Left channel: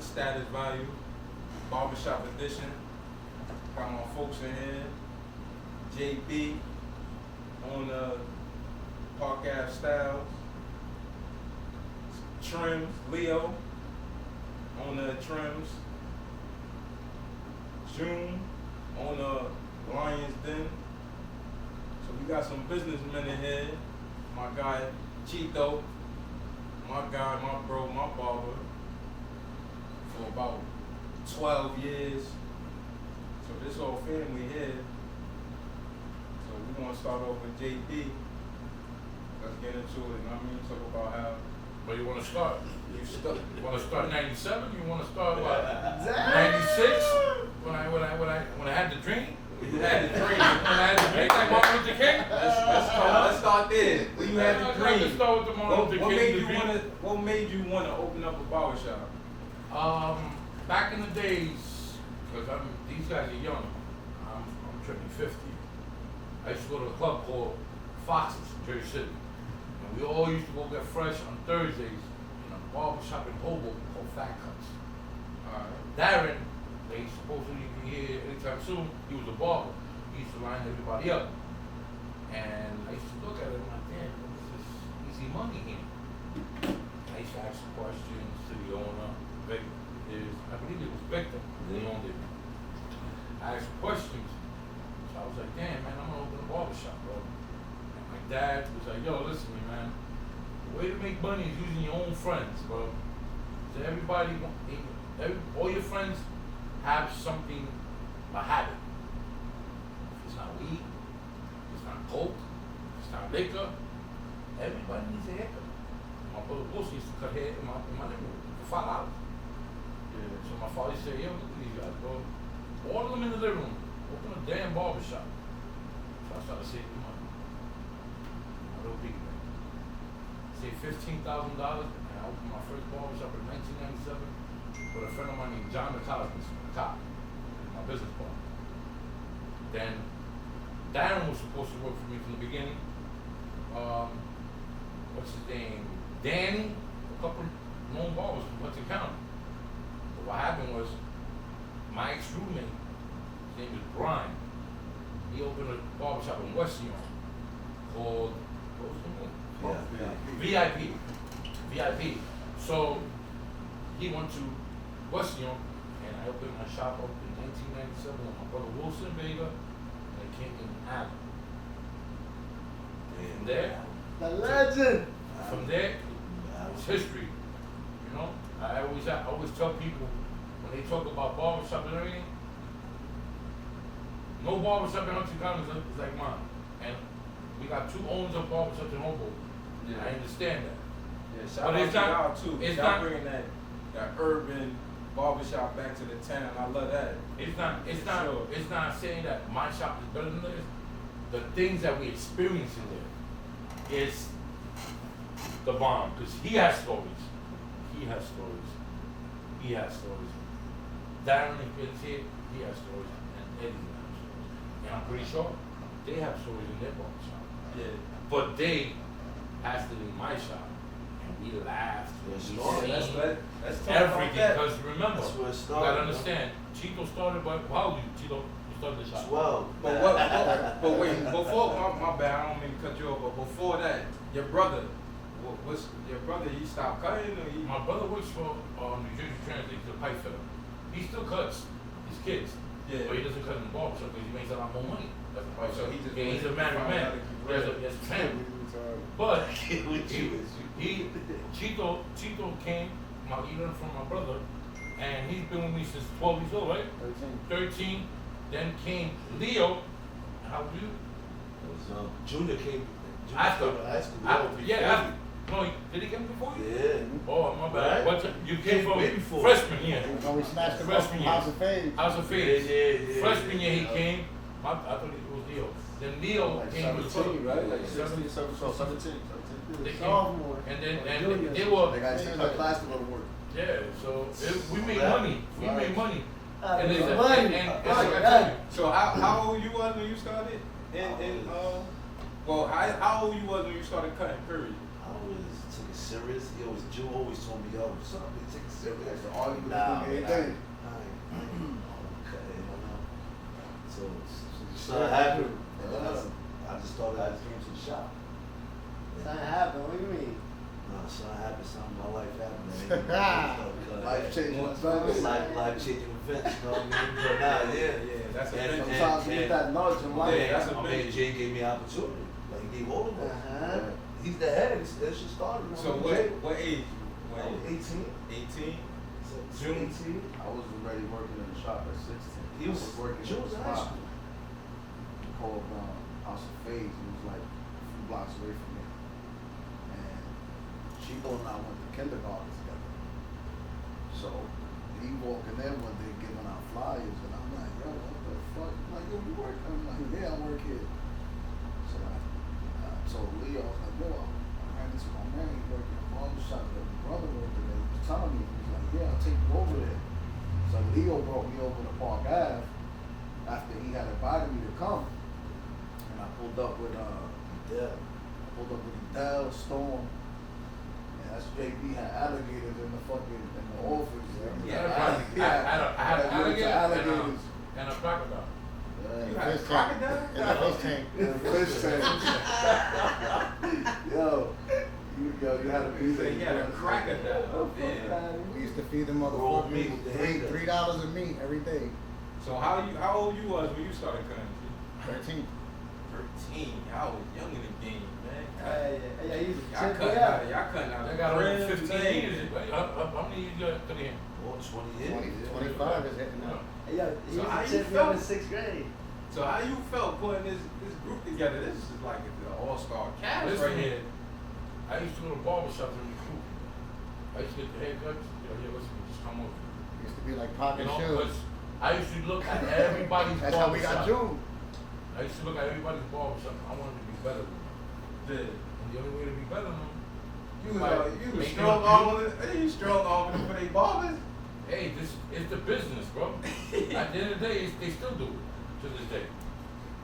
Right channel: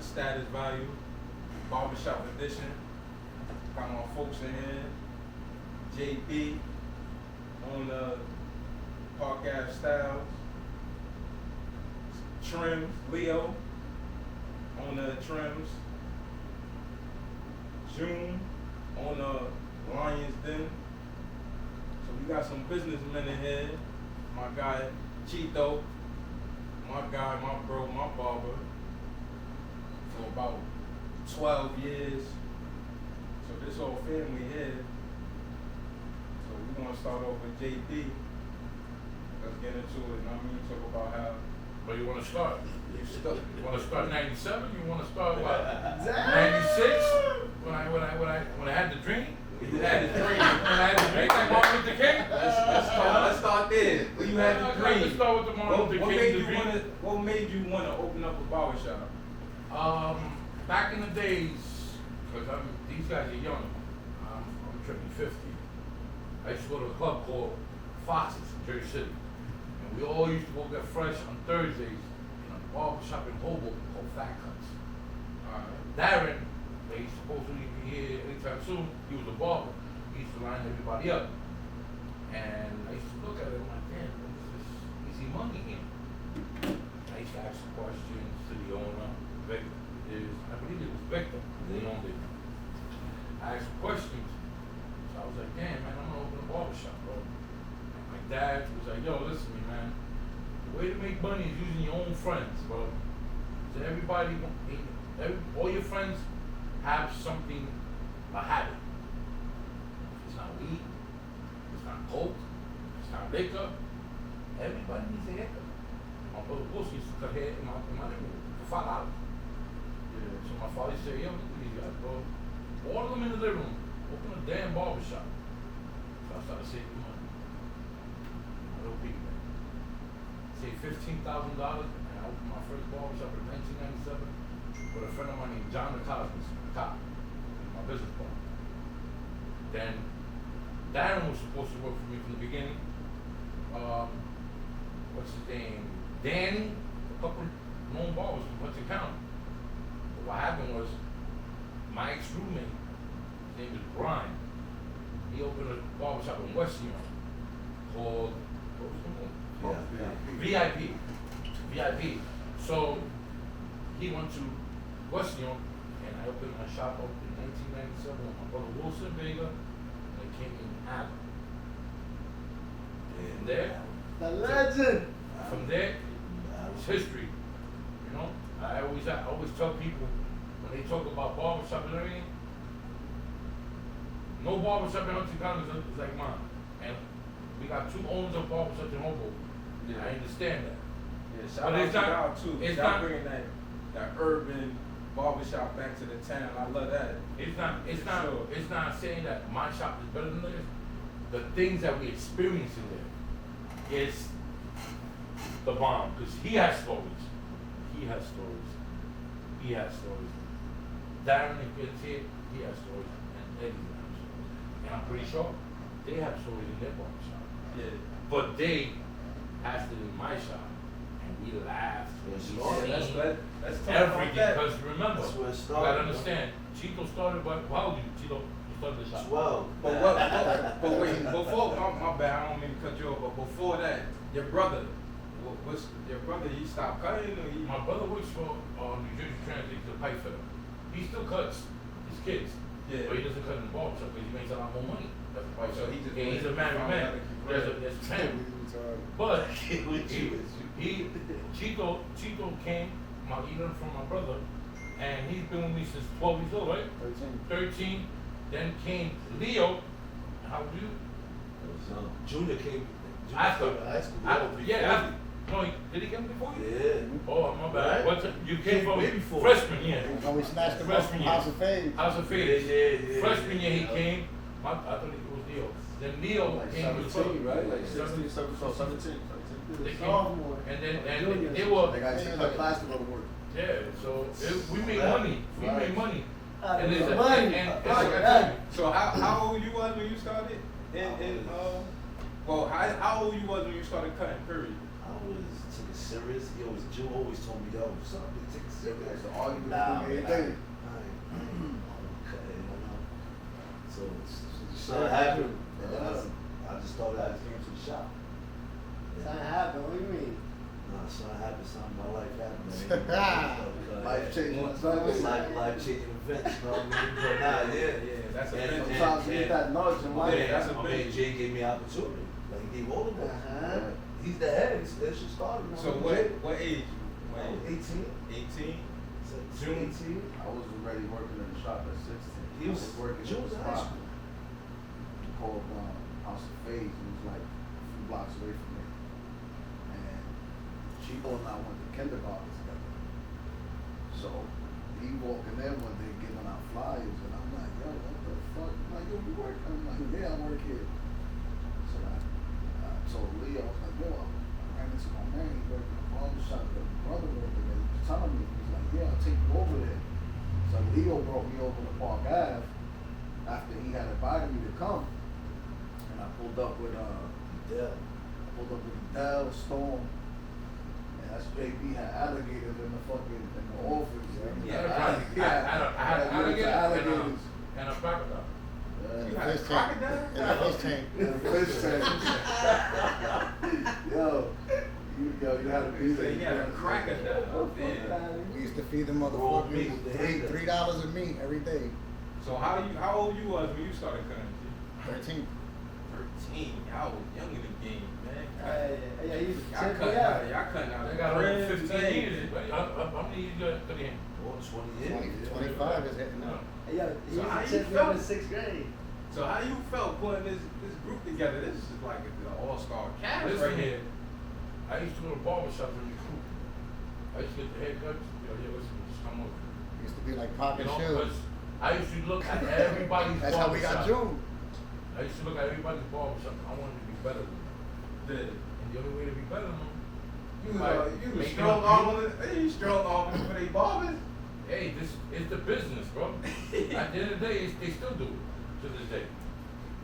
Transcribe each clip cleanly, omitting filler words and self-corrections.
the status value, barbershop edition. Got my folks in here. JB on the Park Ave Styles. Trims, Leo on the trims. June on the Lions Den. So we got some businessmen in here. My guy Chito, my guy, my bro, my barber. For about 12 years. So this whole family here. So we're gonna start off with JB. Let's get into it. I mean, talk about how. Where you want to start? You want to start 97? You want to start what? Exactly. 96? When I had the dream? You had the dream. When I had the dream like Martin Luther King? Let's start there. When you had the dream. Let's start with the Martin Luther King. What made you want to open up a barbershop? Back in the days, because these guys are young. I'm tripping 50. I used to go to a club called Fox's in Jersey City. And we all used to go get fresh on Thursdays in a barbershop in Hoboken called Fat Cuts. Darren, they supposedly be here anytime soon, he was a barber. He used to line everybody up. And I used to look at it and I'm like, damn, this is easy money here. I used to ask questions to the owner. I believe it was Victor, they owned it. I asked questions. So I was like, damn, man, I'm gonna open a barbershop, bro. And my dad was like, yo, listen, man, the way to make money is using your own friends, bro. So all your friends have something, a habit. If it's not weed, if it's not coke, if it's not liquor, everybody needs a haircut. My brother Boogz used to cut hair in my neighborhood for $5. So my father said, yo, look at these guys, bro. All of them in the living room. Open a damn barbershop. So I started saving money. A little bit, man. Saved $15,000 and I opened my first barbershop in 1997 with a friend of mine named John the cop, my business partner. Then Darren was supposed to work for me from the beginning. What's his name? Danny, a couple known barbers from Hudson County. What happened was, my ex-roommate, his name was Brian, he opened a barbershop in West New York called, what was the name? VIP. So, he went to West New York, and I opened my shop up in 1997 with my brother Wilson Vega, and they came in Apple. And there, The legend. from there, it's history, you know? I always tell people, when they talk about barbershop and everything, no barbershop in Hudson County is like mine. And we got 2 owners of barbershops in Hoboken. Yeah. I understand that. Yeah, shout but out it's to not, y'all too. it's y'all not bringing that urban barbershop back to the town. I love that. It's not saying that my shop is better than theirs. The things that we experience in there is the bomb. Because he has stories. Darren is here, he has stories, and Eddie has stories. And I'm pretty sure they have stories in their barbershop. Yeah. But they passed it in my shop, and we laughed, and we sang everything. Because remember, you gotta understand, Chico started, how old are you, Chico? You started the shop? 12. But wait, before, my bad, I don't mean to cut you off, but before that, your brother, he stopped cutting or he? My brother works for New Jersey Transit, the pipe fitter. He still cuts his kids, Yeah. but he doesn't cut in the barbershop because he makes a lot more money. That's the pipe So fitter. he just He's a married man. There's a family. But Chito came, he learned from my brother, and he's been with me since 12 years old, right? 13. Then came Leo. How old are you? Junior came. After. No, did he come before you? Yeah. Oh, my bad. Right. You came from Way before. freshman year. When we smashed the Freshman year. House of Fame. House of Fame. Yeah. Freshman year he came. I thought it was Leo. Then Leo Like came with 17, right? Like 16, 17. They came, Sophomore. and they were, They got to class to go to work. yeah, so we made money. We made money. And It's it's money. and So how old you was when you started? How old you was when you started cutting period? I was serious? Jew always told me, yo, son, you take it serious. That's the argument Nah, every nah. day. Okay, so Yeah. something happened. Yeah. I just thought I came to the shop. Something happened, what do you mean? No, something happened, something in my life happened, man. Life-changing events. Life-changing events, you know what I mean? But nah, Yeah, that's a And- big Sometimes you get that nudge in life. Yeah, that's a my big- man Jay gave me an opportunity. Like, he gave all of us. Uh-huh. He's the head. That shit started. So what age? I was 18. 18? June. 18. I was already working in the shop at 16. He was working June in the was high spot school. called House of Phase. It was like a few blocks away from me. And Chico and I went to kindergarten together. So he walking in one day giving out flyers, and I'm like, yo, what the fuck? I'm like, yo, you work? I'm like, yeah, I work here. So I told Leo, I was like, yo, I ran into my man, he worked in the barbershop, the brother over there. He was telling me, he was like, yeah, I'll take you over there. So Leo brought me over to Park Ave after he had invited me to come. And I pulled up with Dell, Storm. And that's JB had alligators in the office. I had alligators. and a crocodile. You Yeah. had a Fish tank. crocodile? In the fish tank. And fish tank. You had to be there. You had a crocodile. Damn. We used to feed them motherfuckers meat. $3 of meat every day. So how old you was when you started cutting? 13. 13. Y'all was young in the game, man. Yeah, you Y'all check me cutting out. out. Y'all cutting out. They got the over cribs, 15 things. years. How many years you got to the game? More than 20 years. 25 is hitting now. Hey, yo, he So how used you to check me out in felt? 6th grade. So how you felt putting this group together? This is like an all-star cast Listen, right here. I used to go to barbershop and recruit. I used to get the haircuts. Listen, just come over. Used to be like You popping know, shoes. 'cause I used to look at everybody's That's how we got barbershop. June. I used to look at everybody's barbershop. I wanted to be better than them. The- And the only way to be better than them, You was make strong them- arm. You strong arm for they barbers. hey, this is the business, bro. At the end of the day, they still do it to this day.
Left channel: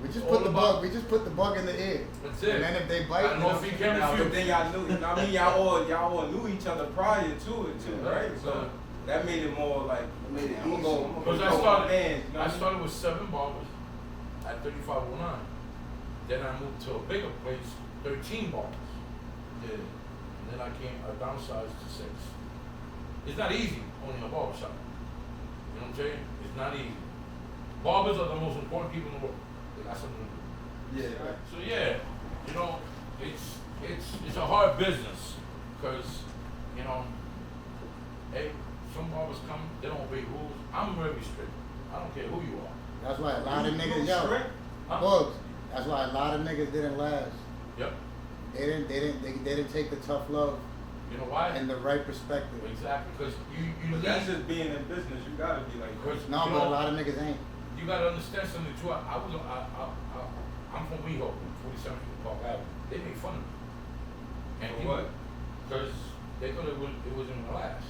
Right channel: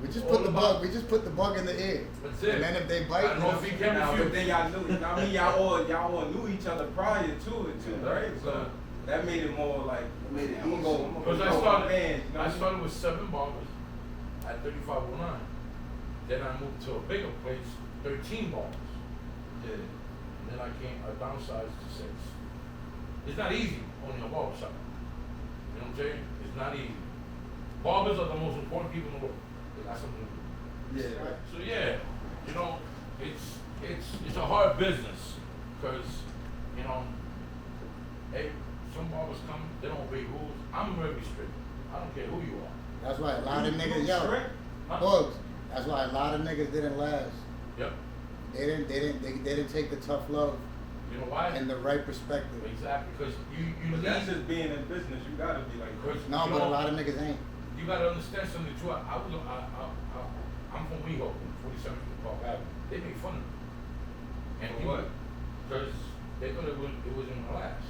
We just All put the about- bug. We just put the bug in the ear. That's it. And then if they I bite, don't know if he can Now, but refuse. then y'all knew. I mean, y'all all knew each other prior to it too, right? So that made it more like. Made it I'm gonna easy. go- I'm Because gonna I go started, man, you know I what started with 7 barbers at 3509. Then I moved to a bigger place, 13 barbers. Yeah. And then I downsized to 6. It's not easy owning a barbershop. You know what I'm saying? It's not easy. Barbers are the most important people in the world. They got something to do. Yeah. So yeah, you know, it's a hard business because, you know, hey, some barbers come, they don't obey rules. I'm very strict. I don't care who you are. that's why a lot of You niggas, yo, straight? Huh? Bugs. That's why a lot of niggas didn't last. Yep. They didn't take the tough love You know why? and the right perspective. Exactly, because you But that's need, just being in business. You gotta be like. because No, you but know, a lot of niggas ain't. you gotta understand something too. I'm from WeHo, 47 Park Avenue. They made fun of me. And For what? Because they thought it wasn't gonna last.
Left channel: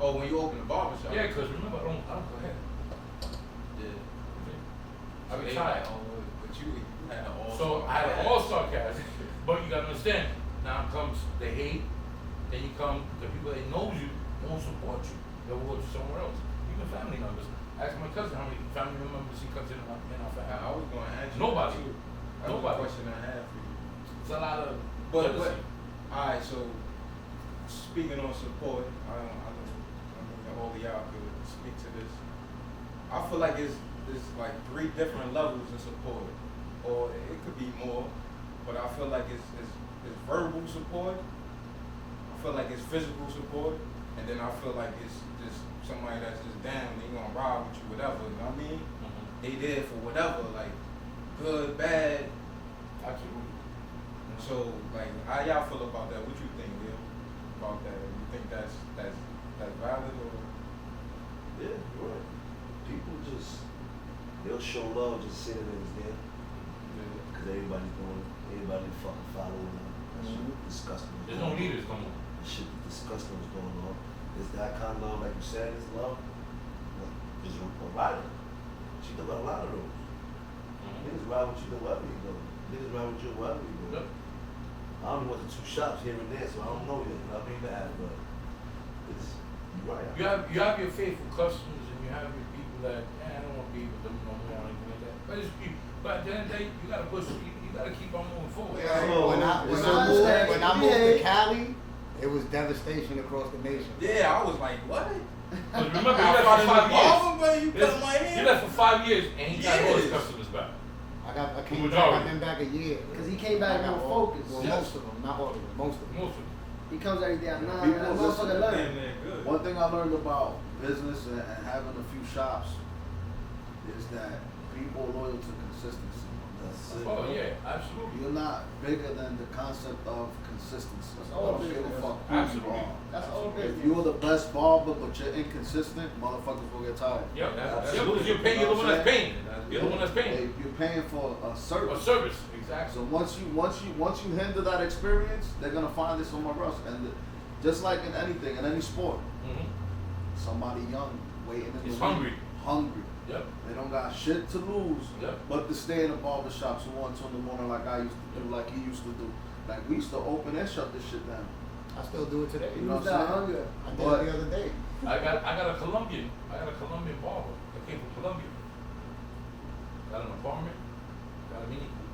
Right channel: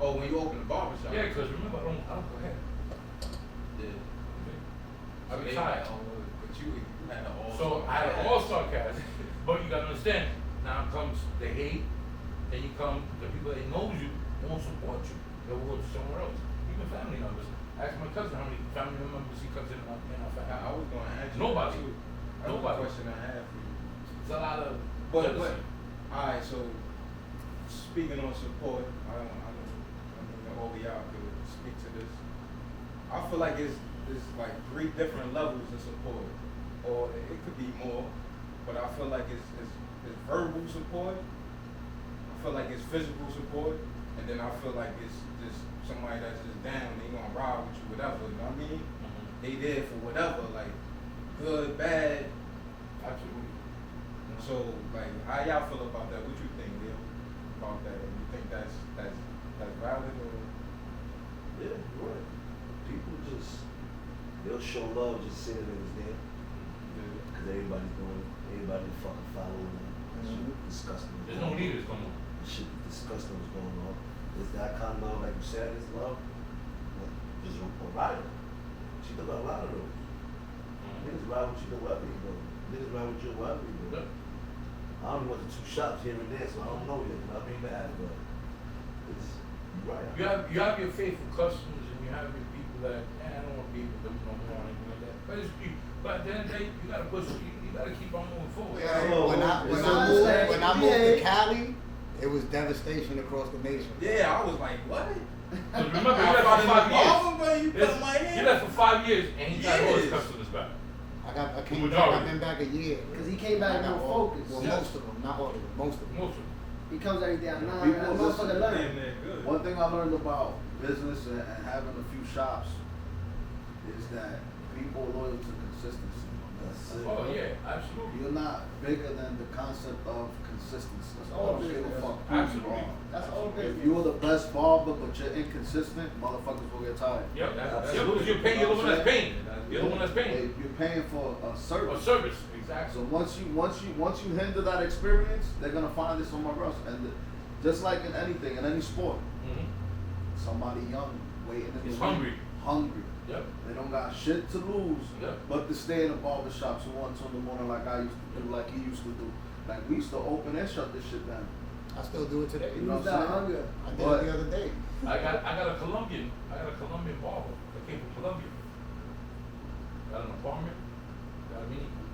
Oh, when you open the barbershop. Yeah, because remember, I don't go ahead. Yeah. I'm They tired. had all- But you had an all-star. So I had an all-star cast, but you gotta understand, now comes the hate, then you come the people that knows you, won't support you, they'll go to somewhere else. Even family members. Ask my cousin how many family members he comes in our family. I was gonna ask you. Nobody. That too. That was Nobody. a question I had for you. It's a lot of But jealousy. alright, so speaking on support, I know that all of y'all could speak to this. I feel like it's like 3 different levels of support, or it could be more, but I feel like it's verbal support. I feel like it's physical support, and then I feel like it's somebody that's just down. They gonna ride with you, whatever. You know what I mean? They there for whatever, like good, bad. Absolutely. And so, like, how y'all feel about that? What you think, Neil, about that? You think that's valid or? Yeah, you're right. People they'll show love just say that it was there. Because everybody's fucking following them. That shit is disgusting. There's no leaders coming. Shit is disgusting what's going on. It's that kind of love, like you said, it's love. Just a rider. She does a lot of those. Niggas ride with you wherever you go. Niggas ride with you wherever you go. Yep. I only went to 2 shops here and there, so I don't know yet. I mean, bad, but it's, you're right. You have your faithful customers and you have your people that, I don't want to be with them no more or anything like that. But it's people. But at the end of the day, you gotta push. You gotta keep on moving forward. When I moved to Cali, it was devastation across the nation. Yeah, I was like, what? Because remember, you left for 5 years. You cut my hair. You left for 5 years and he got all his customers back. I came back. I've been back a year. Because he came back more focused. Well, Yes. most of them, not all of them, most of them. Most of them. He comes every day at 9. People That motherfucker learn. Damn, they're good. One thing I learned about business and having a few shops is that people are loyal to consistency. That's it. Oh yeah, absolutely. You're not bigger than the concept of consistency. I all don't give a business. fuck who you Absolutely. are. That's all If business. you're the best barber but you're inconsistent, motherfuckers will get tired. Yep. That's- Yep. Because you're paying. You're the one that's paying. You're the one that's paying. You're paying for a Or service. service. Exactly. So once you hinder that experience, they're gonna find it somewhere else. And just like in anything, in any sport, Mm-hmm. somebody young waiting in the He's wing, hungry. hungry. Yep. They don't got shit to lose, Yep. but to stay in a barbershop till 1, 2 in the morning like I used to do, like he used to do. Like we used to open and shut this shit down. I still do it today. You know Who's what I'm that saying? hunger? I did But- it the other day. I got a Colombian barber that came from Colombia. Got an apartment, got a mini Cooper.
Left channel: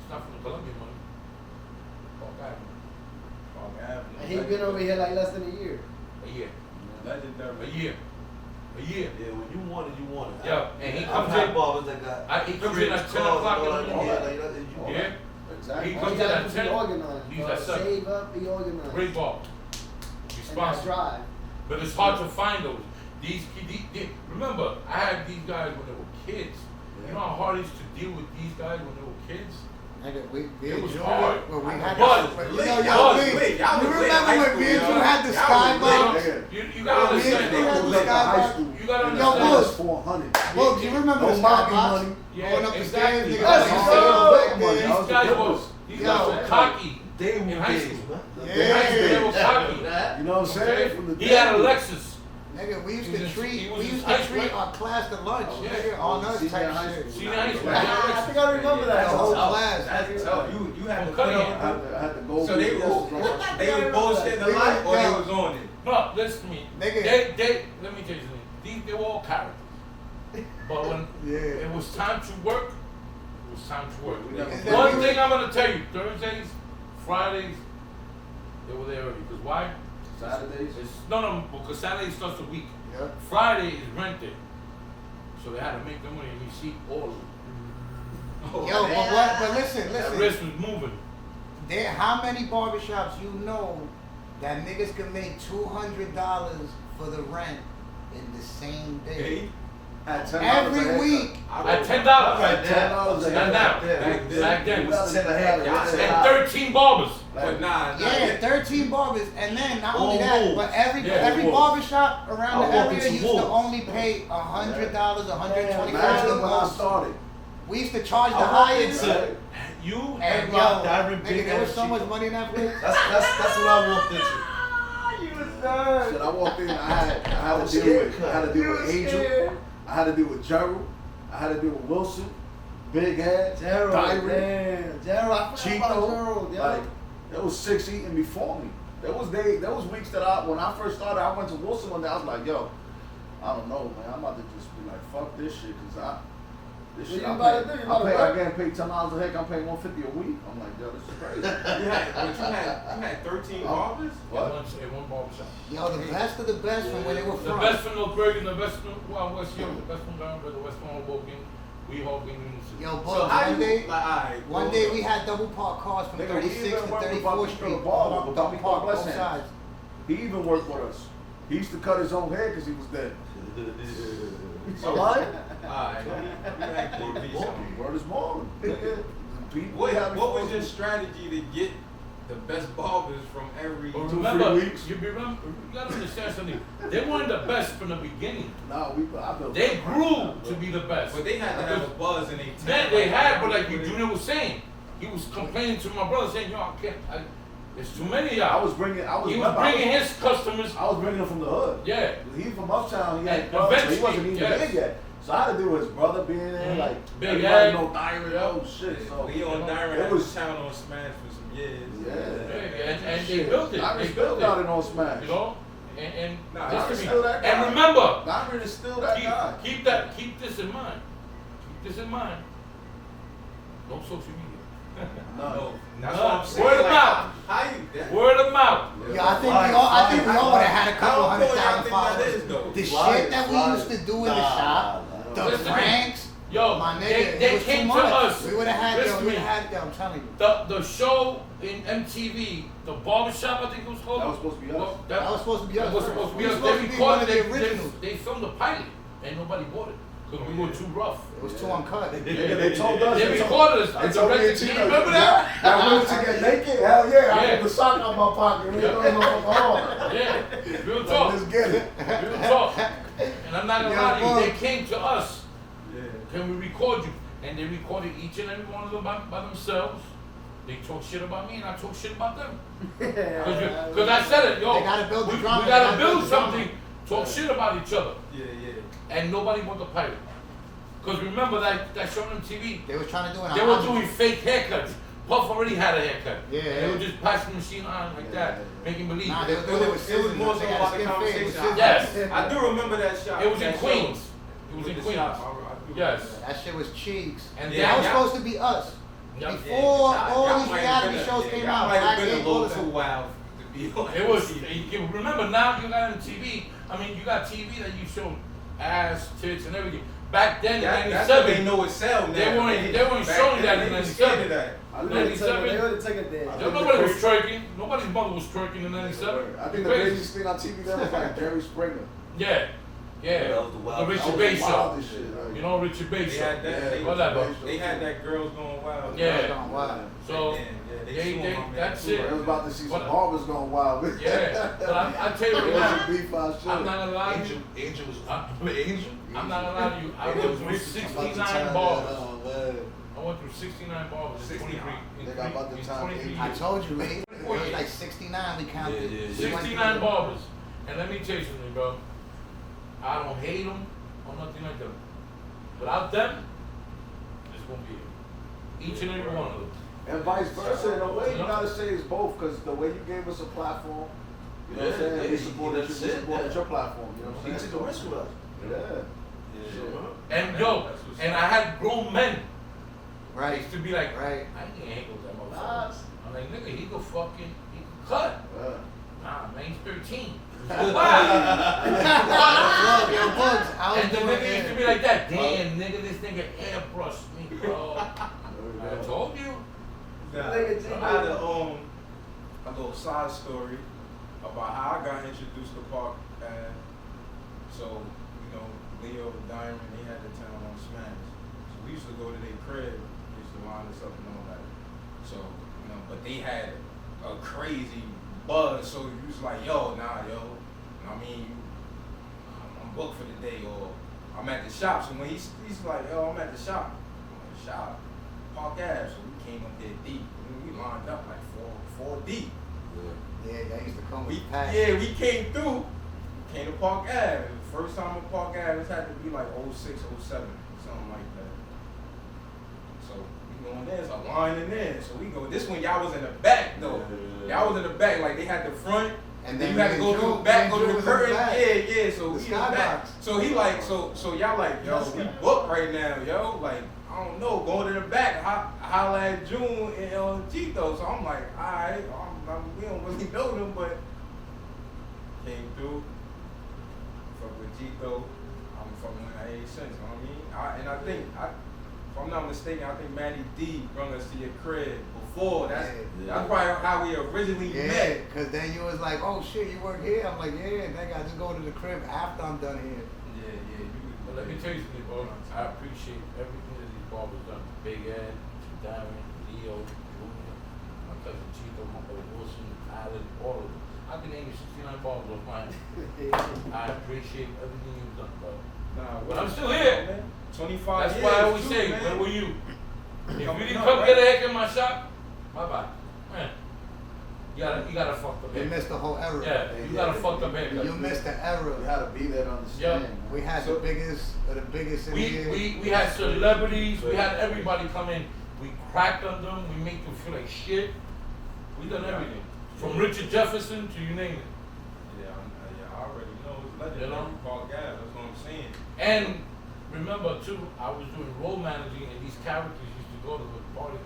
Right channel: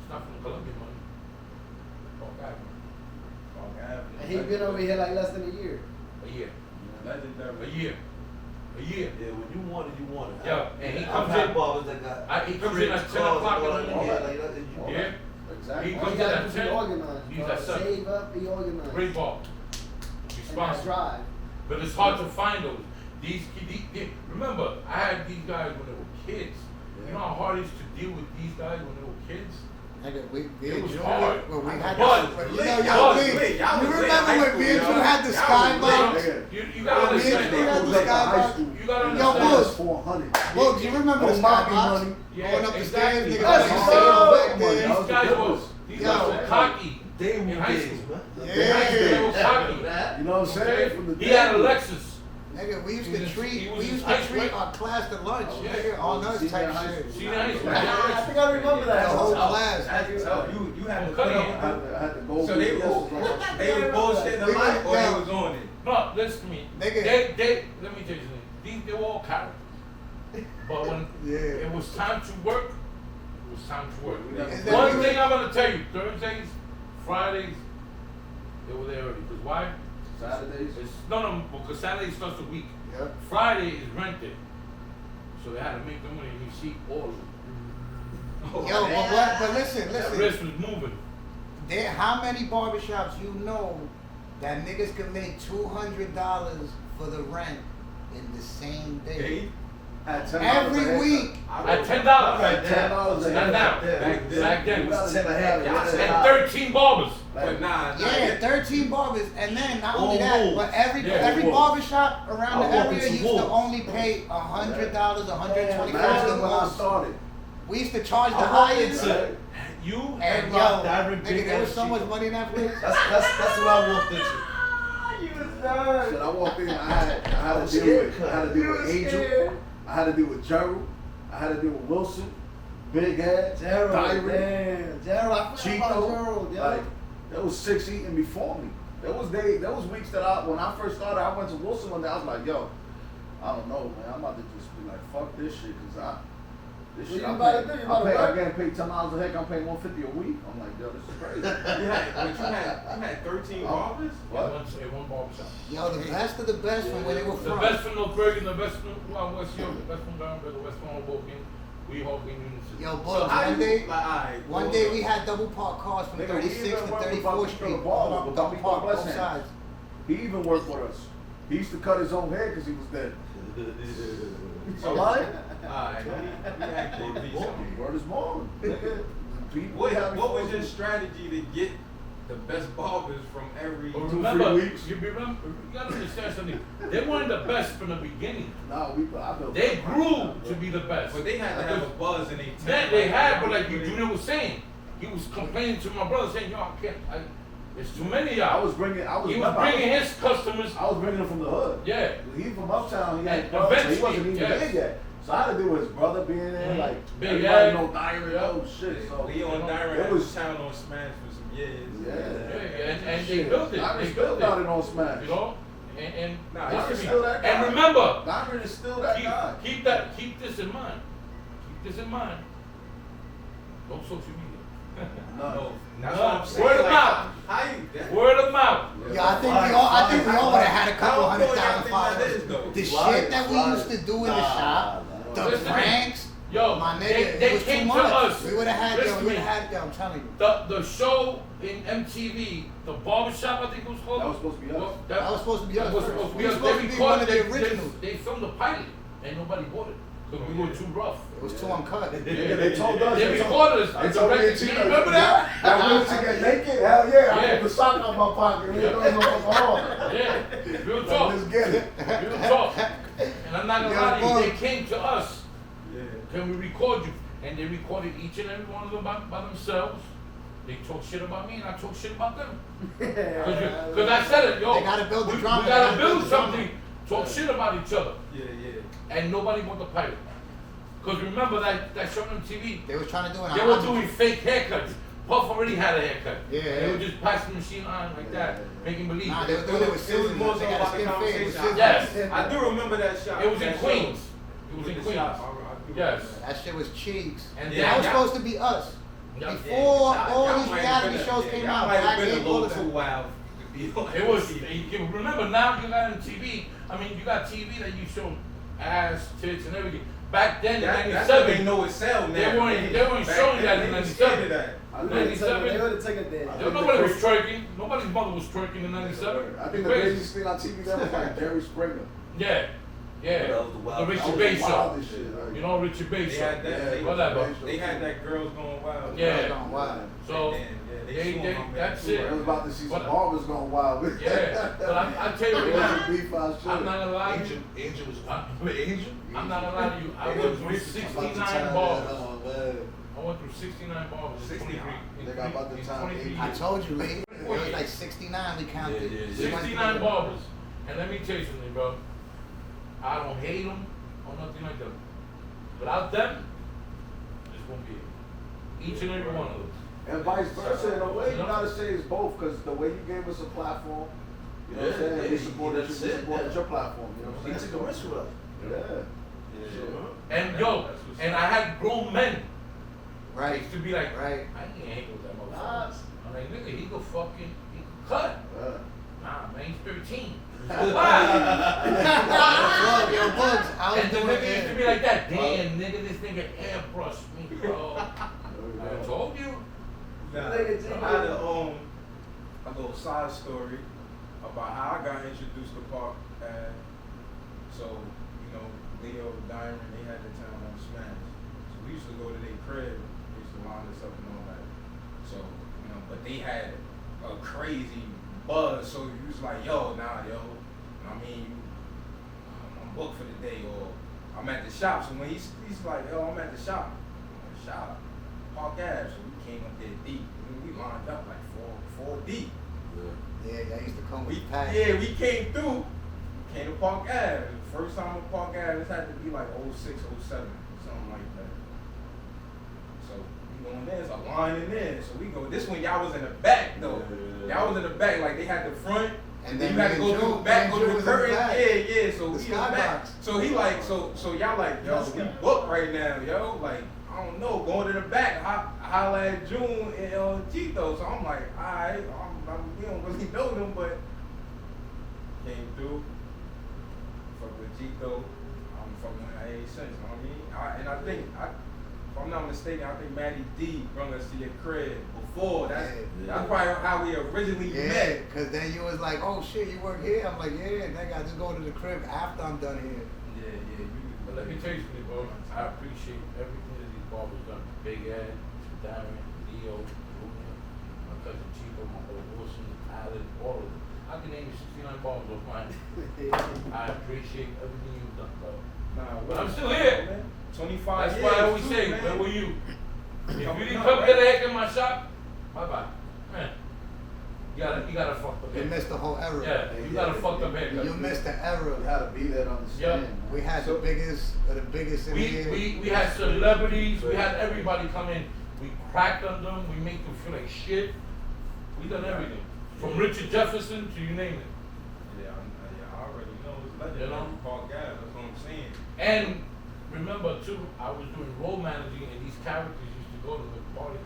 It's not from the Colombian money. Called Barber. And he been over here like less than a year. A year. Legendary. A year. A year. Yeah, when you want it, you want it. Yeah, and he I've comes had in. barbers that got. He comes in at 10 o'clock in the morning. All Yeah. that. Exactly. He All comes you in gotta at do is 10. be organized. He's at 7. Save up, be organized. Great ball. And that Responsible. drive. But it's hard to find those. These remember, I had these guys when they were kids. You know how hard it is to deal with these guys when they were kids? Nigga, we It was enjoyed hard. it, but we had But- to, you Lit, know, y'all was Lee, lit. Y'all you was lit. remember High when school, me and you y'all. had the Y'all sky was box? lit. You gotta Me and you had understand. the Like sky high box. school. You gotta Yo, understand. Boogz. 400. Boogz, you remember the No sky monkey box? money. Yeah, Going up the stairs, exactly. nigga. Yes, like, sir. back there. These That was the guys difference. was these Yo. guys were cocky They in were high days, school. man. They was Yeah. cocky. You know what I'm saying? From the He had a day. Lexus. Nigga, we used He to was- he was in high school. treat our class to lunch, Yeah. nigga, on us Senior type high shit. school. Senior high school. I think I remember The that. whole That's class. That's tough. You had to Cut put it. on. I had to go. So they with was this. they was bullshitting a We lot, was or they down. was on it. No, listen to me. Nigga. They let me tell you something. They were all character. But when Yeah. it was time to work, it was time to work. And then One we- thing I'm gonna tell you, Thursdays, Fridays, they were there early. Because why? Saturdays. No, because Saturday starts the week. Yeah. Friday is rent day. So they had to make their money and receipt all of it. Oh, Yo, man. but listen, That wrist was moving. there, how many barbershops you know that niggas can make $200 for the rent in the same day? Hey, At $10 a Every haircut. week. At $10. At $10 a Not now. haircut. Back then. You gotta do that. And 13 barbers. but nah, Yeah, 13 barbers, and then not only that, Wolves. but every Yeah, every Wolves. barbershop around the Oh, area it's used to Wolves. only pay $100, $125 Imagine the when I most. started. We used to charge the I walked highest, into- You and yo, rocked the Iron nigga, Big there was ass so much chicken. money in that place. That's what I walked into. Shit, I walked in. I had to deal with Angel. I had to deal with Gerald. I had to deal with Wilson, Big Head, Gerald, Diary, damn. Gerald, I forgot about Gerald, Cheeto. yo. Like there was 6 eating before me. There was weeks that when I first started, I went to Wilson one day. I was like, yo, I don't know, man. I'm about to just be like, fuck this shit, cause this What shit. you I about to pay, do? You about to I work? getting paid $10 a heck. I'm paying $150 a week. I'm like, yo, this is crazy. you had 13 barbers? What? In one barbershop. Yo, the best of the best from where they were The from. best from North Bergen, the best from West York, the best from Barber, the best from Hoboken, we Hoboken. Yo, So boys, how one you- day, like, alright, one day we had double park cars from Nigga, we 36 even to went with 34th Bobby Street, to the bar, double with Bobby park Bless both him. sides. He even worked with us. He used to cut his own hair because he was dead. So, Alright? alright. Word is born. People What was your strategy to get the best barbers from every But 2-3 remember, weeks. you gotta understand something. They weren't the best from the beginning. Nah, I built They grew to be the best. But they had to have a buzz in their Then they had, but like Junior was saying, he was complaining to my brother saying, yo, I It's too many of I y'all. was bringing his customers. I was bringing them from the hood. Yeah. He from uptown. He, And brother, so he eventually, wasn't even yes. big yet. So I had to deal with his brother being there, like Big everybody Ed. know Diamond, oh shit. So He on Diamond, it was town on Smash for some years. yeah. And they built it. Diamond They still built got it. it on Smash. You know? And Nah, this Diamond's is- still that guy. and remember, Diamond is still that guy. keep this in mind. Keep this in mind. No social media. No. That's what I'm saying. Word of Like, mouth. how you? Word of mouth. Yeah, I think we all would have had a couple How important 100,000 I think that followers. is, though. The Right, shit that we right. used to do in the shop, the Listen to me. pranks, Yo, my nigga, they it was too came to much. us. We would have had Listen them. to We me. would have had them. I'm telling you. The show in MTV, the barbershop, I think it was called. That was supposed to be us. That was supposed to be us. That was supposed to be We were us. supposed They to be one of the recorded- originals. They filmed the pilot, and nobody bought it because we were too rough. It was too uncut. They told us. They recorded us. They told me and You Tino, remember that? That went to get naked? Hell yeah. I Yeah. put the sock out my pocket. Yeah. Oh. Yeah, real talk. Let's get it. Real talk. And I'm not gonna Yeah, lie to you, Boogz. they came to us. Yeah. Can we record you? And they recorded each and every one of them by themselves. They talk shit about me and I talk shit about them. Because I said it, yo. They gotta build the drama, We they gotta gotta build build the drama. something. Talk shit about each other. Yeah, yeah. And nobody bought the pilot. Because remember that show on TV? They was trying to do it. They were doing fake haircuts. Puff already had a haircut. Yeah. They were just passing the machine on like that, making believe. Nah, they were doing it with It was scissors. more They so got a about the skin fade with conversation. scissors. Yes. I do remember that shot. It was in That Queens. show. It was in The Queens. shop. I do Yes. remember That shit was cheeks. And that was yeah. supposed to be us. Yeah. Before Yeah, all y'all these might reality have shows been- came y'all out, might have Black been a Ink, all little of too that. wild to be on It was. TV. You remember now you got on TV. I mean, you got TV that you show ass, tits, and everything. Back then in That's what they '97, know it sell now. They weren't Back showing then, that in they was scared of 97. that. They would have taken There there. nobody was twerking. Nobody's mother was twerking in '97. I think the craziest thing on TV then was like Jerry Springer. Yeah, yeah. That was the The wild- Richard that was Bay the show. wildest shit, like- You know Richard Bay They show. had that. Yeah, They, whatever. they had that girls going wild. Yeah. Going wild. So that's it. I was about to see some But- barbers going wild. Yeah, but I tell you It right was now, a beef out shit. I'm not gonna lie to you. Angel was Angel? I'm not gonna lie to you. I went through 69 barbers. I went through 69 barbers in 23. Nigga, I'm about to in time 23 I years. told you, Lee. It was like 69 we counted. Yeah, yeah, We went 69 through- barbers. And let me tell you something, bro. I don't hate them or nothing like that. Without them, it's gonna be each and every one of them. And vice versa, in a way, you gotta say it's both, because the way you gave us a platform, you know what I'm Yeah, saying? yeah, We supported you, we that's it, supported yeah. your platform, you know what He I'm took saying? the risk with us. Yeah. And yo, and I had grown men. Right. Used to be like, Right. I ain't hang with that motherfucker. I'm like, nigga, he could fucking, he could cut. Yeah. Nah, man, he's 13. Yo, Boogz, I was And the doing nigga used to be it. like that. Damn, nigga, this nigga airbrushed me, bro. I told you. Nah, I had to own a little side story about how I got introduced to Park. So, you know, Leo, Diamond, they had the town on Smash. So we used to go to their crib, we used to line us up and all that. So, you know, but they had a crazy buzz. So you was like, yo, nah, yo. You know what I mean? I'm booked for the day, or I'm at the shop. So when he's like, yo, I'm at the shop. Park Ave. So we came up there deep. We lined up like four deep. Yeah, I used to come with We, the pack. yeah, we came through. Came to Park Ave. The first time in Park Ave, this had to be like 06, 07, something like that. So we going there, it's a line in there. So we go. This one y'all was in the back though. Y'all was in the back, like they had the front. And then then you had to me go and through Drew- the back, me go and to Drew the was in the curtain. back. Yeah. So The we in the back. skybox. So he like, so y'all like, yo, we booked right now, yo. Like, I don't know, going to the back, holla at June and Tito. So I'm like, alright, we don't really know them, but came through. Fuck with Tito. I'm fucking with AA since, you know what I mean? And I think, if I'm not mistaken, I think Matty D brought us to your crib before. That's probably how we originally Yeah, met. because then you was like, oh shit, you work here? I'm like, yeah, nigga, I just go to the crib after I'm done here. Yeah. But let me tell you something, bro. I appreciate everything that these barbers done. Big Ed, Diamond, Leo, Junior, my cousin Chico, my brother Wilson, Allen, all of them. I can name you 69 barbers of mine. I appreciate everything you've done, bro. Nah, But I'm still here. Man. 25 That's years. why I always too, say, man. where were you? If you didn't No, come right. get a haircut in my shop, bye-bye. Man. You gotta fuck up. You missed the whole era. Yeah, you gotta fuck up haircut. You missed the You era. gotta be there to understand. Yeah. man. We had the biggest of the biggest in here. We had celebrities, we had everybody come in. We cracked on them, we make them feel like shit. We done everything. From Richard Jefferson to you name it. Yeah, I already know it's legendary. You know? Called gas. That's what I'm saying. And remember too, I was doing role managing and these characters used to go to the party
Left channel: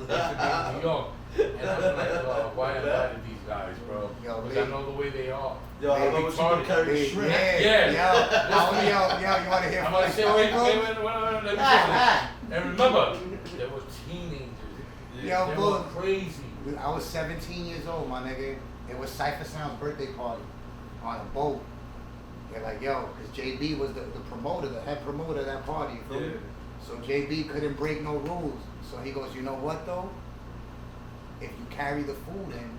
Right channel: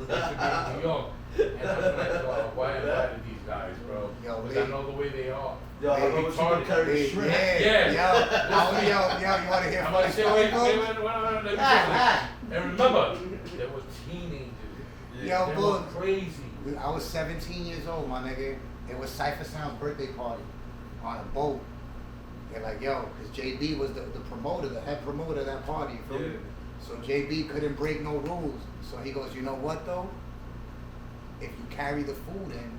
with in New York. And I was like, why am I to these guys, bro? Yo, Because I know the way they are. Yo, I They remember you retarded. carry Yeah, shrimp. Yeah. yo, you want to hear a I'm funny gonna say, story, wait, bro? let me tell you. And remember, there were teenagers. Yo, They bro. were crazy. I was 17 years old, my nigga. It was Cypher Sound's birthday party on a boat. They're like, yo, because JB was the promoter, the head promoter of that party, you feel me? Yeah. So JB couldn't break no rules. So he goes, you know what though? If you carry the food in,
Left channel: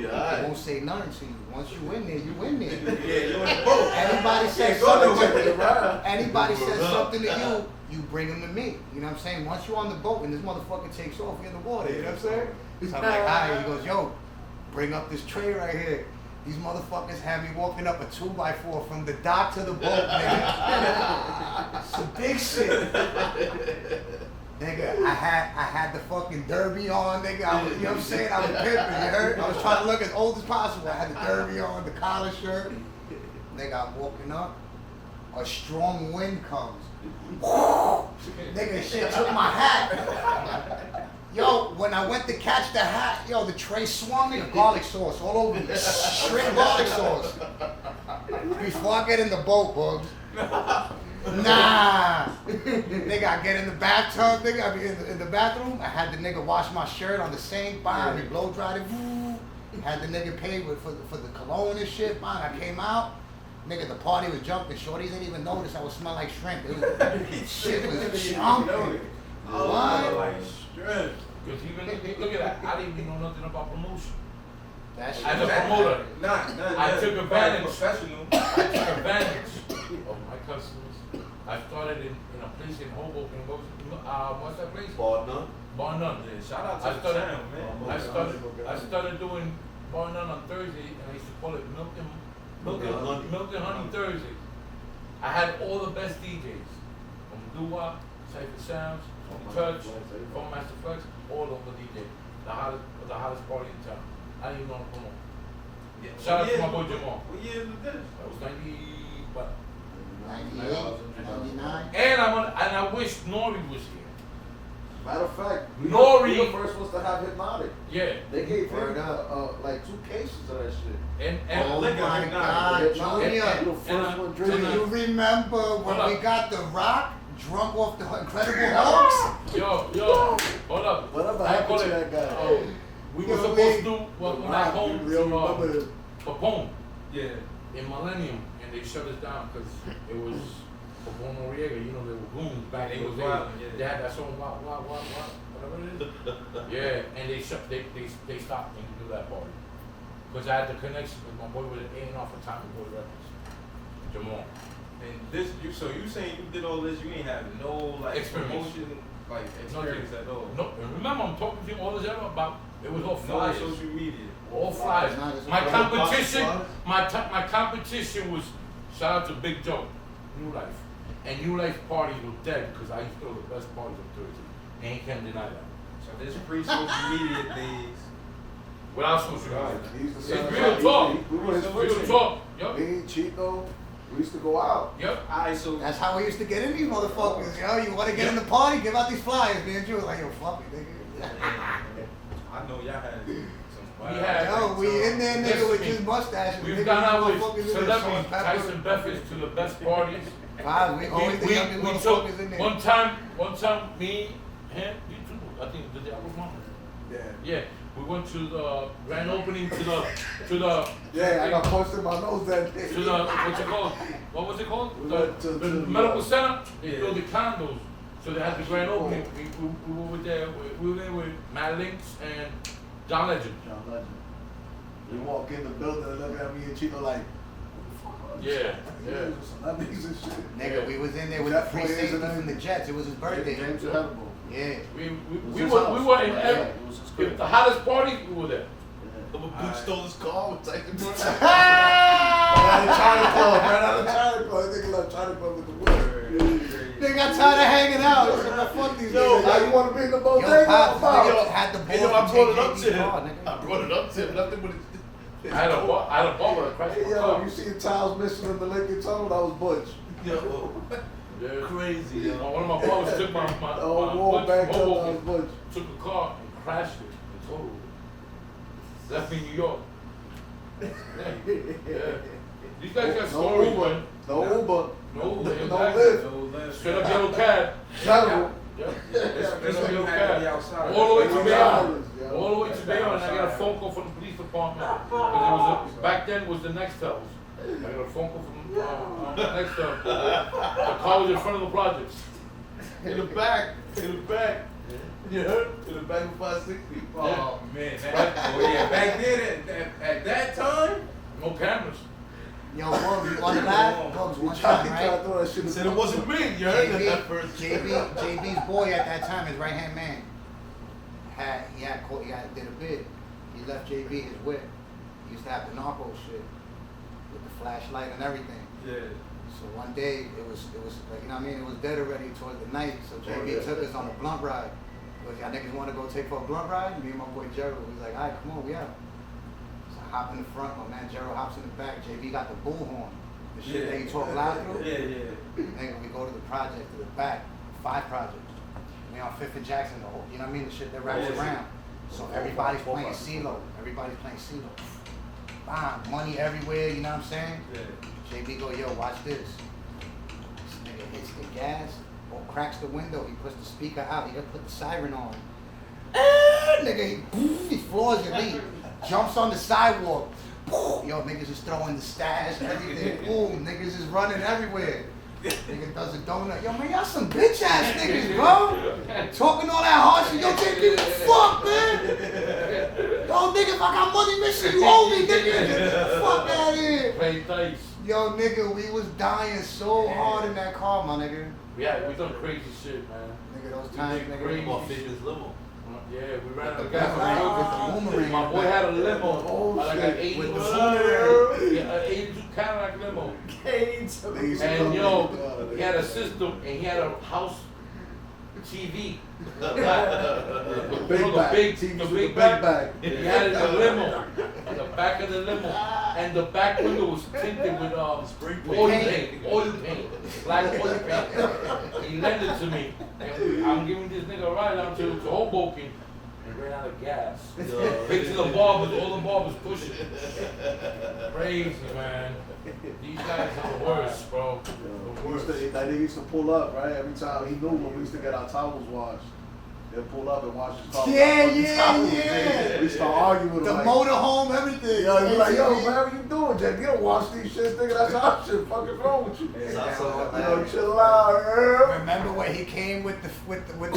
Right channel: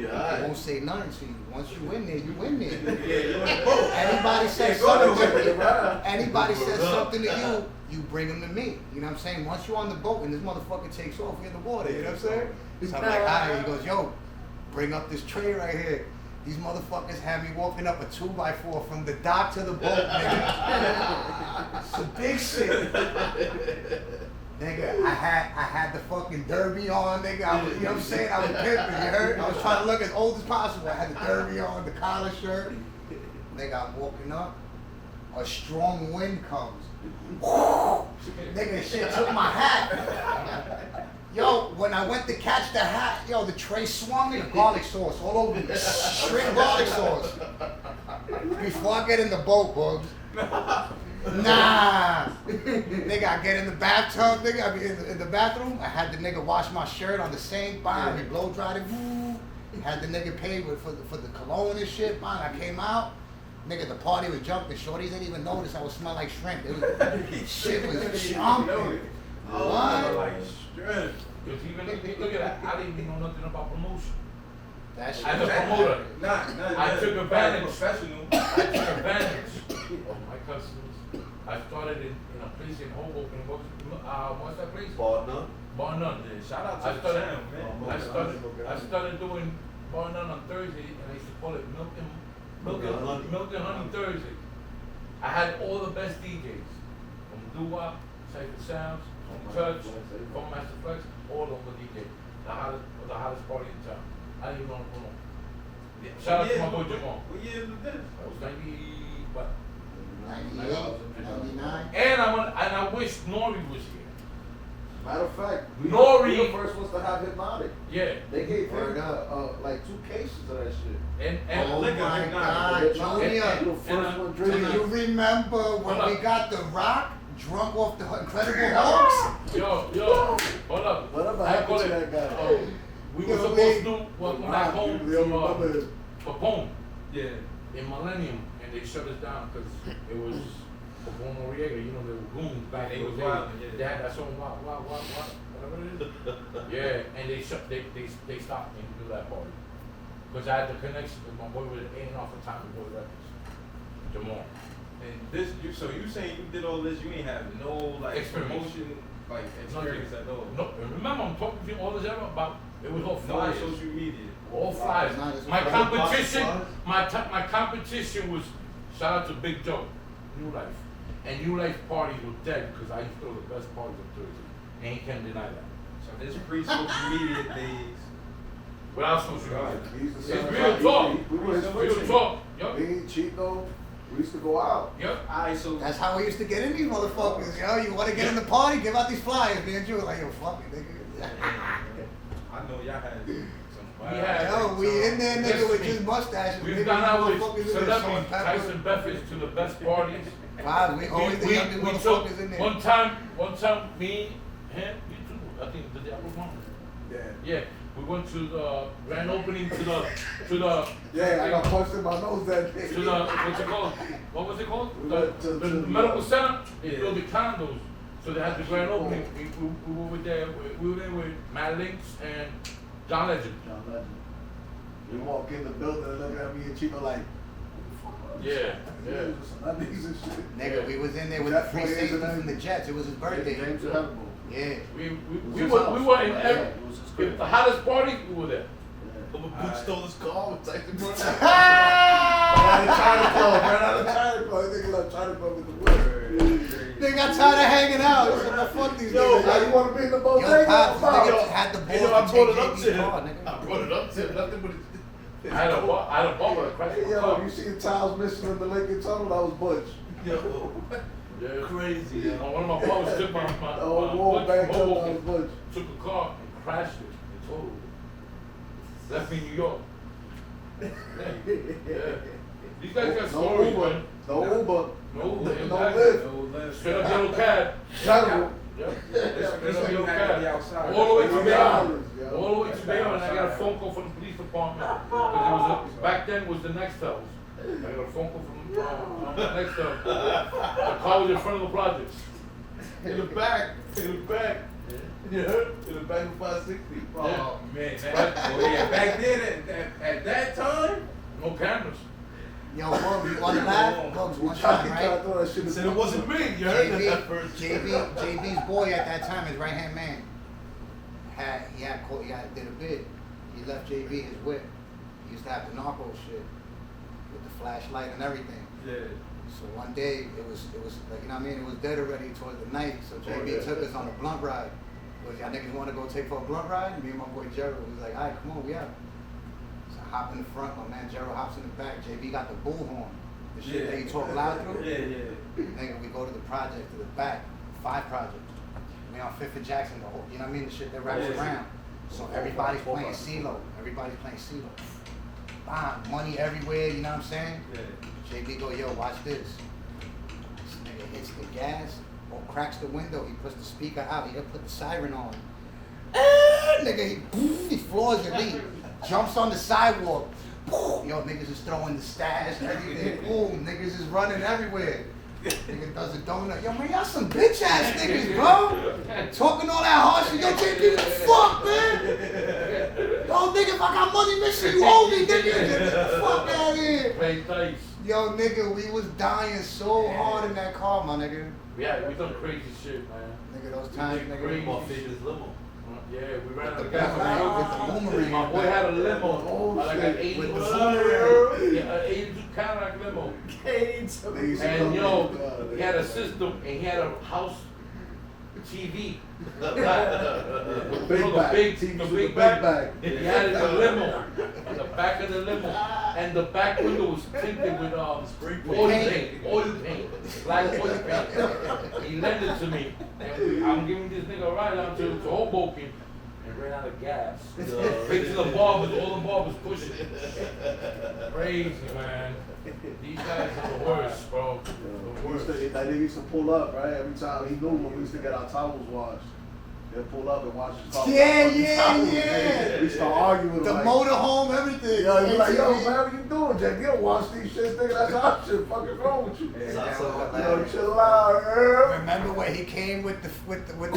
You be I alright. won't say nothing to you. Once you in there, you in there. Yeah, you in the boat. Anybody says Go to something it, right? anybody says What's up? something to you, you bring them to me. You know what I'm saying? Once you're on the boat and this motherfucker takes off, we're in the water. You know what I'm saying? So I'm like, all right. He goes, yo, bring up this tray right here. These motherfuckers had me walking up a 2x4 from the dock to the boat, nigga. Some big shit. Nigga, I had the fucking derby on, nigga. I was, you know what I'm saying? I was pimping, you heard? I was trying to look as old as possible. I had the derby on, the collar shirt. Nigga, I'm walking up. A strong wind comes. Nigga, shit took my hat. Yo, when I went to catch the hat, yo, the tray swung, nigga, garlic sauce all over me. Straight garlic sauce. Before I get in the boat, Boogz. Nah. Nigga, I get in the bathtub, nigga, I be in the bathroom. I had the nigga wash my shirt on the sink, bam, he blow dried it, woo. Had the nigga pay for the cologne and shit, bam. I came out. Nigga, the party was jumping. Shorties didn't even notice I was smell like shrimp. It was, shit was jumping. What? Like stress. Because even, look at that, I didn't even know nothing about promotion. That shit As a was promoter, Nah, I took advantage. Professional. I took advantage of my customers. I started in a place in Hoboken. What's that place? Bar none. Bar None. Yeah, shout out I to the started, channel, man. I started doing Bar None on Thursday, and I used to call it Milk and Honey Thursday. I had all the best DJs from Dua, Cypher Sounds, from Touch, from Master Flex, all of the DJs. The hottest party in town. I didn't even know them all. Shout out to my boy Jamal. What year was this? That was 90, what? 98, 99. And I wish Nori was here. Matter of fact, we Nori- we the first ones to have Hypnotic. Yeah. They gave Word him up. like 2 cases of that shit. And Oh look at my it, God, Hypnotic, Junior. the first one Do drinking. you remember when we got the Rock drunk off the Incredible Hulks? Yo, hold up. Whatever I happened call to it, that guy? we Yo, were supposed Lee. to welcome Rock, back home we all remember this. for Boom Yeah. in Millennium, and they shut us down because it was for Boom Noriega. You know, they were goons back They in was the wild, day. yeah. They had that song, whatever it is. Yeah, and they stopped and do that party. Because I had the connection with my boy with it off the time to go to records. Jamal. And this, so you saying you did all this, you ain't have no like Experience. promotion, like experience at all. No, and remember, I'm talking to you all this ever about, it was all No flyers. social media. All flyers. Nah, this My was competition, flyers. my competition was, shout out to Big Joe, New Life. And New Life parties were dead because I used to go to the best parties on Thursday. And you can't deny that. So this pre-social media days. Without social Right. media. We used to It's sell real talk. We were his Real friends. talk. Yup. Me, Chico, we used to go out. Yup. Alright, so That's how we used to get in these motherfuckers, yo. You want to get in the party? Give out these flyers, man. You like, yo, fuck it, nigga. I know y'all had some. We had- Yo, we in there, nigga, Listen with to just me. mustaches. We've Maybe gone out these with motherfuckers in there showing celebrities, pepper. Tyson Buffett to the best parties. Wow, we always the youngest we took, motherfuckers in there. one time, me, him, you too, I think, did I was one? Yeah. Yeah, we went to the grand opening to the, Yeah, I got punched in my nose that day. to the, what's it called? What was it called? We The, went to the the- medical center, they Yeah. built the condos. So they had the grand opening, we were there with Matt Links and John Legend. John Legend. We walk in the building and look at me and Chico like, Yeah, yeah, some celebrities and shit. Nigga, we was in there with the free safety from the Jets. It was his birthday. James Hannibal. Yeah. We were in every, It was his crib. the hottest parties, we were there. The Boogz stole his car with Tyson Munn. Out of China Club, right out of China Club. Nigga left China Club with the whip. They got tired of hanging out. He said, "Man, fuck these Yo, niggas." now you want to be in the Yo, bodega? Pops, this Fuck. nigga had the You balls know, I to brought take it up to JB's him. car, I nigga. brought it up to him. Nothing but I had a bubble that crashed Hey, my yo, car. you see the tiles missing in the Lincoln Tunnel? That was Butch. Yeah. crazy. One of my brothers took my The old wall back up, that was Hoboken, Butch. took the car and crashed it and totaled it. Left me in New York. Yeah. These guys got No stories, Uber. man. No Uber. No Uber. No exactly. lift. Straight up yellow cab. Terrible. Yep. They Straight up don't yellow have to be cab. outside. All the way to They Bayonne. yeah. All the way to Bayonne. I got a phone call from the police department. Because back then was the Nextels. I got a phone call from the Nextels. The car was in front of the projects. In the back. In the back. You heard? In the back of 560. Oh man, back then at that time, No cameras. Yo, Boogz, you want to laugh? Boogz, one time, Tried to right? throw that shit in Said the it wasn't me. You heard that at first. JB's boy at that time, his right hand man, did a bid. He left JB his whip. He used to have the narco shit with the flashlight and everything. yeah. So one day it was like, you know what I mean? It was dead already towards the night. So JB yeah. took us on a blunt ride. Was y'all niggas want to go take for a blunt ride? Me and my boy Gerald was like, all right, come on, we out. So I hop in the front, my man Gerald hops in the back. JB got the bullhorn, the shit that you talk loud through. Yeah. Nigga, we go to the project, to the back, 5 projects. We on 5th and Jackson, the whole, you know what I mean? The shit that wraps Yeah. around. So everybody's playing CeeLo. Everybody's playing CeeLo. Bam, money everywhere, you know what I'm saying? Yeah. JB go, yo, watch this. This nigga hits the gas or cracks the window. He puts the speaker out. He done put the siren on. Nigga, he floors it. He jumps on the sidewalk. Yo, niggas is throwing the stash and everything. Boom, niggas is running everywhere. Nigga does a donut. Yo, man, y'all some bitch ass niggas, bro. Talking all that harsh shit. Yo, JB, what the fuck, man? Yo, nigga, if I got money missing, you owe me, nigga. Get the fuck out of here. Play dice. Yo, nigga, we was dying so hard in that car, my nigga. Yeah, we done crazy shit, man. Nigga, those times, Crazy. nigga. Famous limo. Yeah, we ran out of With gas. the boomerang. My boy had a limo. Oh, Like an shit. 82, With the yeah, an 82 Cadillac limo. And yo, he had a system and he had a house TV. Big You know, bag. the big TV with big the big back. bag. He had it in the limo, in the back of the limo, and the back window was tinted with oil paint, black oil paint. He lent it to me, and I'm giving this nigga a ride out to Hoboken, and ran out of gas. Right to the barbers, all the barbers pushing. Crazy, man. These guys are the worst, bro. The worst. That nigga used to pull up, right? Every time he knew when we used to get our towels washed. They'd pull up and wash his towels. Yeah, Fucking yeah, towels, yeah. nigga. We start arguing. The like, motorhome, everything. Yo, he like, yo, man, what you doing, Jack? You don't wash these shits, nigga. That's our shit. Fucking wrong with you. Yo, chill out, Remember when he came with the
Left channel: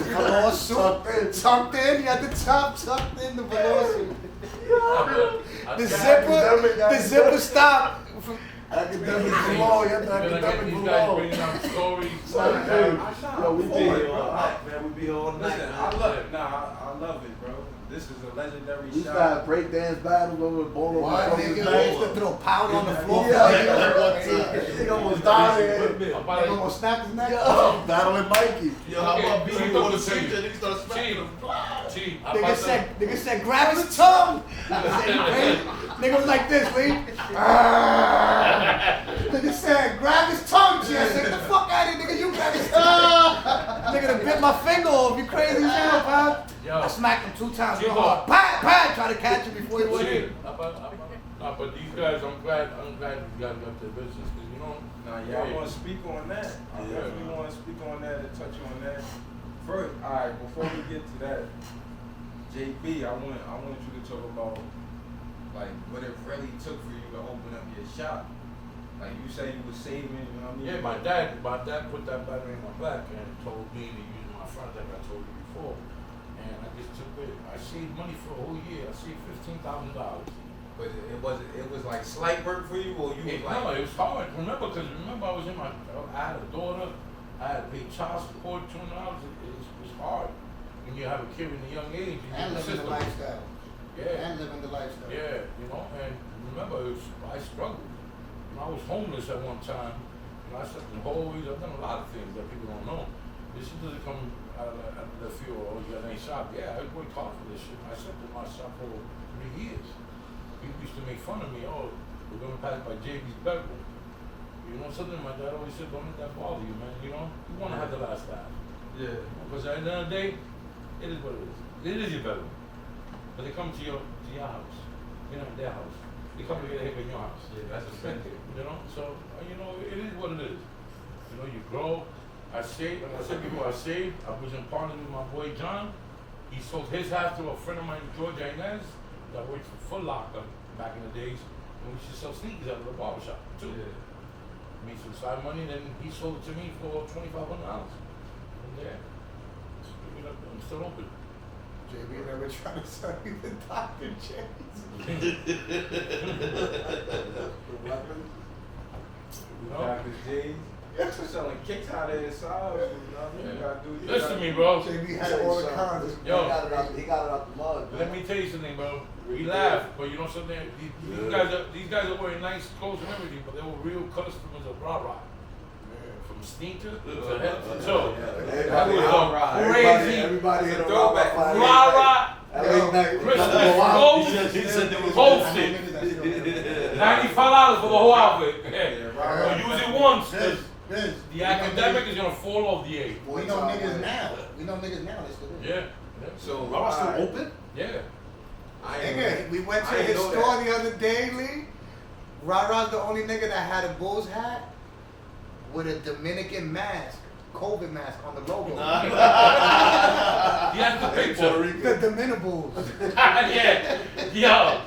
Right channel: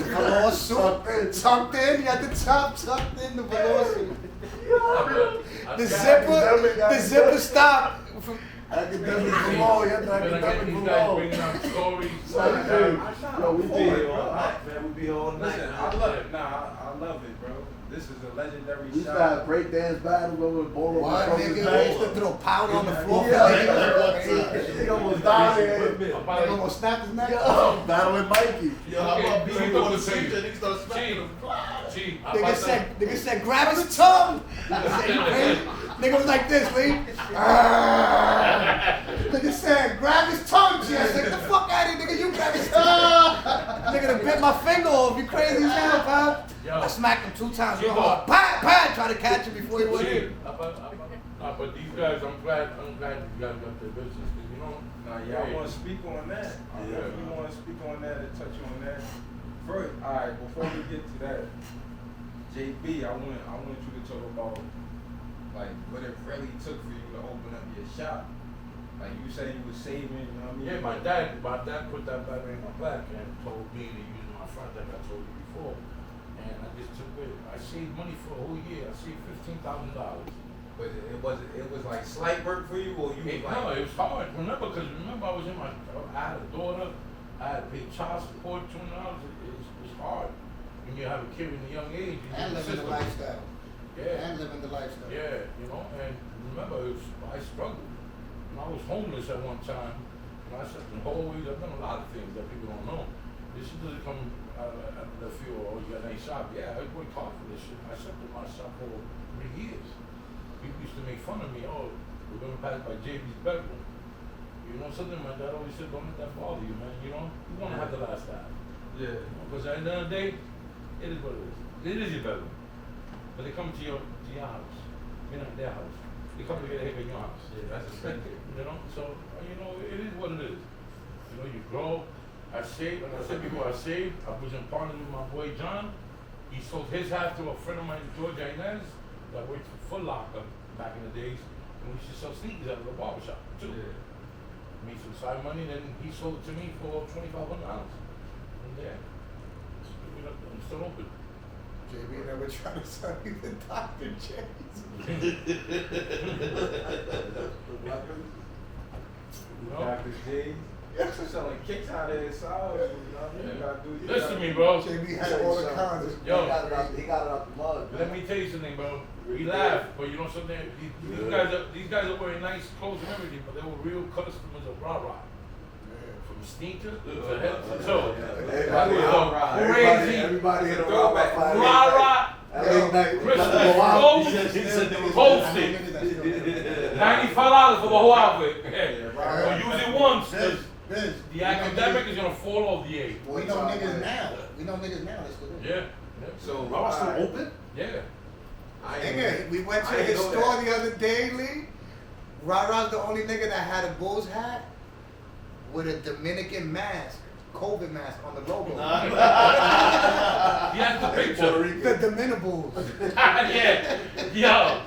velour suit tucked in? He had the top tucked in, the velour suit. The zipper stopped. Academic below, you have to academic These guys below. bringing out stories. Like, dude, yo, we did. Man, we be all night. Listen, I love it. Nah, I love it, bro. This is a legendary We used to shot. have breakdance battles over the ball What, over nigga? the We used to throw powder on the floor. Yeah, Nigga nigga almost died. Nigga almost snapped his neck. Battling Mikey. Yo, how about Okay, being we on the go street to and he started smacking him? Nigga said, grab his tongue. Nigga said, you crazy? Nigga was like this, Lee. Nigga said, grab his tongue, G. I said, get the fuck out of here, nigga. You grab his tongue. Nigga done bit my finger off. You crazy as hell, pal. Yo. I smacked him 2 times. Yo. Pat, pat. Try to catch him before he went in. But these guys, I'm glad these guys got their business, 'cause you know. Nah, y'all want to speak on that? I definitely want to speak on that and touch on that. First, all right, before we get to that, JB, I want you to talk about like what it really took for you to open up your shop. Like you say you were saving, you know what I mean? Yeah, my dad put that battery in my back and told me to use my front, like I told you before. And I just took it. I saved money for a whole year. I saved $15,000. But it was like slight work for you, or you was like No, it was hard. Remember, I was I had a daughter. I had to pay child support $200. It was hard. when you have a kid in a young age, you And need a living the system. lifestyle. Yeah. And living the lifestyle. Yeah, you know, and remember, I struggled. I was homeless at one time. And I said, always, I've done a lot of things that people don't know. This is to come out of the field, oh, you got any shop? Yeah, I worked hard for this shit. I slept in my shop for 3 years. People used to make fun of me, oh, we're going to pass by JB's bedroom. You know something? My dad always said, don't let that bother you, man. You know, you want to have the last laugh. Yeah. Because at the end of the day, it is what it is. It is your bedroom. But they come to your house. You know, their house. They come to get a hit in your house. Yeah, that's the same thing. You know, so, you know, it is what it is. You know, you grow. I saved, and I said before, I saved. I was in partner with my boy John. He sold his house to a friend of mine, Georgia Inez, that worked for Foot Locker back in the days. And we used to sell sneakers out of the barbershop, too. Yeah. Made some side money, then he sold it to me for $2,500. And yeah, you know, I'm still open. JB never tried to sell you the Dr. J's. Dr. J's. You're selling kicks out of his side. You know what I mean? You gotta do- Listen to me, bro. JB had all the condoms. Yo. He got it out the mud, man. Let me tell you something, bro. We laugh, but you know something? These guys are wearing nice clothes and everything, but they were real customers of rah-rah. From sneakers to head to toe. That was a crazy Everybody hit a Throwback. rah-rah. Niggas Posted. that $95 for the whole outfit. Or use it once, because Biz, the academic is gonna fall off the A. we know niggas now. We know niggas now. That's the Yeah. So, I'm still open? Yeah. Nigga, we went to his store the other day, Lee. Rah-Rah's the only nigga that had a Boogz hat with a Dominican mask, COVID mask on the logo. He has the picture. The Dominicables. Yeah. Yo. Yeah.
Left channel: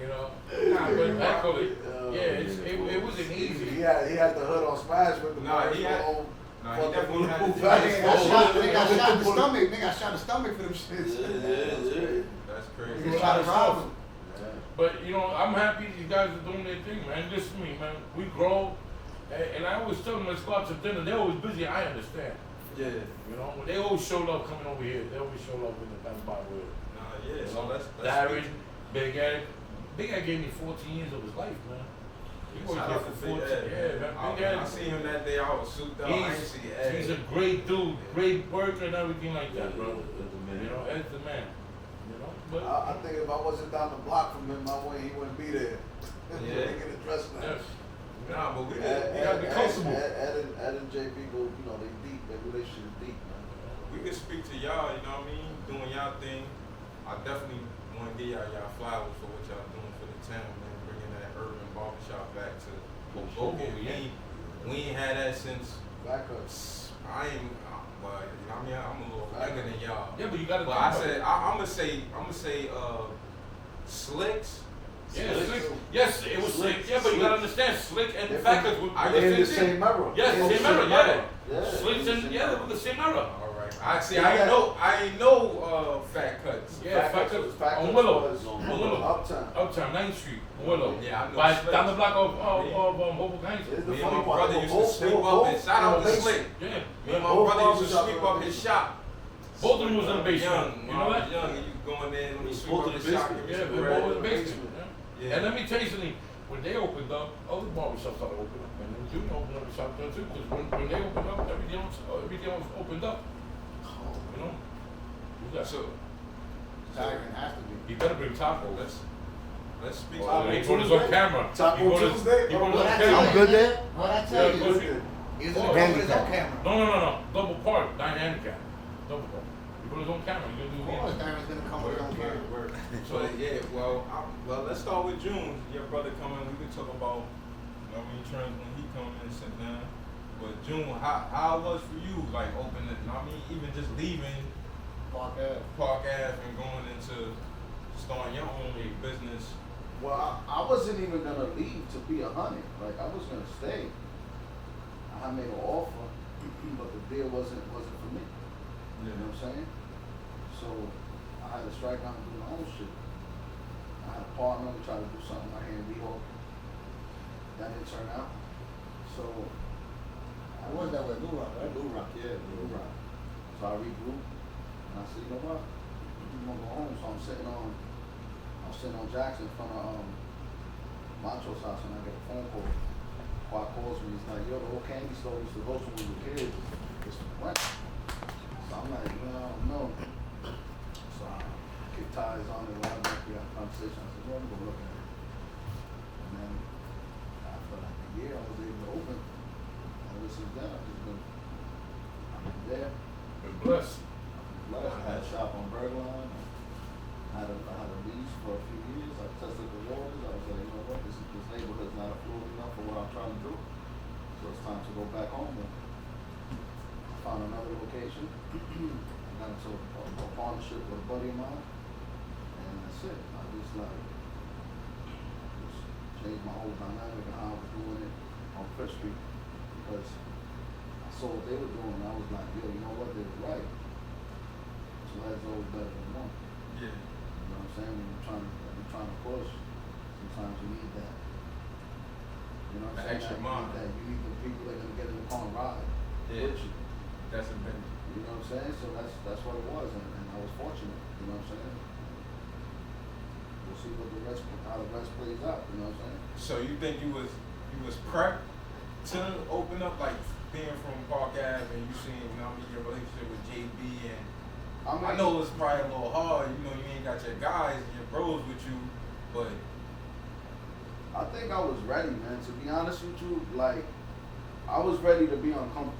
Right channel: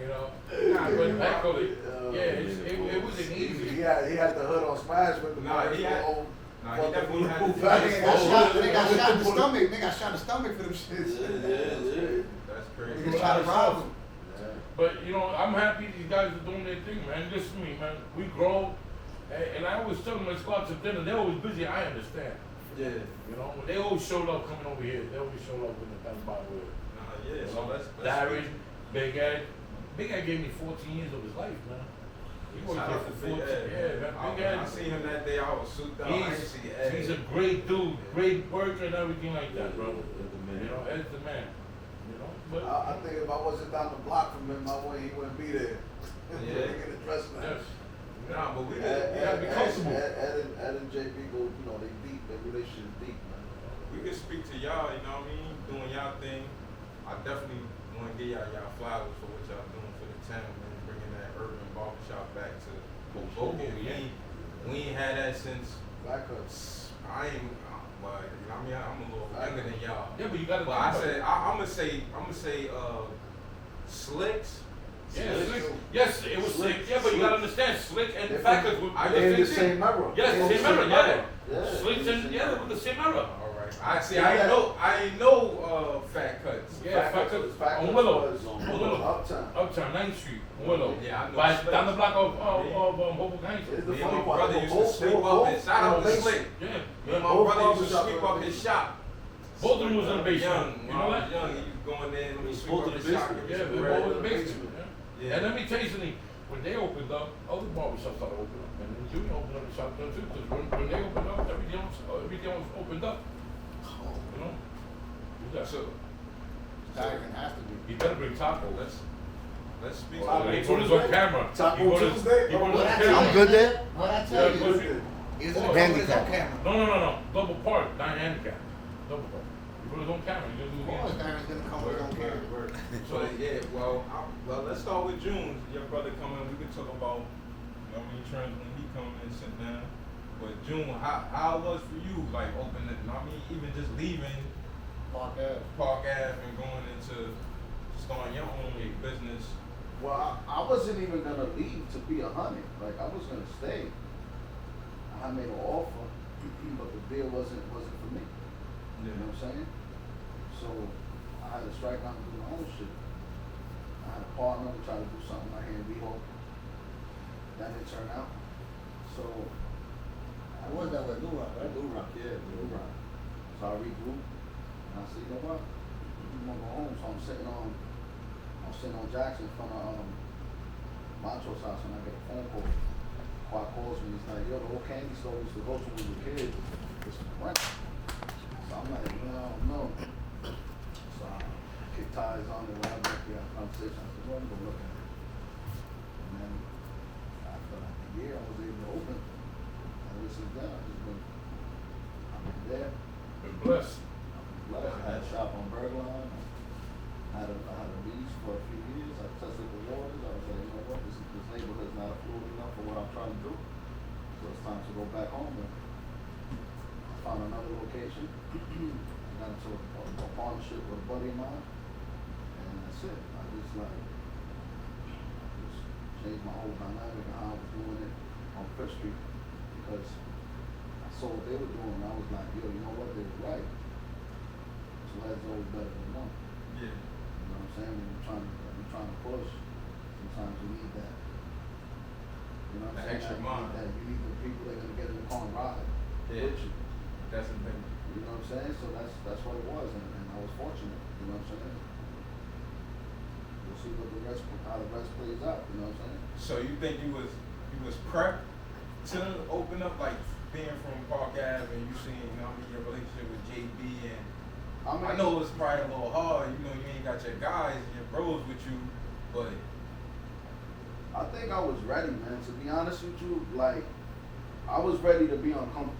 You know. Nah, but that COVID, yeah, it wasn't easy. He had the hood on smash with the Nah, he had- he definitely had the- Nigga got shot in the stomach. Nigga got shot in the stomach for them shits. That's crazy. Niggas try to rob him. But you know, I'm happy these guys are doing their thing, man. Listen to me, man. We grow, and I always tell them let's go out to dinner. They're always busy. I understand. Yeah. You know, they always showed up coming over here. They always showed up in the Bank Barber. Yeah, so let's Larry, Big Ed. Big Ed gave me 14 years of his life, man. He worked Shout here out for to Big 14. Ed. Yeah, man. Big Ed. I see him that day. I was souped up. I ain't see Ed. He's a great dude, great worker and everything like that, bro. You know, Ed's the man. You know, but I think if I wasn't down the block from him, he wouldn't be there. Yeah. He ain't get addressed, man. yes. Nah, but we Ed gotta be comfortable. and JP go, you know, they deep. Their relationship is deep, man. We can speak to y'all, you know what I mean? Doing y'all thing. I definitely want to give y'all flowers for what y'all doing for the town and bringing that urban barbershop back to Boogz. We ain't had that since. Back ups. I ain't. Like, I mean, I'm a little younger than y'all. Yeah, but you gotta But think I about said, it. I'm gonna say, Slicks. Yeah, Slick. Yes, it was Slick. Yeah, but you gotta understand, Slick and the fact that They're in the same era. Yes, They're in same era, yeah. Yeah. Slick and yeah, with the same era. All right. I ain't know Fat Cuts. Yeah, Fat Fat Cuts Cuts. On was Willow. Uptown. Uptown, 9th Street, Willow. Yeah, I know By Slick. down the block of Hoboken Heights. It's the Me and funny my part. brother They used were to sweep both up his shout out in to the Slick. basement. Yeah. Me Yeah. and my Both brother used to barbershops sweep were up in his the shop. Both of them was in the basement. Young, You know what? young, and you going there and you sweep both up in his the shop. basement. Yeah, we both in the basement. Yeah. Yeah. And let me tell you something. When they opened up, other barbershops started opening up, and then Junior opened up a shop there too. Because when they opened up, everything was opened up. You know. You got So Diamond has to be. You better bring Taco. let's speak. Taco He put us on camera. Taco He put us- Tuesday? he put us What on I tell camera. you? Good there? What I tell Yeah, you? good. He was in the car with his own camera. No. Double park, not handicap. Double park. He put his own camera. He gonna do Of it course, again. Diamond's gonna come with his own camera. So yeah, well, let's start with June. Your brother coming. We can talk about, you know, returns when he comes and sit down. But June, how it was for you, like opening? I mean, even just leaving Park Ave. Park Ave and going into starting your own business. Well, I wasn't even gonna leave to be 100. Like I was gonna stay. I had made an offer, but the deal wasn't for me. You know what I'm saying? So I had to strike out and do my own shit. I had a partner who tried to do something right here in Weehawken. That didn't turn out. So I was that way, New Rock, right? New Rock, yeah, New Rock. So I regrouped, and I said, you know what? I'm gonna go home. So I'm sitting on Jackson in front of Mancho's house, and I get a phone call. Quad calls me, he's like, yo, the whole candy store we used to go to when we were kids is for rent. So I'm like, no. So I kick ties on it, whatever, we had a conversation. I said, well, I'm gonna look at it. And then after like a year, I was able to open. And ever since then, I've been there. Been blessed. I had a shop on Bergline. I had a lease for a few years. I tested the waters. I was like, you know what, this neighborhood's not affluent enough for what I'm trying to do. So it's time to go back home. And I found another location. I got into a partnership with a buddy of mine. And that's it. I just changed my whole dynamic and how I was doing it on Fifth Street. Because I saw what they were doing and I was like, yo, you know what, they were right. So that's always better than one. Yeah. You know what I'm saying? When you're trying to push, sometimes you need that. You know what I'm saying? Extra mile. You need the people that are gonna get in the car and ride with you. That's a big. You know what I'm saying? So that's what it was, and I was fortunate. You know what I'm saying? We'll see how the rest plays out. You know what I'm saying? So you think you was prepped to open up, like being from Park Ave and you seeing, you know, your relationship with JB and. I know it's probably a little hard, you know, you ain't got your guys, your bros with you, but. I think I was ready, man. To be honest with you, like, I was ready to be uncomfortable.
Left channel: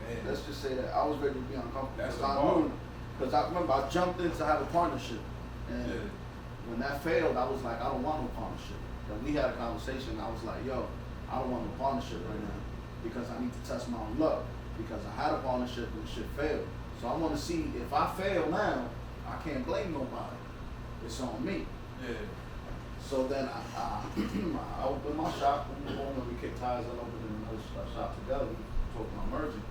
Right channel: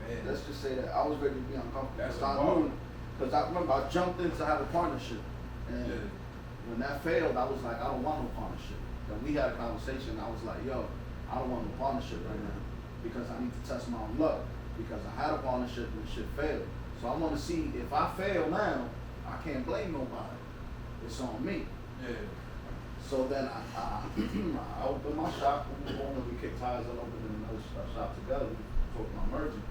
Man. Let's just say that. I was ready to be uncomfortable. That's Because I remember I jumped in to have a partnership. And when that failed, I was like, I don't want no partnership. And we had a conversation, I was like, yo, I don't want no partnership right now because I need to test my own luck. Because I had a partnership and shit failed. So I want to see if I fail now, I can't blame nobody. It's on me. Yeah. So then I opened my shop, and we kicked ties and opened another shop together. We talked about merging.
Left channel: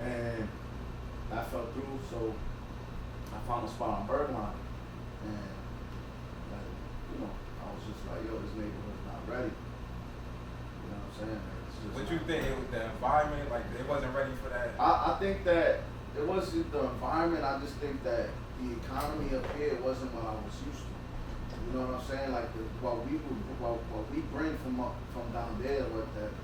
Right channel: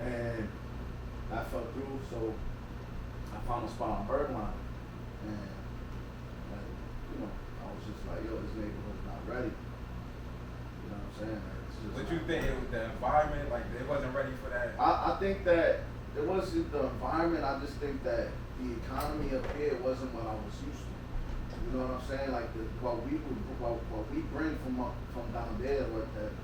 And that fell through, so I found a spot on Bergline. And, you know, I was just like, yo, this neighborhood's not ready. You know what I'm saying? What you think it was the environment, like they wasn't ready for that? I think that it wasn't the environment, I just think that the economy up here wasn't what I was used to. You know what I'm saying? Like what we bring from down there, what that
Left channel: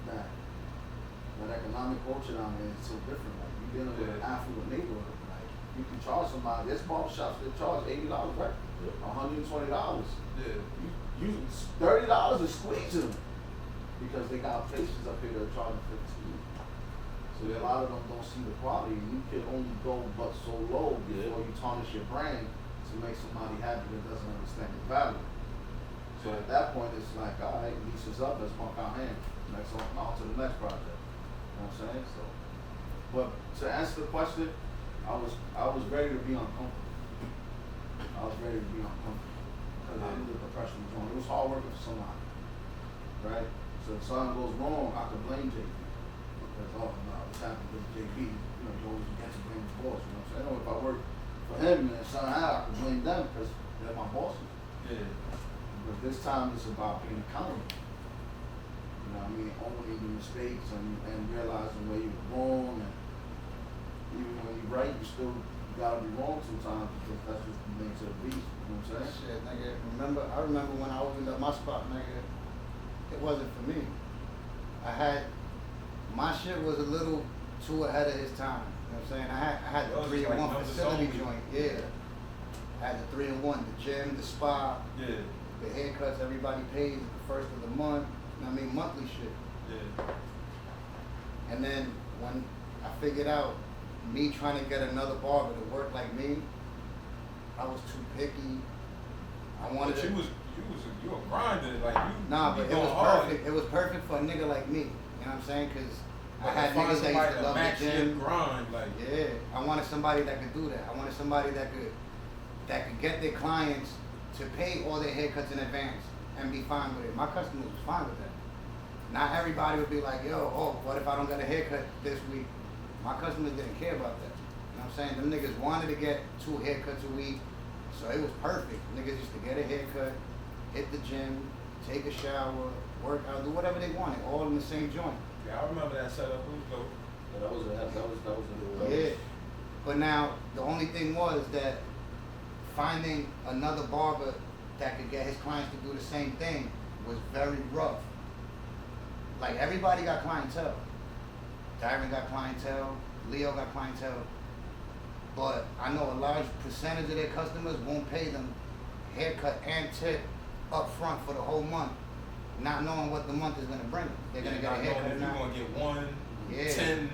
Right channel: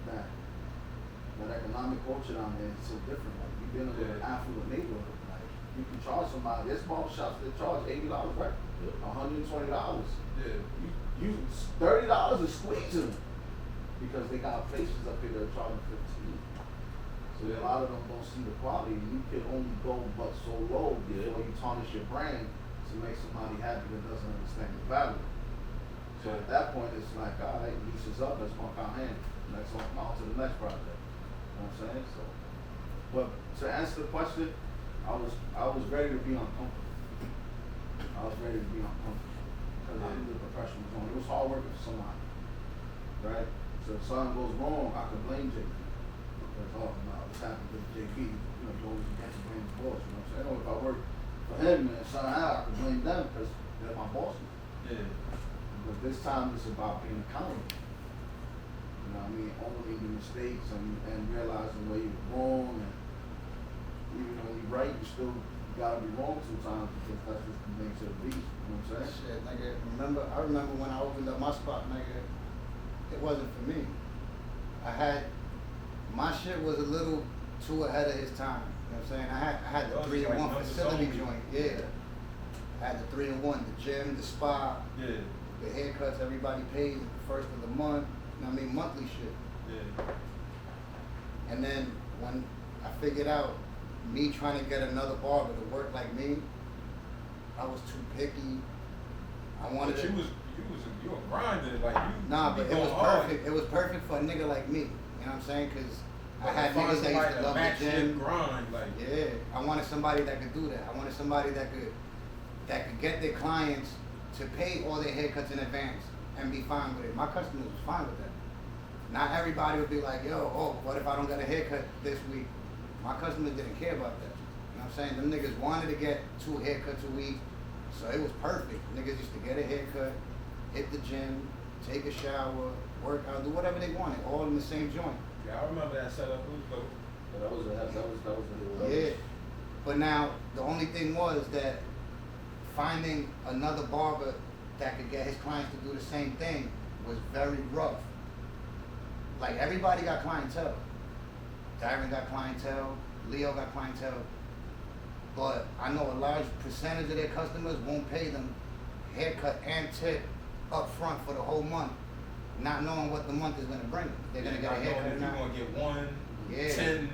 economic culture down there is so different. Like you dealing with an affluent neighborhood. Like you can charge somebody, there's barbershops that charge $80 right? $120. Yeah. You $30 is squeezing them. Because they got places up here that are charging $15. So a lot of them don't see the quality. You can only go but so low before you tarnish your brand to make somebody happy that doesn't understand the value. So at that point, it's like, all right, lease is up, let's pump our hand. Let's open on to the next project. You know what I'm saying? So, but to answer the question, I was ready to be uncomfortable. I was ready to be uncomfortable because I knew the profession was on. It was hard working for somebody, right? So if something goes wrong, I could blame JB. Because, oh, no, what's happened with JB? You know, you always get to blame the boss. You know what I'm saying? If I work for him and somehow I could blame them because they're my bosses. Yeah. But this time it's about being accountable. You know what I mean? Owning your mistakes and realizing where you're wrong. And even when you're right, you gotta be wrong sometimes because that's what makes it a beast. You know what I'm saying? Shit, nigga. I remember when I opened up my spot, nigga. It wasn't for me. My shit was a little too ahead of his time. You know what I'm saying? I had the 3-in-1 facility joint, yeah. I had the 3-in-1, the gym, the spa, the haircuts, everybody pays the first of the month. You know what I mean? Monthly shit. Yeah. And then when I figured out me trying to get another barber to work like me, I was too picky. I wanted to. You were grinding, like you. Nah, but it was hard. perfect. It was perfect for a nigga like me. You know what I'm saying? Because I had niggas that used to love the gym. Grind, like. Yeah, I wanted somebody that could do that. I wanted somebody that could get their clients to pay all their haircuts in advance and be fine with it. My customers was fine with that. Not everybody would be like, yo, oh, what if I don't get a haircut this week? My customers didn't care about that. You know what I'm saying? Them niggas wanted to get 2 haircuts a week, so it was perfect. Niggas used to get a haircut, hit the gym, take a shower, work out, do whatever they wanted, all in the same joint. Yeah, I remember that setup. We go. That was a Yeah. But now, the only thing was that finding another barber that could get his clients to do the same thing was very rough. Like, everybody got clientele. Darren got clientele, Leo got clientele, but I know a large percentage of their customers won't pay them haircut and tip up front for the whole month, not knowing what the month is gonna bring them. They're gonna get a haircut now. You're gonna get 1, Yeah. 10, you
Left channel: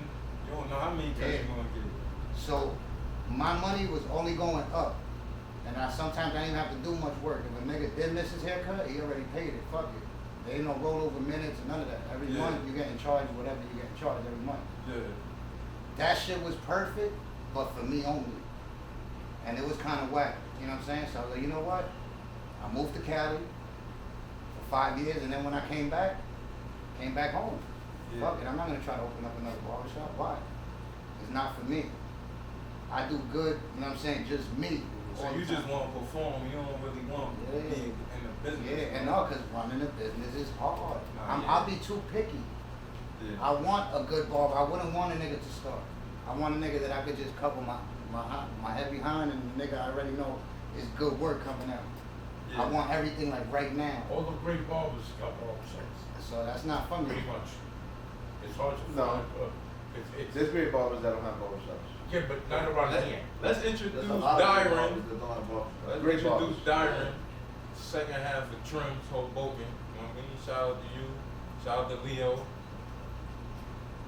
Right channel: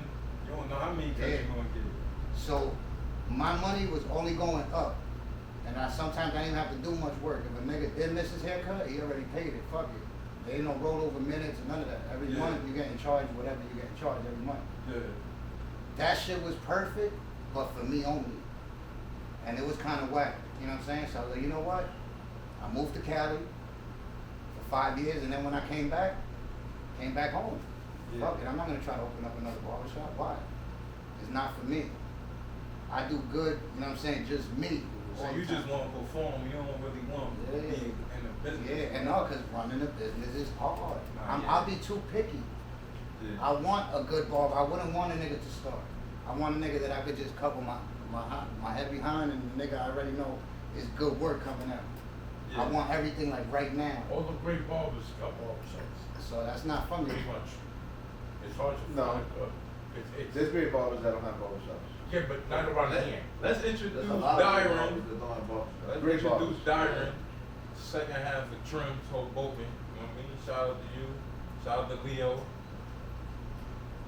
don't know how many cuts Yeah. you're gonna get. So my money was only going up. And sometimes I didn't have to do much work. If a nigga did miss his haircut, he already paid it. Fuck it. There ain't no rollover minutes or none of that. Every Yeah. month you getting charged whatever you getting charged every month. Yeah. That shit was perfect, but for me only. And it was kind of whack. You know what I'm saying? So I was like, you know what? I moved to Cali for 5 years, and then when I came back home. Yeah. Fuck it. I'm not gonna try to open up another barbershop. Why? It's not for me. I do good, you know what I'm saying, just me. So all you the just time. want to perform, you don't really want to Yeah. be in the business. Yeah, and no, because running a business is hard. Yeah. I'll be too picky. Yeah. I want a good barber. I wouldn't want a nigga to start. I want a nigga that I could just cover my head behind, and the nigga I already know is good work coming out. Yeah. I want everything like right now. All the great barbers got barbershops. So that's not for me. Pretty much. It's hard to No. find. It's There's great barbers that don't have barbershops. yeah, but not around here. Let's introduce There's a lot of great Dyron. barbers that don't have barbershops. Let's Great introduce barbers. Dyron. Second half of Trims Hoboken. You know what I mean? Shout out to you. Shout out to Leo.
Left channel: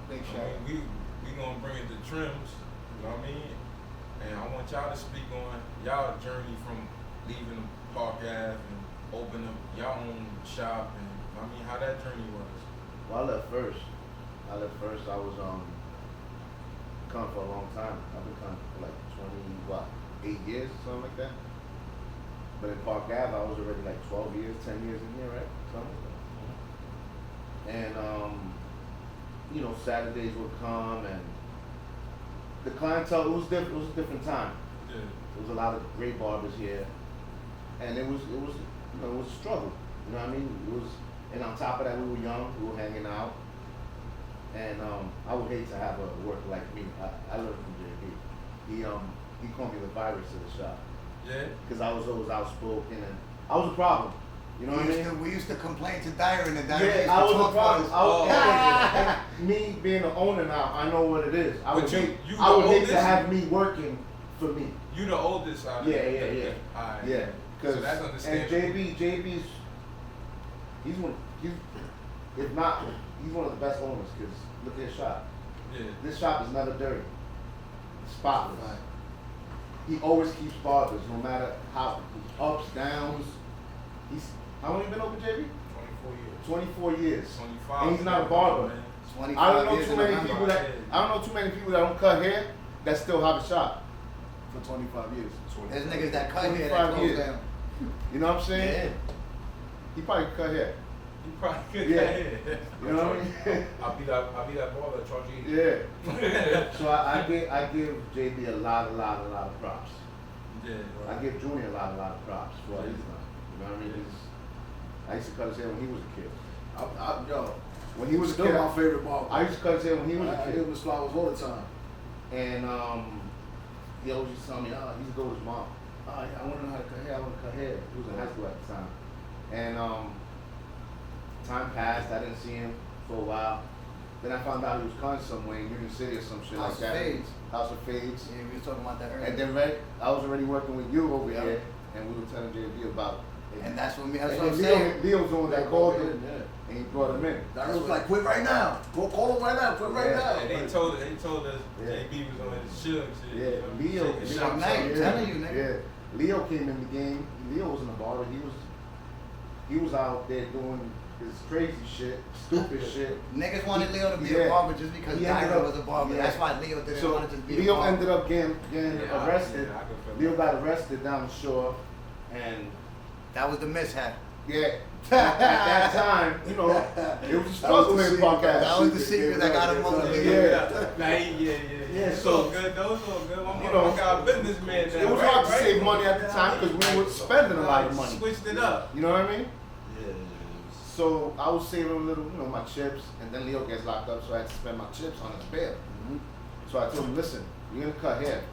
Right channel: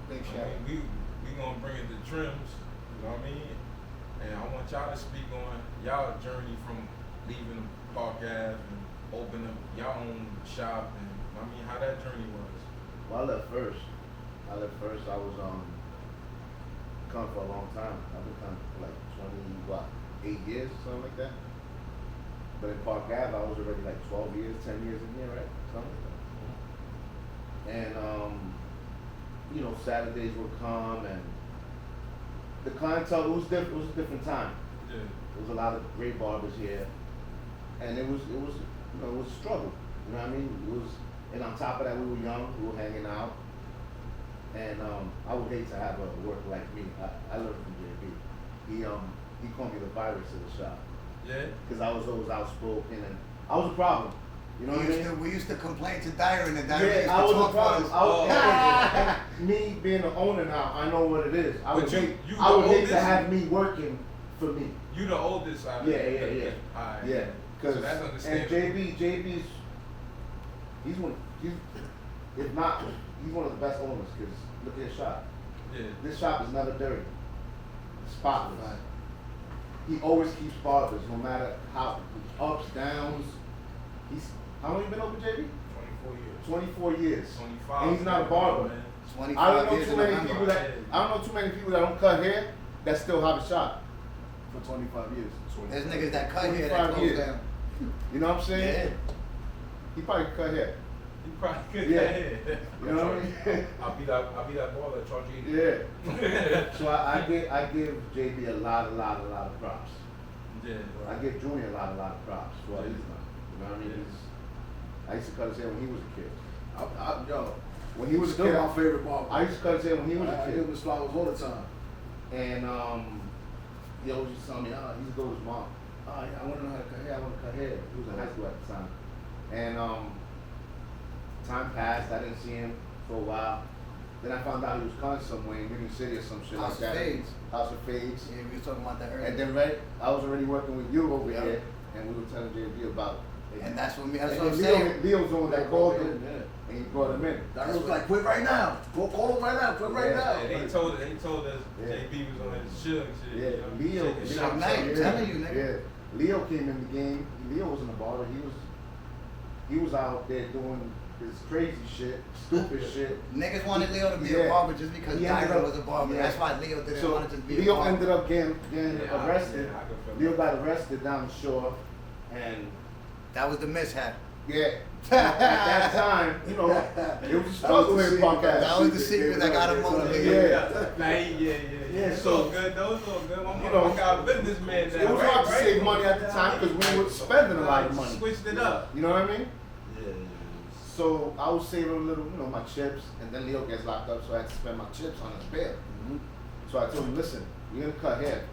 Big I shout. mean, we gonna bring it to Trims. You know what I mean? And I want y'all to speak on y'all journey from leaving Park Ave and opening up y'all own shop, and I mean how that journey was. Well, I left first. I was coming for a long time. I've been coming for like 8 years or something like that. But in Park Ave, I was already like 12 years, 10 years in here, right? Something like that. And you know, Saturdays would come, and the clientele, it was different. It was a different time. Yeah. There was a lot of great barbers here, and it was you know, it was a struggle. You know what I mean? It was, and on top of that, we were young, we were hanging out, and I would hate to have a worker like me. I learned from JB. He called me the virus of the shop Yeah. because I was always outspoken, and I was a problem. You know what I mean? We used to complain to Dyron, and Dyron used to I was talk a for problem. us. I was, Oh. and me being the owner now, I know what it is. I But would you- hate, you I would the hate to oldest? have me working for me. You the oldest out Yeah, there. yeah, yeah. Alright. Yeah, because So that's and understandable. JB's if not, he's one of the best owners. Because look at his shop. Yeah. This shop is never dirty, spotless. He always keeps barbers, no matter how ups, downs. How long you been open, JB? 24 years. 24 years. 25. And he's not a barber. Man. 25 I don't know years too in many November. people that don't cut hair that still have a shop. For 25 years. There's niggas that cut here that 25 close years. down. You know what I'm saying? Yeah. He probably could cut hair. You probably could. Yeah. Yeah. You know what I mean? I'll be that ball that charge you. Yeah. So I give JB a lot of props. Yeah. I give Junior a lot of props for what he's done. You know what I mean? I used to cut his hair when he was a kid. Yo, When he was still a kid, my favorite barber. I used to cut his hair when he was I a give kid. him the flowers all the time. And he always used to tell me, he used to go to his mom. I want to know how to cut hair. I want to cut hair. He was in high school at the time. And time passed. I didn't see him for a while. Then I found out he was cutting somewhere in Union City or some shit House like of that. Fades. House of Fades. Yeah, we was talking about that earlier. And then I was already working with you over here, and we were telling JB about it. And that's what I'm And saying. Leo's the one that called Yeah, him, yeah. and he brought him in. That was like, quit right now. Call him right now. Quit right Yeah. now. And he told us Yeah. JB was on his shit. Yeah, Leo. Shit, Suge shit. Knight, I'm telling you, nigga. Yeah, Leo came in the game. Leo wasn't a baller. He was out there doing his crazy shit, stupid shit. Niggas wanted Leo to be Yeah. a barber just because He ended Dyron up- was a barber. yeah. That's why Leo didn't So want to just be a Leo barber. ended up getting Yeah, arrested. I can feel Leo that. got arrested down the shore, and That was the mishap. yeah, at that time, you know, it was a struggle in Park Ave. That was the secret that got him on the Yeah. Yeah. So- So good. Those so good. I'm You know, a businessman now. It was hard to save money at the time because we were spending a lot of money. Switched it up. You know what I mean? Yeah. So I was saving a little, my chips, and then Leo gets locked up, so I had to spend my chips on his bail. So I told him, listen, you're gonna cut hair.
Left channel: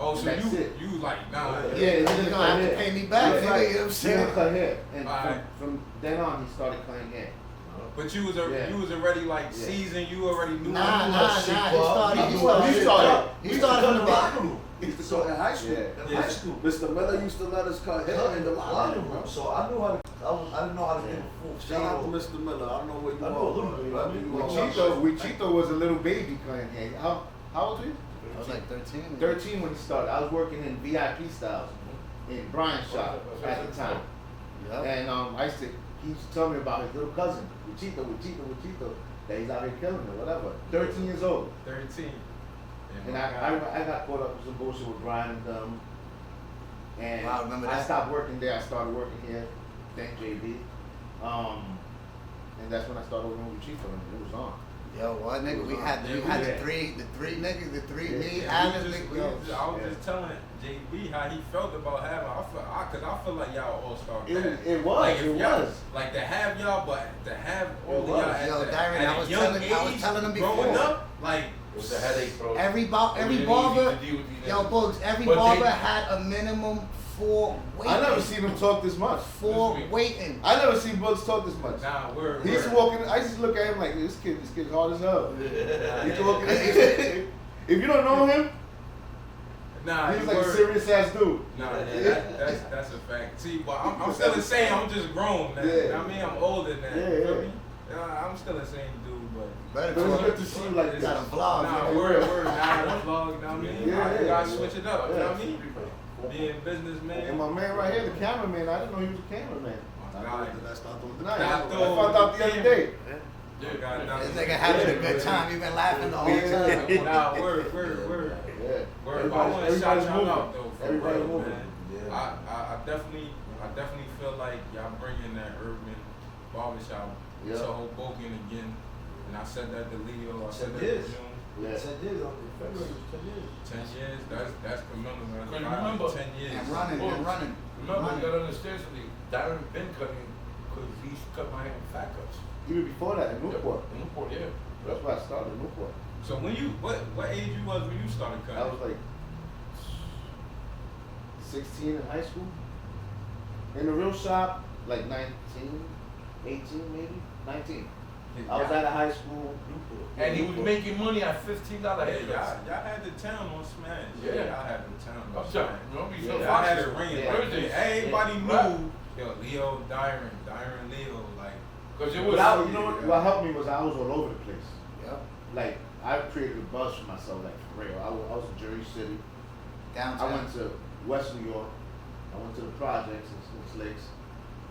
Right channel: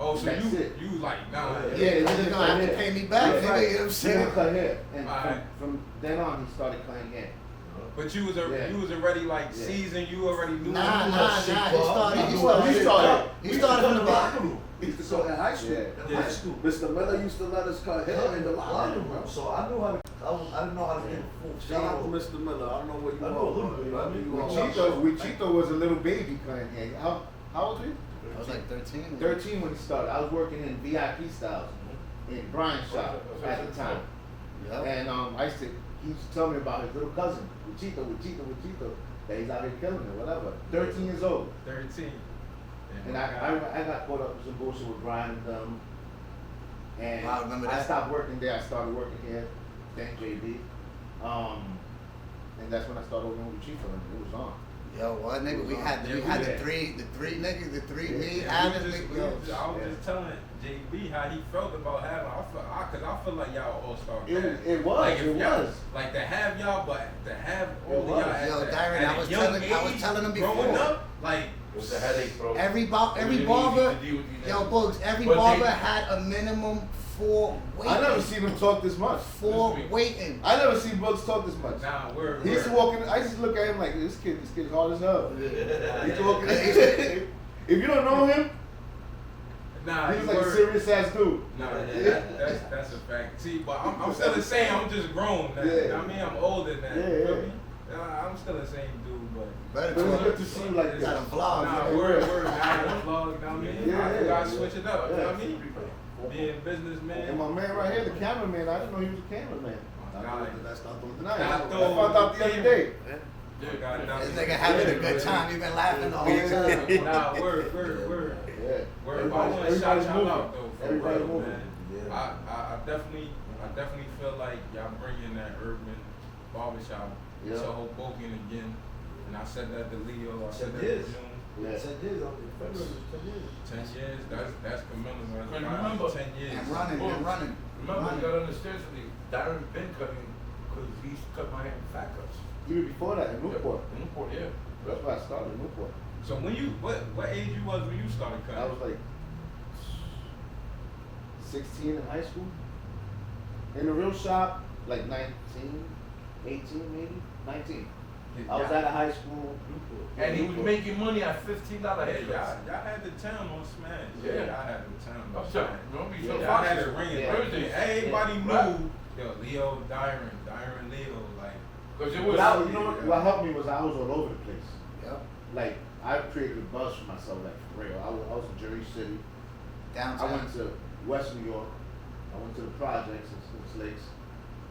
Oh, so That's you it. you like nah. Yeah, You're gonna gonna have to cut pay hair. me back, That's nigga, right. you know what I'm He saying? gonna cut hair, and Alright. from then on, he started cutting hair. But you was Yeah. you was already like Yeah. seasoned. You already knew. Nah, he started He from the bottom. He used to go in high school. Yeah. Yeah. High school. Mr. Miller used to let us cut hair in the Locker locker room, room. bro. So I knew how to. I didn't know how to get a full Shout out to shave. Mr. Miller. I don't know where you I are. know a little bit, but I mean, you are. Wichito was a little baby cutting hair. How old are you? I was like 13. 13 when he started. I was working in VIP styles in Brian's shop at the time. Yep. And I used to, he used to tell me about his little cousin, Wichito, that he's out here killing it, whatever. 13 years old. 13. And I got caught up with some bullshit with Brian and and Wow, remember I that? stopped working there. I started working here, then JB. And that's when I started working with Chico, and it was on. Yo, what nigga? We had the three niggas, me, Yeah, Adam, we just- nigga. we Yo, just- I was just telling JB how he felt about having. Cause I feel like y'all all star. It was, Like if it y'all- was. Like to have y'all, but to have It all of was. y'all. at Yo, the- Darren, at I a was young telling them age, before. growing up, like It was a headache, bro. every You barber, need to deal with yo, that. Boogz, every But barber they- had a minimum 4 waiting. I never seen him talk this much. 4 waiting. I never seen Bugs talk this much. nah, we're. He used to walk in. I used to look at him like this kid's hard as hell. He used to walk in. Yeah. If you don't know him, Nah, he's you like a were- serious ass dude. Nah, yeah, that's a fact. See, but I'm still the same. I'm just grown now. Yeah. I mean, I'm older now. Yeah, You feel yeah. me? I'm still the same dude, but. Better But it's talk. good to see you like You this. got a vlog. Nah, you know? word, now I got a vlog, you know what I mean? Yeah, You gotta yeah. switch it up, you know what I Yeah. mean? Being businessman. And my man right here, the cameraman, I didn't know he was a cameraman. That's not the Nah, I found out the other day. This nigga having a good time. You been laughing the whole time. Nah, word. Yeah. Word, but I want to shout Everybody's y'all moving. out though. For Everybody's real, moving. man. I definitely feel like y'all bringing that urban barbershop Yeah. to Hoboken again. And I said that to Leo. I said that to Yes. June. Yeah. 10 years, February was 10 years. 10 years. That's commemorating. And remember- 10 years. And running. Remember, you Running. gotta understand something. Darren been cutting because he used to cut my hair in fat cuts. Even before that, in Newport. In Newport, yeah. That's where I started, in Newport. So when you what age you was when you started cutting? I was like 16 in high school. In the real shop, like 19, 18 maybe, 19. I was out of high school. And he was making money at $15 Yeah, haircuts. y'all had the town on Smash. Yeah. I had the town on I'm Smash. telling you, remember you Yeah, said I had Fox? it ringing. Yeah. Thursday. Everybody Right. knew, yo, Leo, Dyron, Leo, like. Because it But was, you know what helped me was I was all over the place. Yep. Like, I created a buzz for myself, like, for real. I was in Jersey City. I Downtown. went to West New York. I went to the projects in Six Lakes.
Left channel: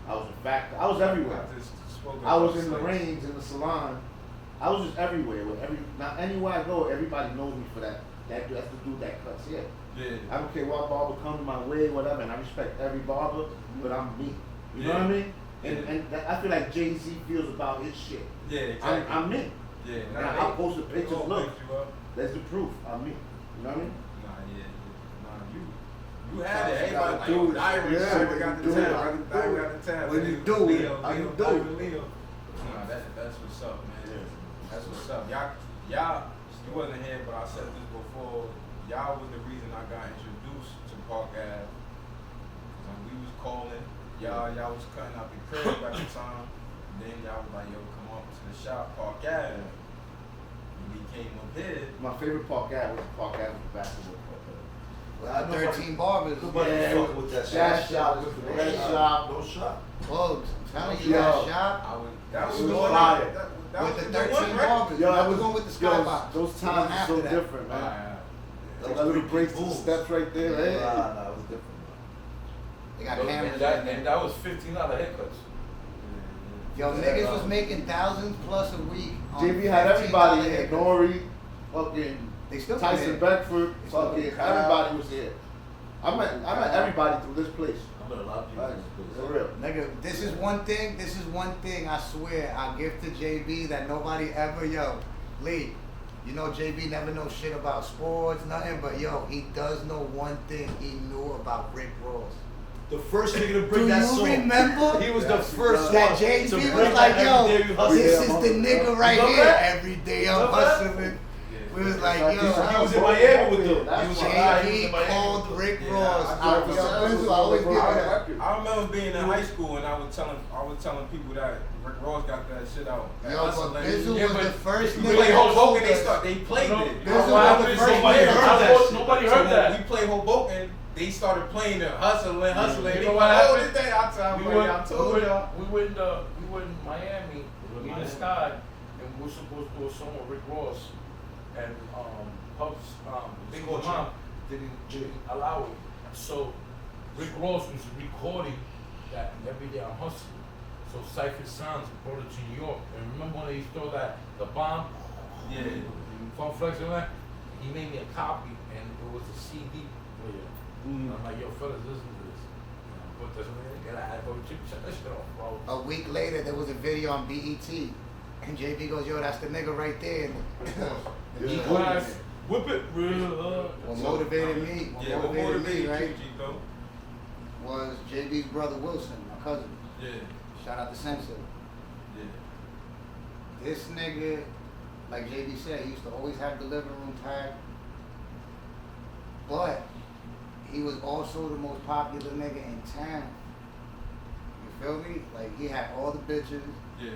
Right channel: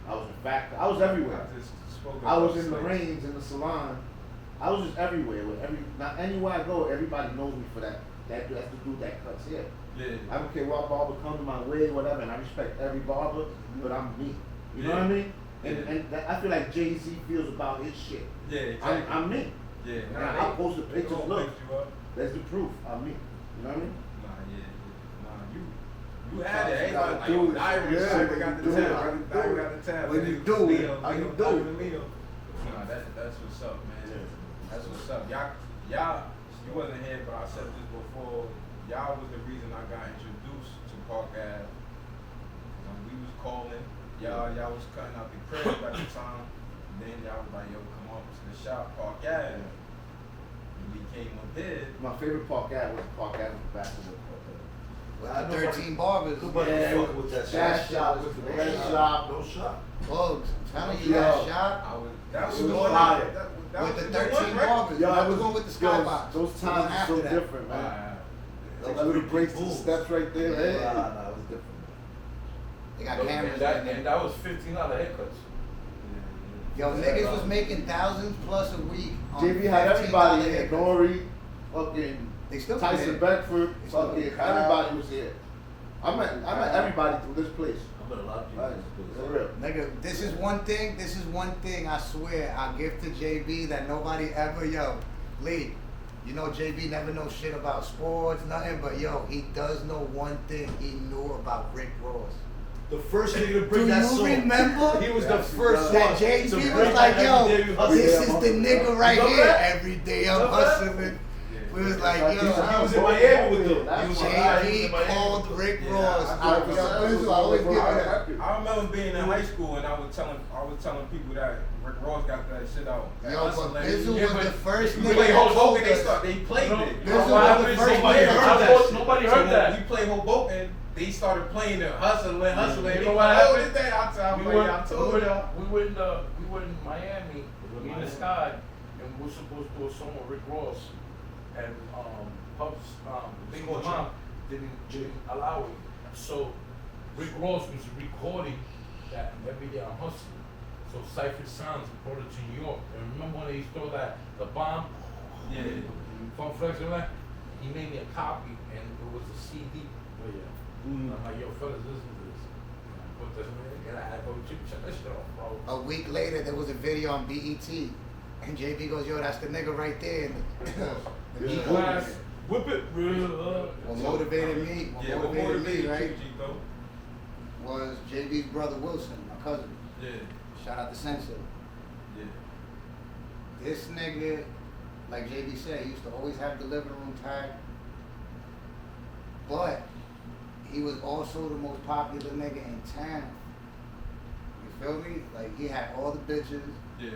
I was in fact, I was everywhere. I just spoke I was about in the slaves. brains, in the salon. I was just everywhere. Now anywhere I go, everybody knows me for that. That's the dude that cuts hair. Yeah. I don't care what barber comes my way, whatever, and I respect every barber, but I'm me. You know what I mean? And I feel like Jay-Z feels about his shit. Yeah, I'm me. Yeah, Now, I'll post the pictures, gonna look. pick you up. That's the proof. I'm me. You know what I mean? You had it. You gotta Everybody, do it. Dyron, Yeah, Dyron you got do the it. town. How you do Dyron it. got the town. When you do it, how you do it. Nah, that's what's up, man. That's what's up. Y'all, you wasn't here, but I said this before. Y'all was the reason I got introduced to Park Ave. When we was calling, y'all was cutting out the crib at the time. And then y'all was like, yo, come on to the shop, Park Ave. And we came up here. My favorite Park Ave was Park Avenue basketball court. With the 13 barbers. Yeah, with that that shop was the best shop. No shop. Boogz, I'm telling you, that Yo. shop. That was It was the one. fire. That With was the one, 13 right? barbers. Yo, I was going with the skybox. Those The one times are after so that. different, man. Uh, Like little breaks to the steps right there. Nah, Hey. it was different. They got cameras in and there. that was $15 haircuts. Yo, niggas was making thousands plus a week. On JB had $15 everybody here. haircuts. Nori, fucking They still come Tyson in. Beckford, They still fucking come. everybody was here. I met everybody through this place. I met a lot of people. For real. Nigga, this is one thing I swear I give to JB that nobody ever, yo, Lee, you know JB never knows shit about sports, nothing, but yo, he does know one thing he knew about Rick Ross. The first nigga to Do bring that you song. remember He was the first that one JB to was bring like, that yo, every day we hustle. this is the nigga right Remember here. that? Every day I'm Remember that? hustling. We was like, He yo, was in Miami with them. That's JB called Rick Yeah, Ross. I I always give it that. I remember being in high school and I was telling people that Rick Ross got that shit out. Yo, That's but hilarious. Bizzle Yeah, was but the first We nigga played that told Hoboken, us. they played it. Bizzle Nobody was the first nobody nigga heard that that. told us. Nobody So heard when that. we played Hoboken, they started playing the hustling. You They know go, what oh, happened? this day I tell We you, went, I told y'all. we went in Miami, we in the sky, and we were supposed to do a song with Rick Ross, and Puff's Big Mom didn't allow it. So Rick Ross was recording that every day I'm hustling. So Cypher Sounds brought it to New York. And remember when they stole the bomb? Yeah. From Flex and that? He made me a copy and it was a CD. I'm like, yo, fellas, listen to this. Put this in, and I had to go check that shit off, bro. A week later, there was a video on BET, and JB goes, "Yo, that's the nigga right there." And the Class, whip it, real. what motivated me, Yeah, what right, motivated you, Chico? was JB's brother Wilson, my cousin. Yeah, Shout out to Sensei. yeah. This nigga, like JB said, he used to always have the living room packed. But he was also the most popular nigga in town. You feel me? Like he had all the bitches, Yeah,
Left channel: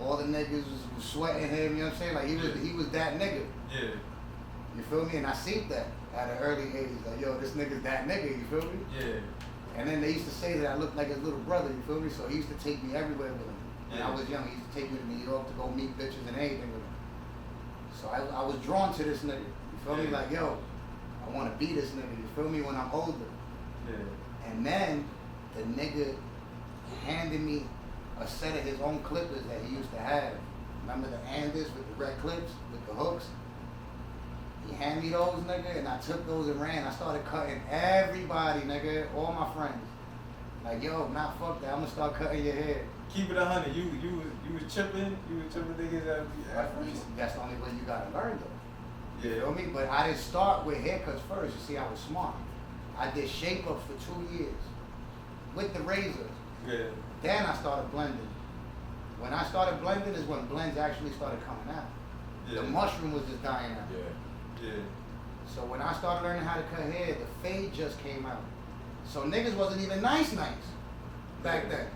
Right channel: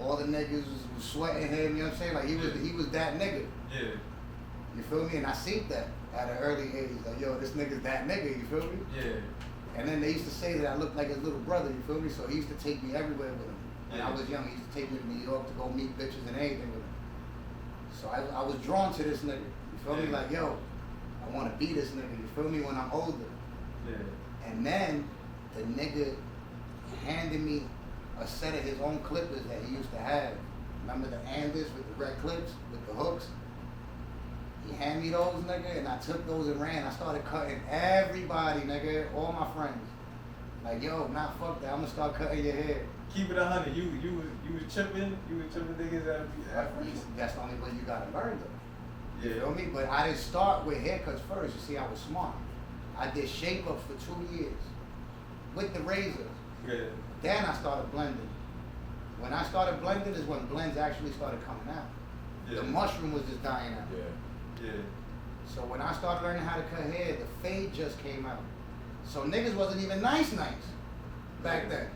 all the niggas was sweating him, you know what I'm saying? Like he was that nigga. yeah, You feel me? And I seen that at an early age. Like, yo, this nigga's that nigga, you feel me? yeah. And then they used to say that I looked like his little brother, you feel me? So he used to take me everywhere with him. When I was young, he used to take me to New York to go meet bitches and anything with him. So I was drawn to this nigga. You feel me? Like, yo, I want to be this nigga, you feel me, when I'm older. Yeah. And then the nigga handed me a set of his own clippers that he used to have. Remember the Andis with the red clips, with the hooks? He handed me those, nigga, and I took those and ran. I started cutting everybody, nigga, all my friends. Like, yo, nah, fuck that, I'm gonna start cutting your hair. Keep it 100. You was chipping niggas at That's the only way you gotta learn, though. You Yeah. feel me? But I didn't start with haircuts first. You see, I was smart. I did shape-ups for 2 years with the razor. Yeah. Then I started blending. When I started blending is when blends actually started coming out. Yeah. The mushroom was just dying out. Yeah. So when I started learning how to cut hair, the fade just came out. So niggas wasn't even nice back then.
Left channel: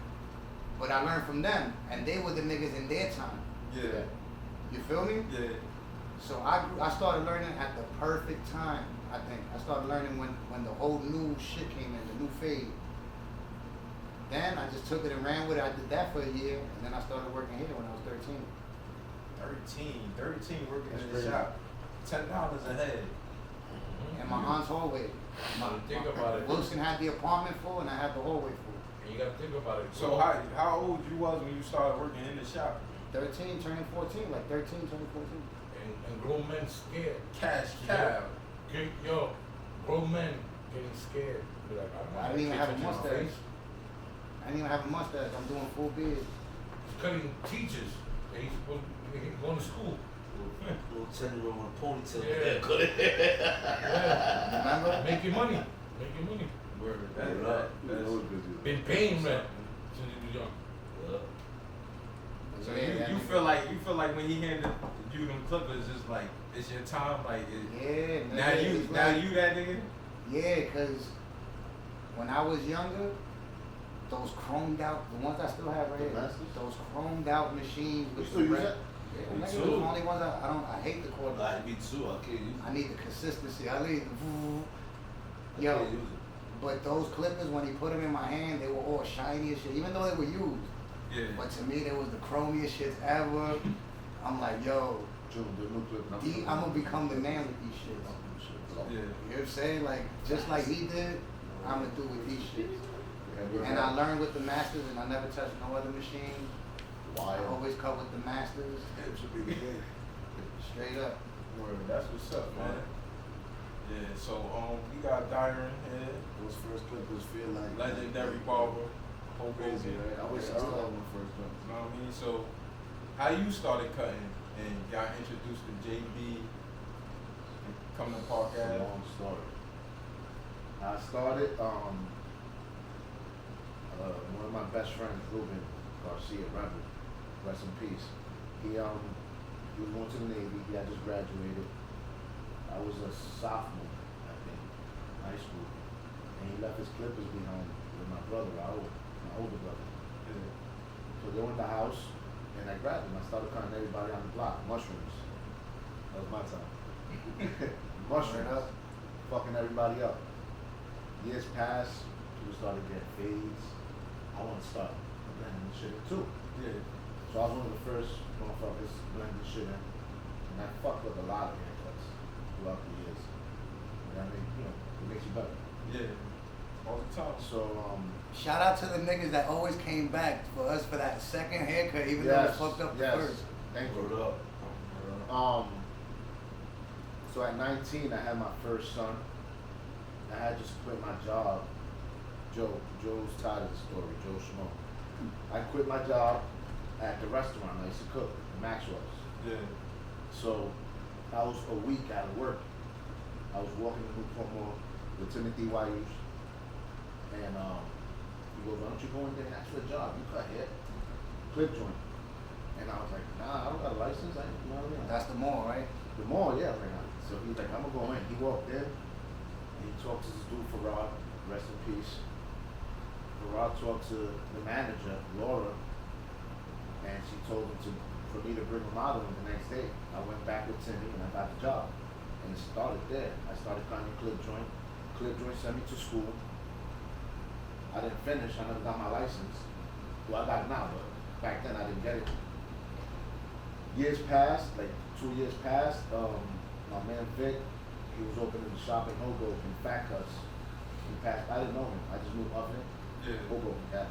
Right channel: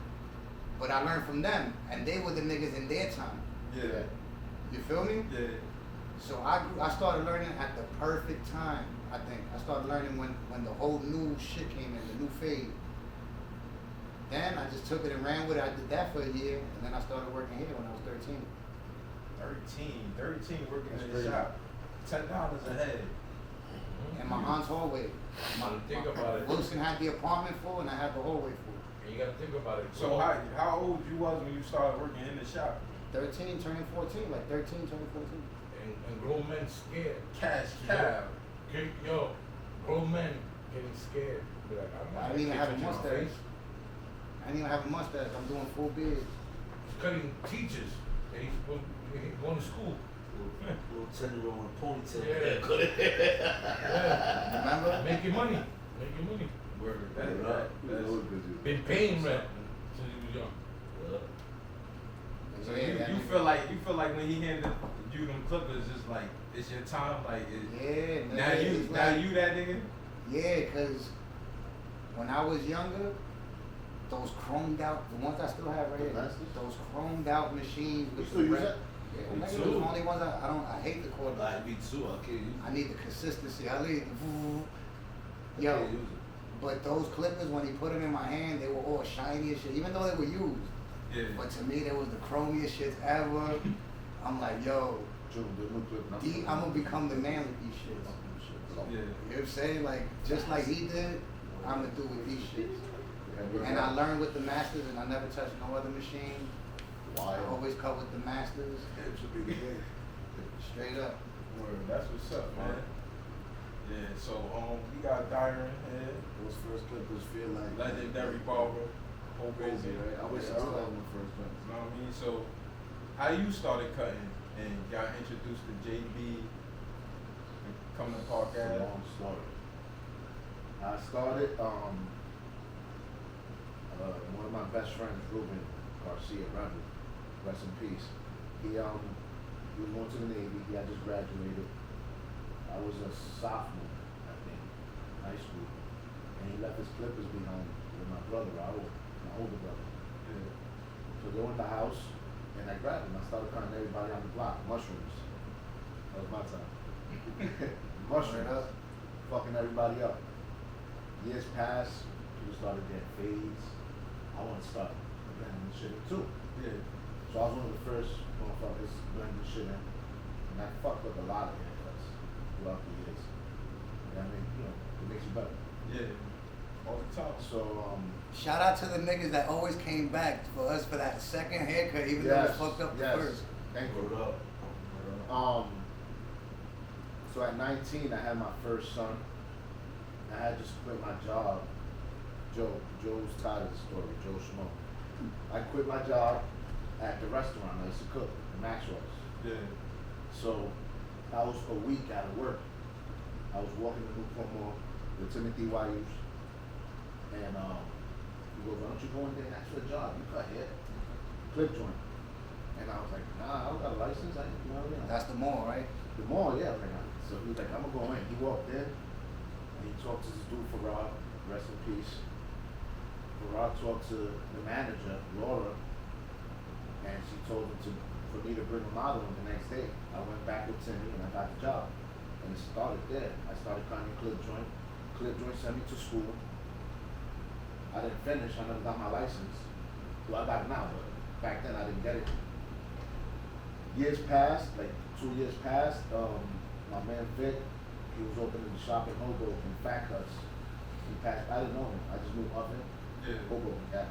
But I learned from them, and they were the niggas in their time. Yeah. You feel me? Yeah. So I started learning at the perfect time, I think. I started learning when the whole new shit came in, the new fade. Then I just took it and ran with it. I did that for a year, and then I started working here when I was 13. 13 working in the shop. $10 a head. In my aunt's hallway. Think about it. Wilson had the apartment full, and I had the hallway full. And you gotta think about it. So how old you was when you started working in the shop? 13, turning 14, like 13, turning 14. And grown men scared. Cash Yeah. cow. Okay, yo, grown men getting scared. Be like, I'm not I didn't even have a touching my mustache. face. I didn't even have a mustache. I'm doing full beard. He's cutting teachers. They used to go to school. Little tender on a ponytail. Yeah. Remember? Make your money. Make your money. Word. That's Been paying rent since he was young. So Yeah, you feel like when he handed you them clippers, just like it's your time, like Yeah, now nigga, you it's now like- you that nigga. Yeah, cause when I was younger, those chromed out, the ones I still have right here, Masters? those chromed out machines with You still the use red. that? Yeah, Me nigga, too. those are the only ones I hate the cord. Nah, me too. I can't use it. I need the consistency. I need, I yo, can't use it. but those clippers, when he put them in my hand, they were all shiny as shit, even though they were used. Yeah. But to me, they was the chromiest shits ever. I'm like, yo, I'm gonna become the man with these shits. Yeah. You know what I'm saying? Like, just like he did, I'm gonna do with these shits. And I learned with the masters, and I never touched no other machine. I always cut with the masters. Straight up. Word. That's what's up, man. Yeah. So we got Dyer in here, Those first clippers feel like legendary barber. crazy, right? I wish I still had one first one. You know what I mean? So, how you started cutting and got introduced to JB and come to Park It's a Ave? long story. I started, one of my best friends, Ruben Garcia, Rebel, rest in peace. He was going to the Navy. He had just graduated. I was a sophomore, I think, in high school, and he left his clippers behind with my brother, Raul, my older brother. Yeah. So go in the house, and I grabbed him. I started cutting everybody on the block, mushrooms. That was my time. Mushrooms, fucking everybody up. Years passed, people started getting fades. I want to start again on the shit too. Yeah. So I was one of the first motherfuckers doing this shit, and I fucked up a lot of haircuts throughout the years. And I mean, you know, it makes you better. Yeah. All the time. So, Shout out to the niggas that always came back for us for that second haircut, even though it was fucked up the first. Thank you. So at 19, I had my first son. I had just quit my job. Joe's tired of the story, Joe Schmo. I quit my job at the restaurant I used to cook, Maxwell's. Yeah. So I was a week out of work. I was walking to Newport Mall with Timothy Wayush, and he goes, "Why don't you go and get an extra job? You cut hair, clip joint." And I was like, "Nah, I don't got a license." You know what I mean? That's the mall, right? The mall, yeah. So he was like, "I'm gonna go in." He walked in. And he talked to this dude, Farad, rest in peace. Farad talked to the manager, Laura, and she told him for me to bring him out of him the next day. I went back with Timmy and I got the job. And it started there. I started cutting clip joint. Clip joint sent me to school. I didn't finish. I never got my license. Well, I got it now, but back then I didn't get it. Years passed, like 2 years passed. My man Vic, he was opening the shop in Hoboken, Fat Cuts. He passed. I didn't know him. I just knew of him. Yeah. Hoboken, yeah.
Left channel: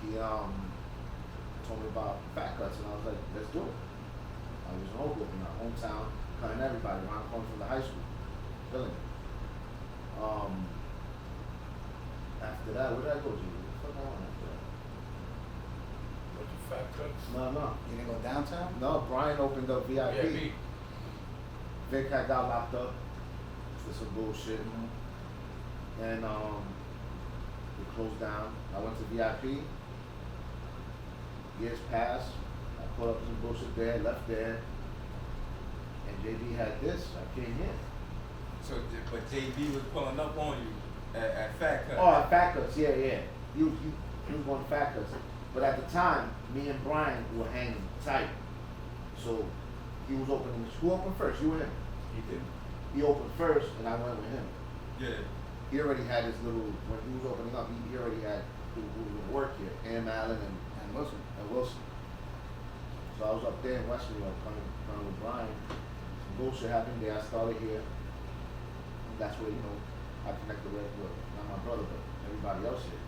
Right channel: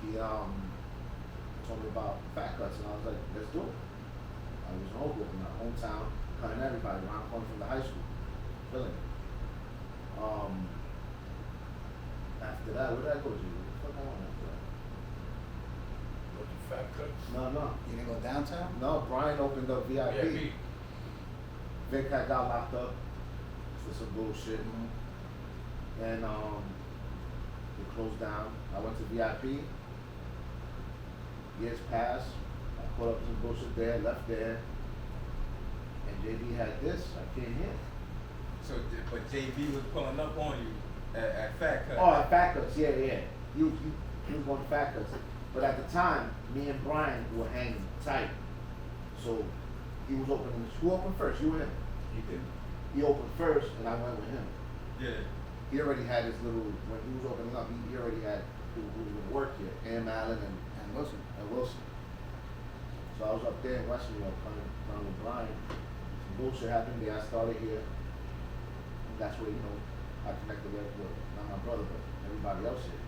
He told me about Fat Cuts, and I was like, let's do it. I was in Hoboken, my hometown, cutting everybody when I come from the high school, filling it. After that, where did I go to? What the fuck I went after that? Fat cuts. No. You didn't go downtown? No, Brian opened up VIP. Yeah, Vic had got locked up for some bullshit. And we closed down. I went to VIP. Years passed. I put up some bullshit there, left there. And JB had this. I came here. So, but JB was pulling up on you at Fat Cut. Oh, at Fat Cuts, yeah. He was going to Fat Cuts. But at the time, me and Brian were hanging tight. So he was opening. Who opened first? You and him? He did. He opened first, and I went with him. Yeah. He already had his little, when he was opening up, he already had people who were going to work here, Am Allen and Wilson. So I was up there in West New York, coming down with Brian. Some bullshit happened there. I started here. And that's where, I connected with not my brother, but everybody else here.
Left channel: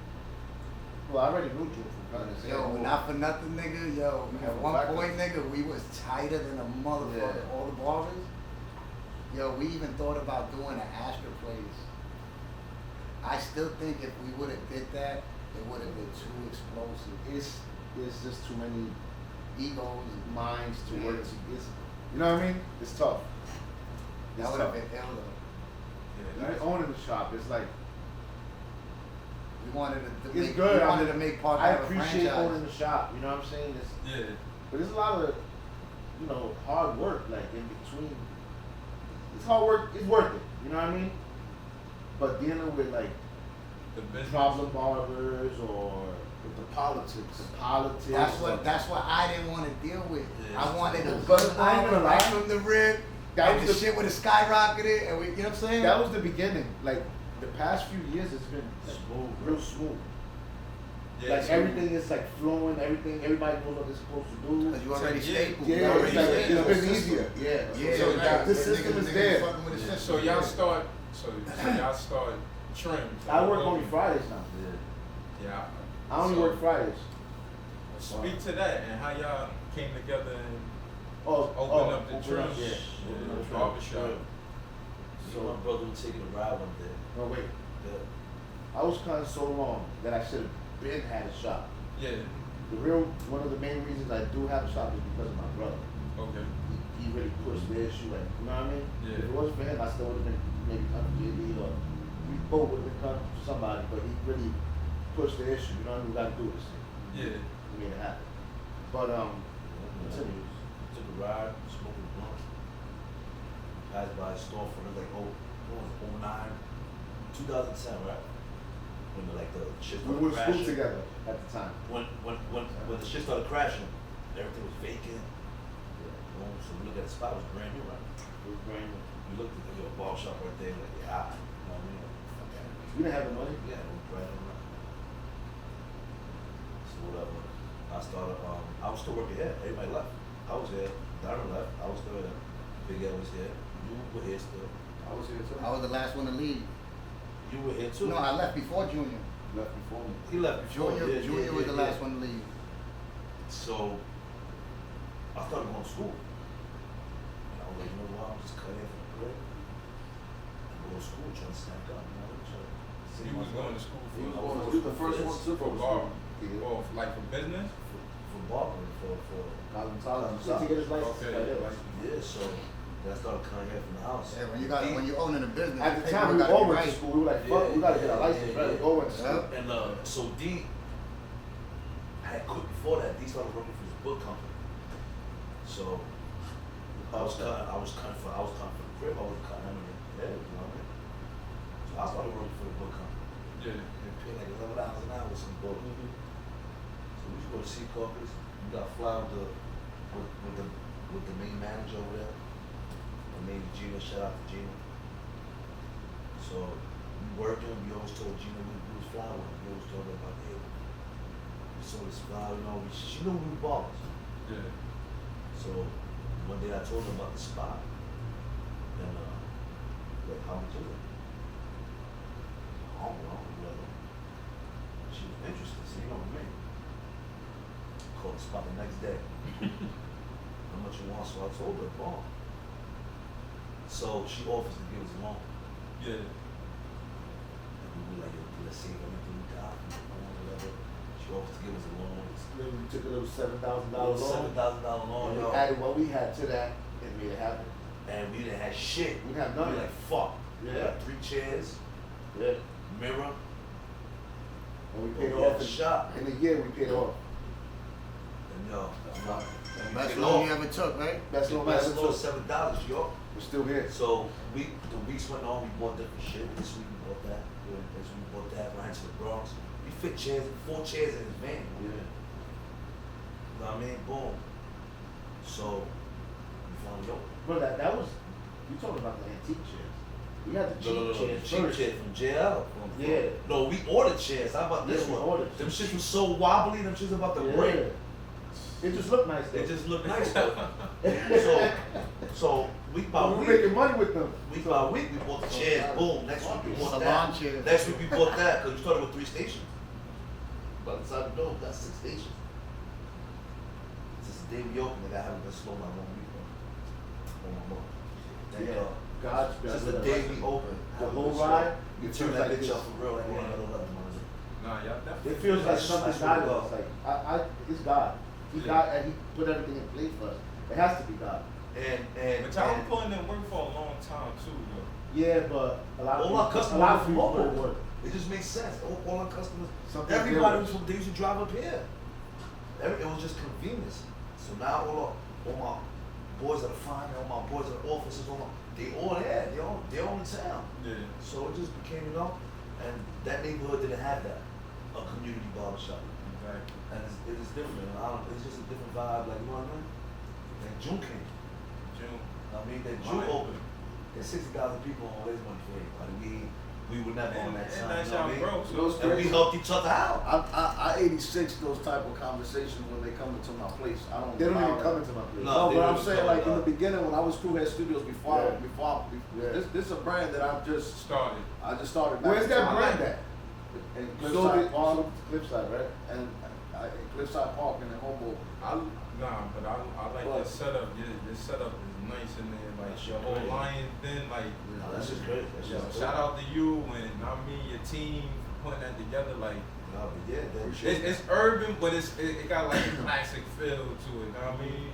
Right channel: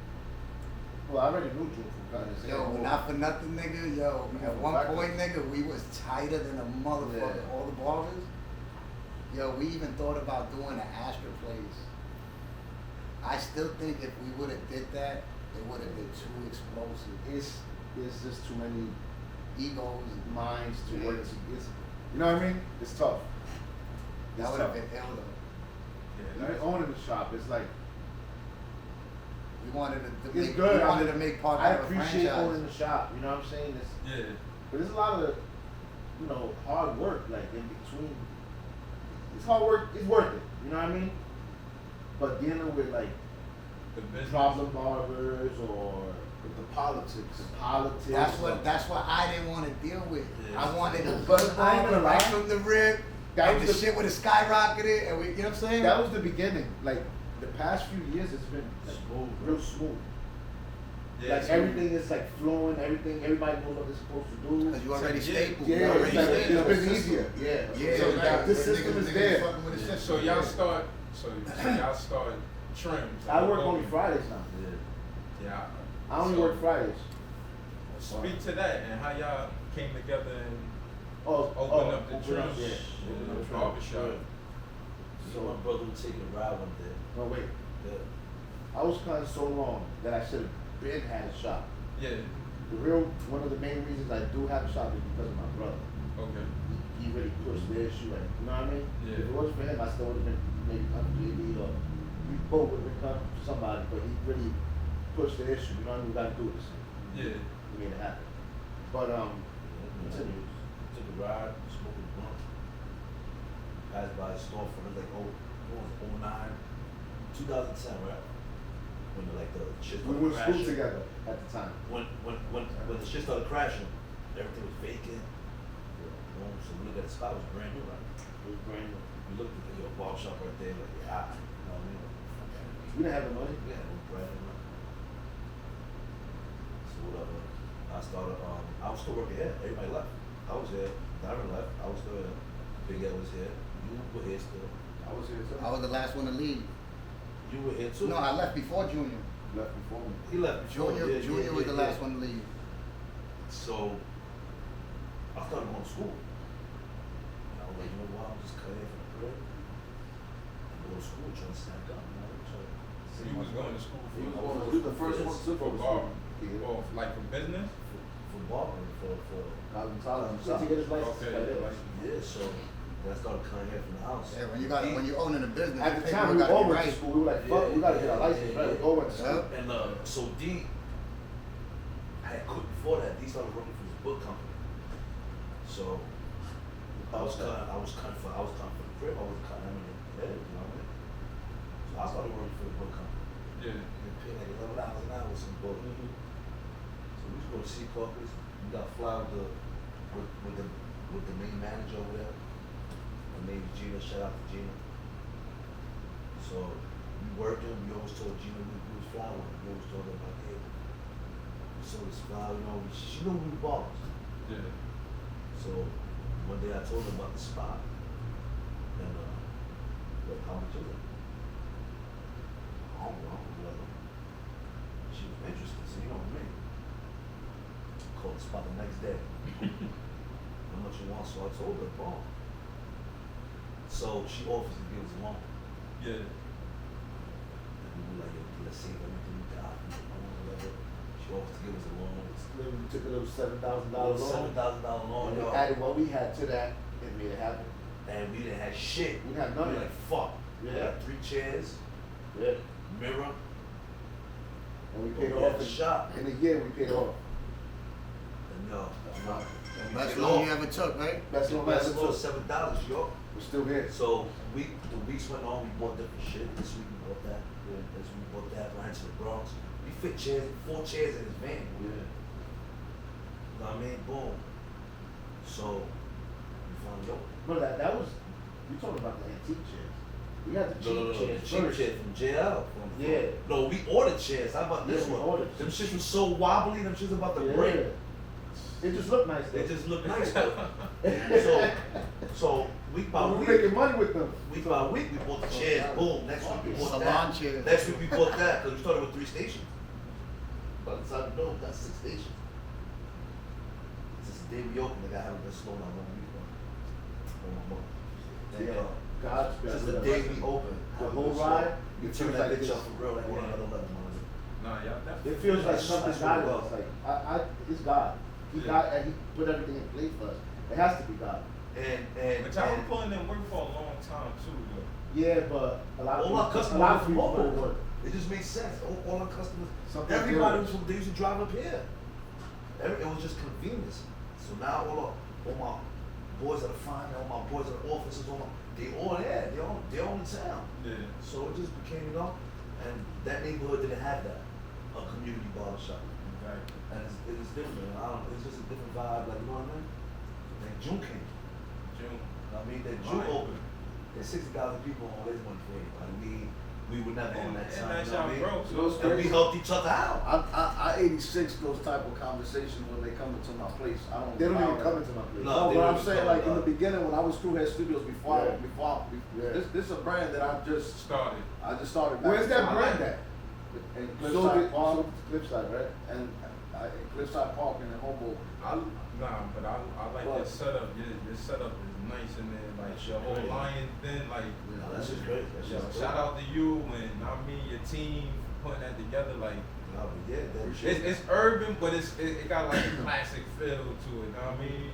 Well, I already knew Drew from cutting his hair. Yo, not for nothing, nigga. Yo, at one point, nigga, we was tighter than a motherfucker. Yeah. All the barbers. Yo, we even thought about doing an Astra place. I still think if we would have did that, it would have been too explosive. It's just too many Egos, minds to Yeah. work together. You know what I mean? It's tough. that would have been ill. Even owning the shop, it's like, We wanted to it's make, good. we wanted to make part I of a appreciate franchise. owning the shop, you know what I'm saying? Yeah. But there's a lot of, hard work, like, in between. It's hard work, it's worth it, you know what I mean? But dealing with, like, The business. problem barbers or With the politics. That's what I didn't want to deal with. Yeah. I wanted a But good I ain't barber gonna right lie. from the rip, That and was the the- shit would have skyrocketed, and we, you know what I'm saying? that was the beginning. Like, the past few years, it's been Smooth. real smooth. Yeah, Like, so- everything is, like, flowing, everybody knows what they're supposed to do. Because you already Yeah. stapled. Yeah, you it's, already like, stapled. it's been easier. Yeah. Yeah, So, like, like, this but system niggas is there. fucking with the system. So y'all Yeah. start. So y'all start trim. I work only Fridays now. Yeah. I only So, work Fridays. Speak to that and how y'all came together and Oh, open up the open trim. up, yeah. Open up the Yeah. barbershop. So my brother would take a ride one day. No, wait. Yeah. I was cutting so long that I should have been had a shop. Yeah. One of the main reasons I do have a shop is because of my brother. Okay. He really pushed the issue, like, you know what I mean? Yeah. If it wasn't for him, I still would have been maybe cutting JB or we both would have been cutting somebody, but he really push the issue. You know what I mean? We gotta do this. Yeah. We made it happen. But continue. Took a ride, smoked a blunt. Passed by a store for like, oh, what was it, 09, 2010, right? When like the shit We started were in school crashing. together at the time. When the shit started crashing, everything was vacant. So we looked at the spot, it was brand new, right? It was brand new. We looked at the ball shop right there, like, yeah, you know what I mean? We didn't have the money. Yeah, it was brand new. So whatever. I started, I was still working here. Everybody left. I was here. Darren left. I was still here. Big Ed was here. You were here still. I was here too. I was the last one to leave. You were here too. No, I left before Junior. Left before me. He left before. Junior, Yeah, Junior yeah, was the yeah, last yeah. one to leave. So I started going to school. And I was like, you know what? I'm just cutting for the break. And go to school, trying to stack up. You know, So you was going to school He was for going to the first one to for go to school. or like for business? for Barber, for To get his license. Okay, Like that. yeah. So then I started cutting hair from the house. Yeah, when you owning a business, At the paperwork time, we gotta all be went to right. school. We were like, fuck, we gotta get our license, right? We all went to school. Yeah. And so D had quit before that. D started working for his book company. So I was cutting for the crib. I was cutting him in the head, you know what I mean? So I started working for the book company. Yeah. And paying like $11 an hour with some book. So we used to go to see copies. We got to fly with the main manager over there. And maybe Gina, shout out to Gina. So we working, we always told Gina we was flying. We always told her about, hey, we saw this fly, you know, she knew we were ballers. Yeah. So one day I told her about the spot. And what come to it? I don't know, whatever. She was interested, so you know what I mean? Called the spot the next day. How much you want? So I told her, boom. So she offers to give us a loan. Yeah. We were like, let's see if everything we got, whatever. She offers to give us a loan. Then we took a little $7,000 loan. $7,000 loan, And we yo. added what we had to that and made it happen. And we didn't have shit. We didn't have none We of were that. like, fuck. We Yeah. got 3 chairs, Yeah. mirror, And we paid Yeah, off in, shop. in a year. We paid off. and yo. Best loan you ever took, right? That's no That's matter. still $7, yo. We're still here. So the weeks went on, we bought different shit. This week we bought that. This week we bought that. Ran to the Bronx. We fit 4 chairs in his van. Yeah. You know what I mean? Boom. So we found out. No, that was, you talking about the antique chairs. We had the cheap chairs cheap first. chairs from JL. Yeah. No, we ordered chairs. How about this Yeah, we one? ordered. Them shits was so wobbly. Them shits about to Yeah. break. It just looked nice. They though. just look nice. so week by We're week. making money with them. Week by week, we bought the chairs. Boom. Next week, we bought Salon that. chairs. Next week, we bought that because we started with 3 stations. By the time we know, we got 6 stations. Since the day we opened, I haven't been slow down no week. Thank Yeah. God. God's Since best. the day we opened, The whole ride, we it turned feels that like bitch this. up for real. Like one of the other ones. Nah, y'all definitely. It feels like That's something what God we does. go. Like it's God. He Yeah. got and He put everything in place for us. It has to be God. And But y'all been putting in work for a long time too, but Yeah, but a lot of all our people, customers a lot are of from people don't Munn. work. It just makes sense. All our customers, Something everybody different. was from, they used to drive up here. It was just convenience. So now all my boys at the front, all my boys at the offices, they all there. They're all in town. yeah. So it just became, and that neighborhood didn't have that, a community barbershop. Right. And it is different. It's just a different vibe, like, you know what I mean? And June came. June. I mean, that June Right. opened. There's 60,000 people on Ways Money Fade. Like, we were never on that And side. that's You know how what I mean? broke. You know what's And we crazy? helped each other out. I 86 those type of conversations when they come into my place. I don't. They don't allow even that. come into my place. No, No, they but I'm don't saying come like in about the beginning when I was Crewhead Studios before Yeah. this is a brand that I've just Started. I just started. Back Where's in that time. brand at? In So Cliffside did Park Cliffside, right? and in Cliffside Park and in Humboldt. But I like Well- that setup. Your setup is nice in there. Like your whole Great. lion thing. Like Yeah, that's just great. That's just shout out to you and your team for putting that together. Like No, but yeah, that shit. it's urban, but it got like a classic feel to it. You know what I mean?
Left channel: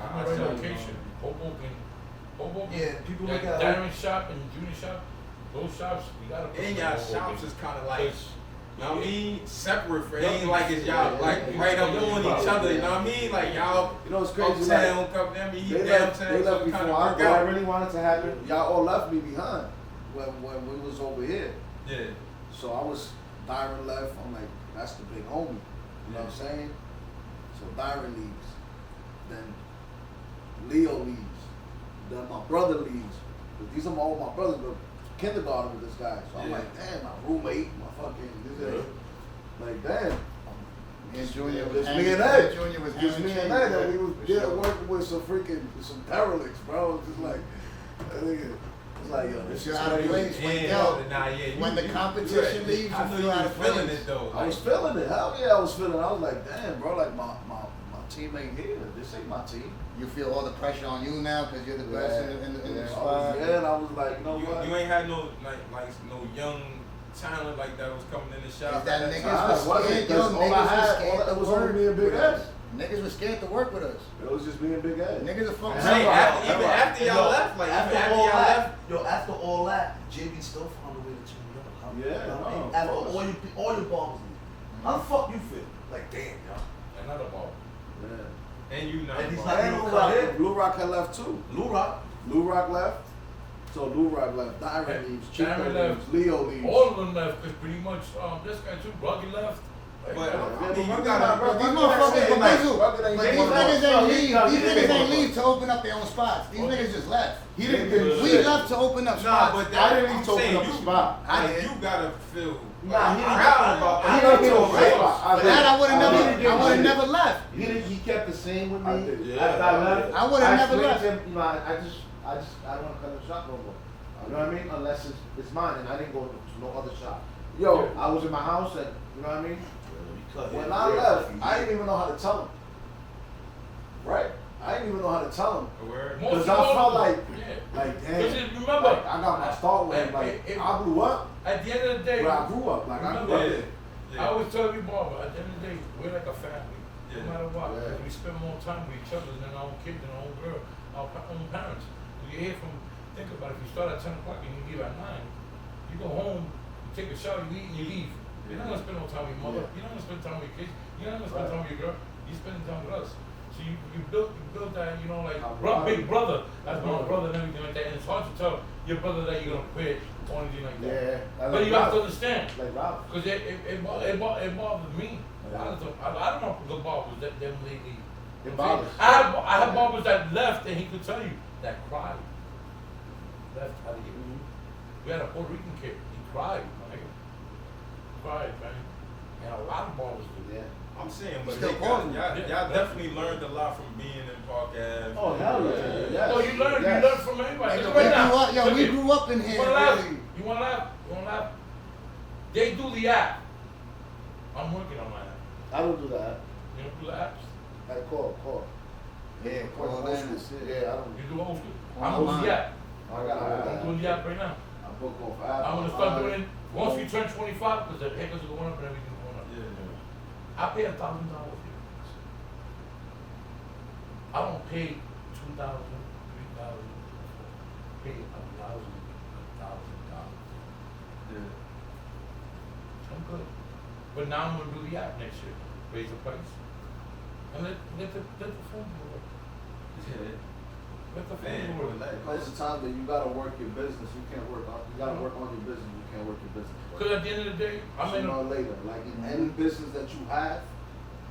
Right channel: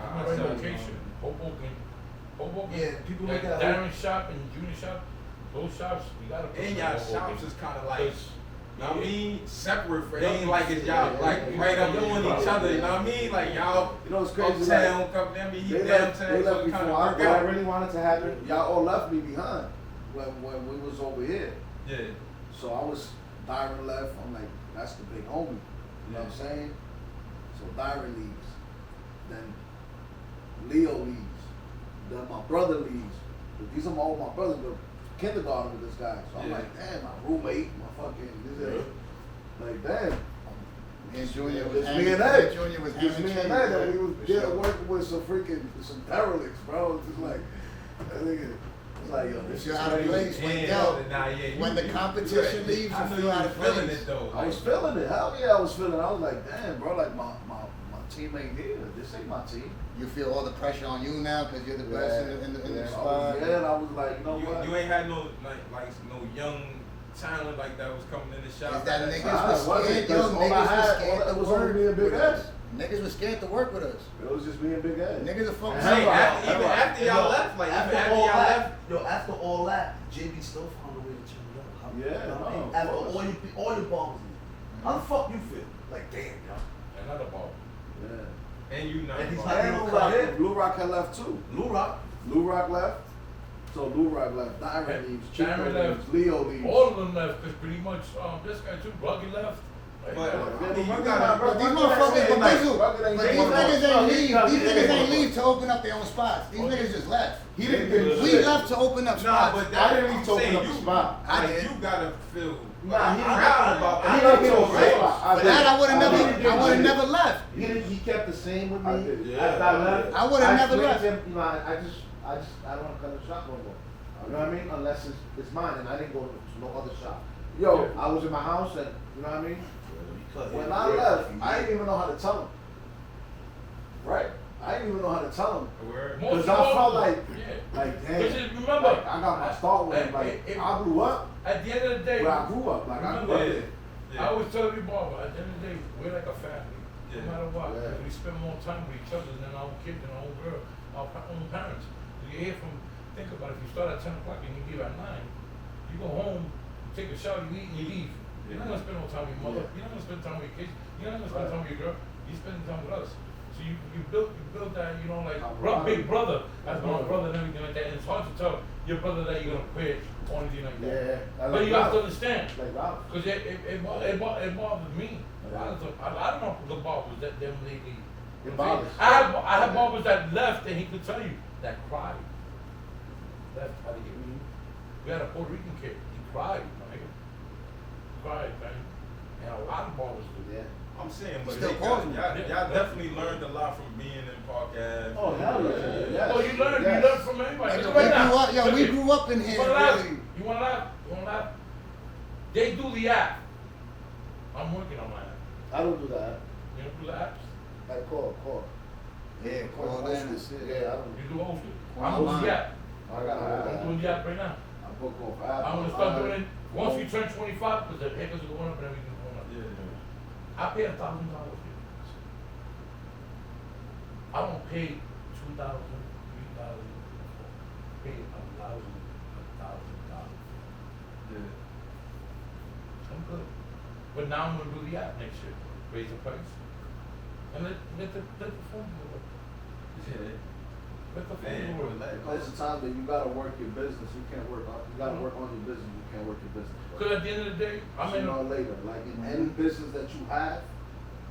I Right tell you, location. Hoboken. Yeah, people Like look at Darren's shop and Junior's shop, those shops, we gotta put And them y'all in Hoboken. shops is kind of like It's- know what I mean? Separate for ain't like it's y'all like right up on each other, you know what I mean? Like y'all You know, it's crazy. uptown, Like, come I mean, he they downtown, left so it before kinda I work did. What I out. really wanted to happen. y'all all left me behind when we was over here. Yeah. So I was, Dyron left, I'm like, that's the big homie. You know what I'm saying? So Dyron leaves. Then Leo leaves. Then my brother leaves. But these are all my brothers, but kindergarten with this guy. So I'm Yeah. like, damn, my roommate, my fucking, this is, like, damn. Me and Junior was It's hanging. me and Ed. Junior was It's hanging. me and Ed that we was For there sure. working with some derelicts, bro. It's just like, that nigga, it's like, yo, You this feel is out of crazy. place when Yeah, yo, nah, yeah, when you- the competition you- leaves, I you know feel you out was of feeling place. it though. I was feeling it. Hell yeah, I was feeling it. I was like, damn, bro, like my team ain't here. This ain't my team. You feel all the pressure on you now because you're the best in the I spot. was, yeah, and I was like, you know what? You ain't had no like no young talent like that was coming in the shop. Is that at niggas time. was wasn't, scared, yo, because all I niggas was had, scared all to that was only work me and Big with us. Ed. Niggas was scared to work with us. It was just me and Big Ed. Niggas are fucking Hey, Right. after, even Right. after y'all left, like after after all y'all that, left. yo, after all that, JB still found a way to turn it up. Yeah, You know what I mean? no, of After course. all your balls. How the fuck you feel? Like, damn, yo. Another ball. Yeah. And you know. And he's And like, Lou you Rock, come in. Lou Rock had left too. Lou Rock. Lou Rock left. So Lou Rock left. Dyron leaves. Chico Dyron leaves. left. Leo leaves. All of them left because pretty much this guy too, Buggy left. Like, But- Yeah, You but gotta- But these Rugged motherfuckers, ain't but nice. these Rugged ain't but nice. these niggas ain't leave. No, These he niggas didn't ain't go. leave to open up their own spots. These niggas just left. He didn't get We shit. left to open up Nah, spots. but I that, didn't I'm need to open saying up you, a spot. I like, did. you gotta feel. Nah, he I didn't got- open up. I He didn't didn't get open a up. spot. I For did. that, I would have I never. did. I would have never left. He kept the same with I me. did. Yeah. After I left, I would've never explained left. to him, you know, I don't want to come to the shop no more. You know what I mean? Unless it's mine, and I didn't go to no other shop. Yo, I was in my house, and you know what I mean? when I left, I didn't even know how to tell him. Right? I didn't even know how to tell him. Word. Most Because I of felt them- like, yeah. like, But damn. just remember, like, I got my start with him. Like, I grew up at the end of the day, where I grew up. Like, I grew up there. I always tell you, Barber, at the end of the day, we're like a family. No Yeah. matter what, Yeah. we spend more time with each other than our own kids and our own girl, our own parents. You hear from, think about it, if you start at 10 o'clock and you leave at 9, you go home, you take a shower, you eat and you leave. You're not gonna spend no time with your mother, you're not gonna spend time with your kids, you're not gonna spend time with your girl, you spend time with us. So you build that, you know, like, big brother, that's my brother and everything like that, and it's hard to tell your brother that you're gonna quit or anything like that. Yeah. But you have to understand, Like Ralph. because it bothers me. A lot of I don't know the barbers that them lately. It bothers. I have barbers that left and he could tell you that cried. Left out of here. We had a Puerto Rican kid. He cried, my nigga. Cried, man. And a lot of barbers do. Yeah. I'm saying, but Still y'all, calling y'all, you. y'all definitely learned a lot from being in Park Ave. Oh, hell yeah. Yes. Oh, you learn Yes. from everybody. Nigga, Look we right now. grew up. Yo, we Look, grew up in You here. wanna laugh? Really. You wanna laugh? You wanna laugh? They do the app. I'm working on that. I don't do that. You don't do the apps? I call. Yeah, call in and shit. Yeah, I don't. You do Ophir. Well, I'm doing mine. the app. I got I'm doing the app right now. I book off I'm gonna start doing it once you turn 25, because the papers are going up and everything's going up. Yeah. I pay $1,000 here. I don't pay 2,000, 3,000, pay $1,000. Yeah. I'm good. But now I'm gonna do the app next year, raise the price. And let the phone work. Yeah. Let the Man, phone work. There's a time that you gotta work your business. You can't work on. You gotta work on your business. You can't work your business. Because at the end of the day, I'm in Sooner or a, later, like in any business that you have,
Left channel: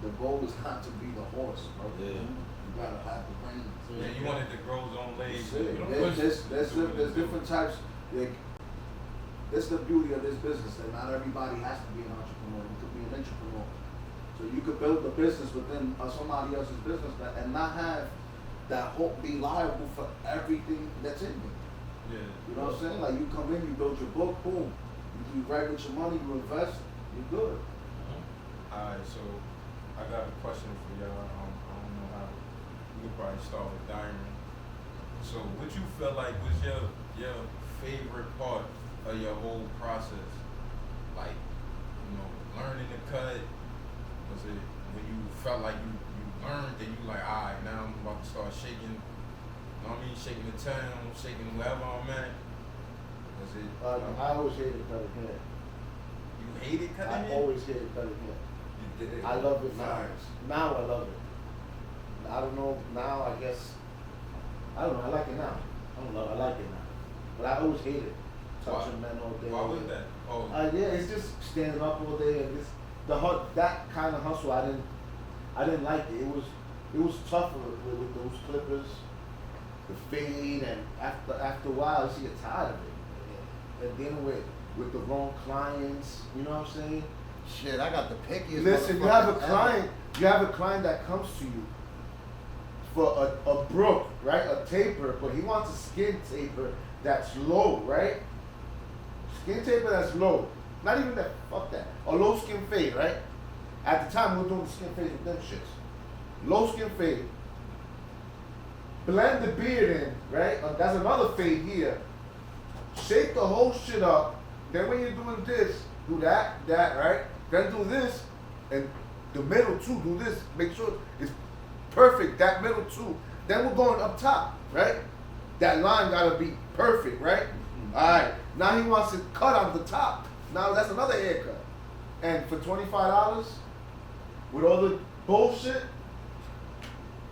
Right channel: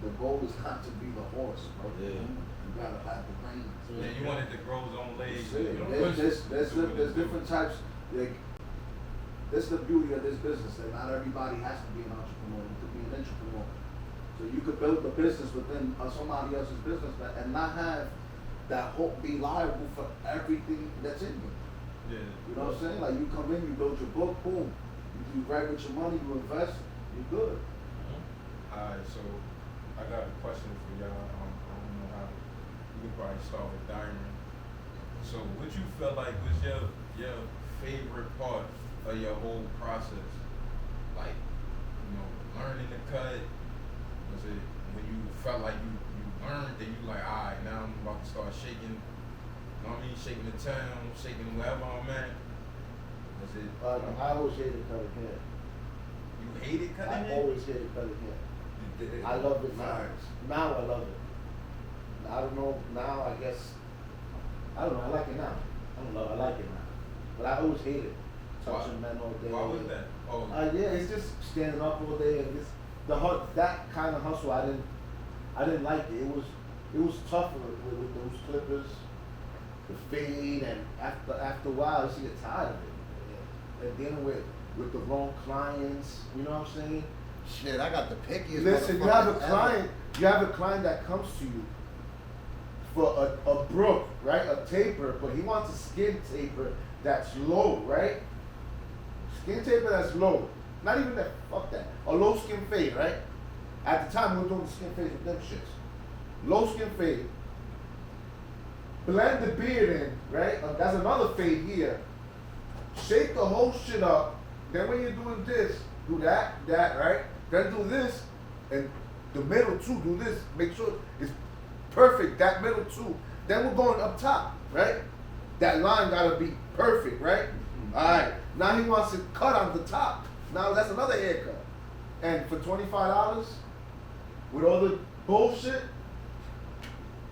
the goal is not to be the horse, bro. Yeah. You gotta have the reins. Yeah, you wanted to grow his own legs. That's it. you know? There's different types. Like, that's the beauty of this business. That not everybody has to be an entrepreneur. You could be an entrepreneur. So you could build a business within somebody else's business and not have that hope be liable for everything that's in you. Yeah. You know what I'm saying? Like you come in, you build your book, boom. You write with your money, you invest, you're good. Alright, so I got a question for y'all. I don't know how. We could probably start with Diamond. So, what you feel like was your favorite part of your whole process? Like, you know, learning to cut. Was it when you felt like you learned and you like, alright, now I'm about to start shaking. You know what I mean? Shaking the town, shaking wherever I'm at. Was it? I always hated cutting hair. You hated cutting I hair? always hated cutting hair. You did it. I love it now. Facts. Now I love it. I don't know, now I guess, I don't know, I like it now. I like it now. But I always hated it. Touching men all day. Why was that? Oh, Yeah, it's just standing up all day and just that kind of hustle. I didn't like it. It was tougher with those clippers, the fade, and after a while, I used to get tired of it. And dealing with the wrong clients, you know what I'm saying? Shit, I got the pickiest. Listen, you have a motherfuckers ever. client that comes to you for a brook, right? A taper, but he wants a skin taper that's low, right? Skin taper that's low. Not even that, fuck that. A low skin fade, right? At the time, we were doing the skin fades with them shits. Low skin fade. Blend the beard in, right? That's another fade here. Shake the whole shit up. Then when you're doing this, do that, right? Then do this, and the middle too, do this. Make sure it's perfect, that middle too. Then we're going up top, right? That line gotta be perfect, right? Alright, now he wants it cut on the top. Now that's another haircut. And for $25, with all the bullshit,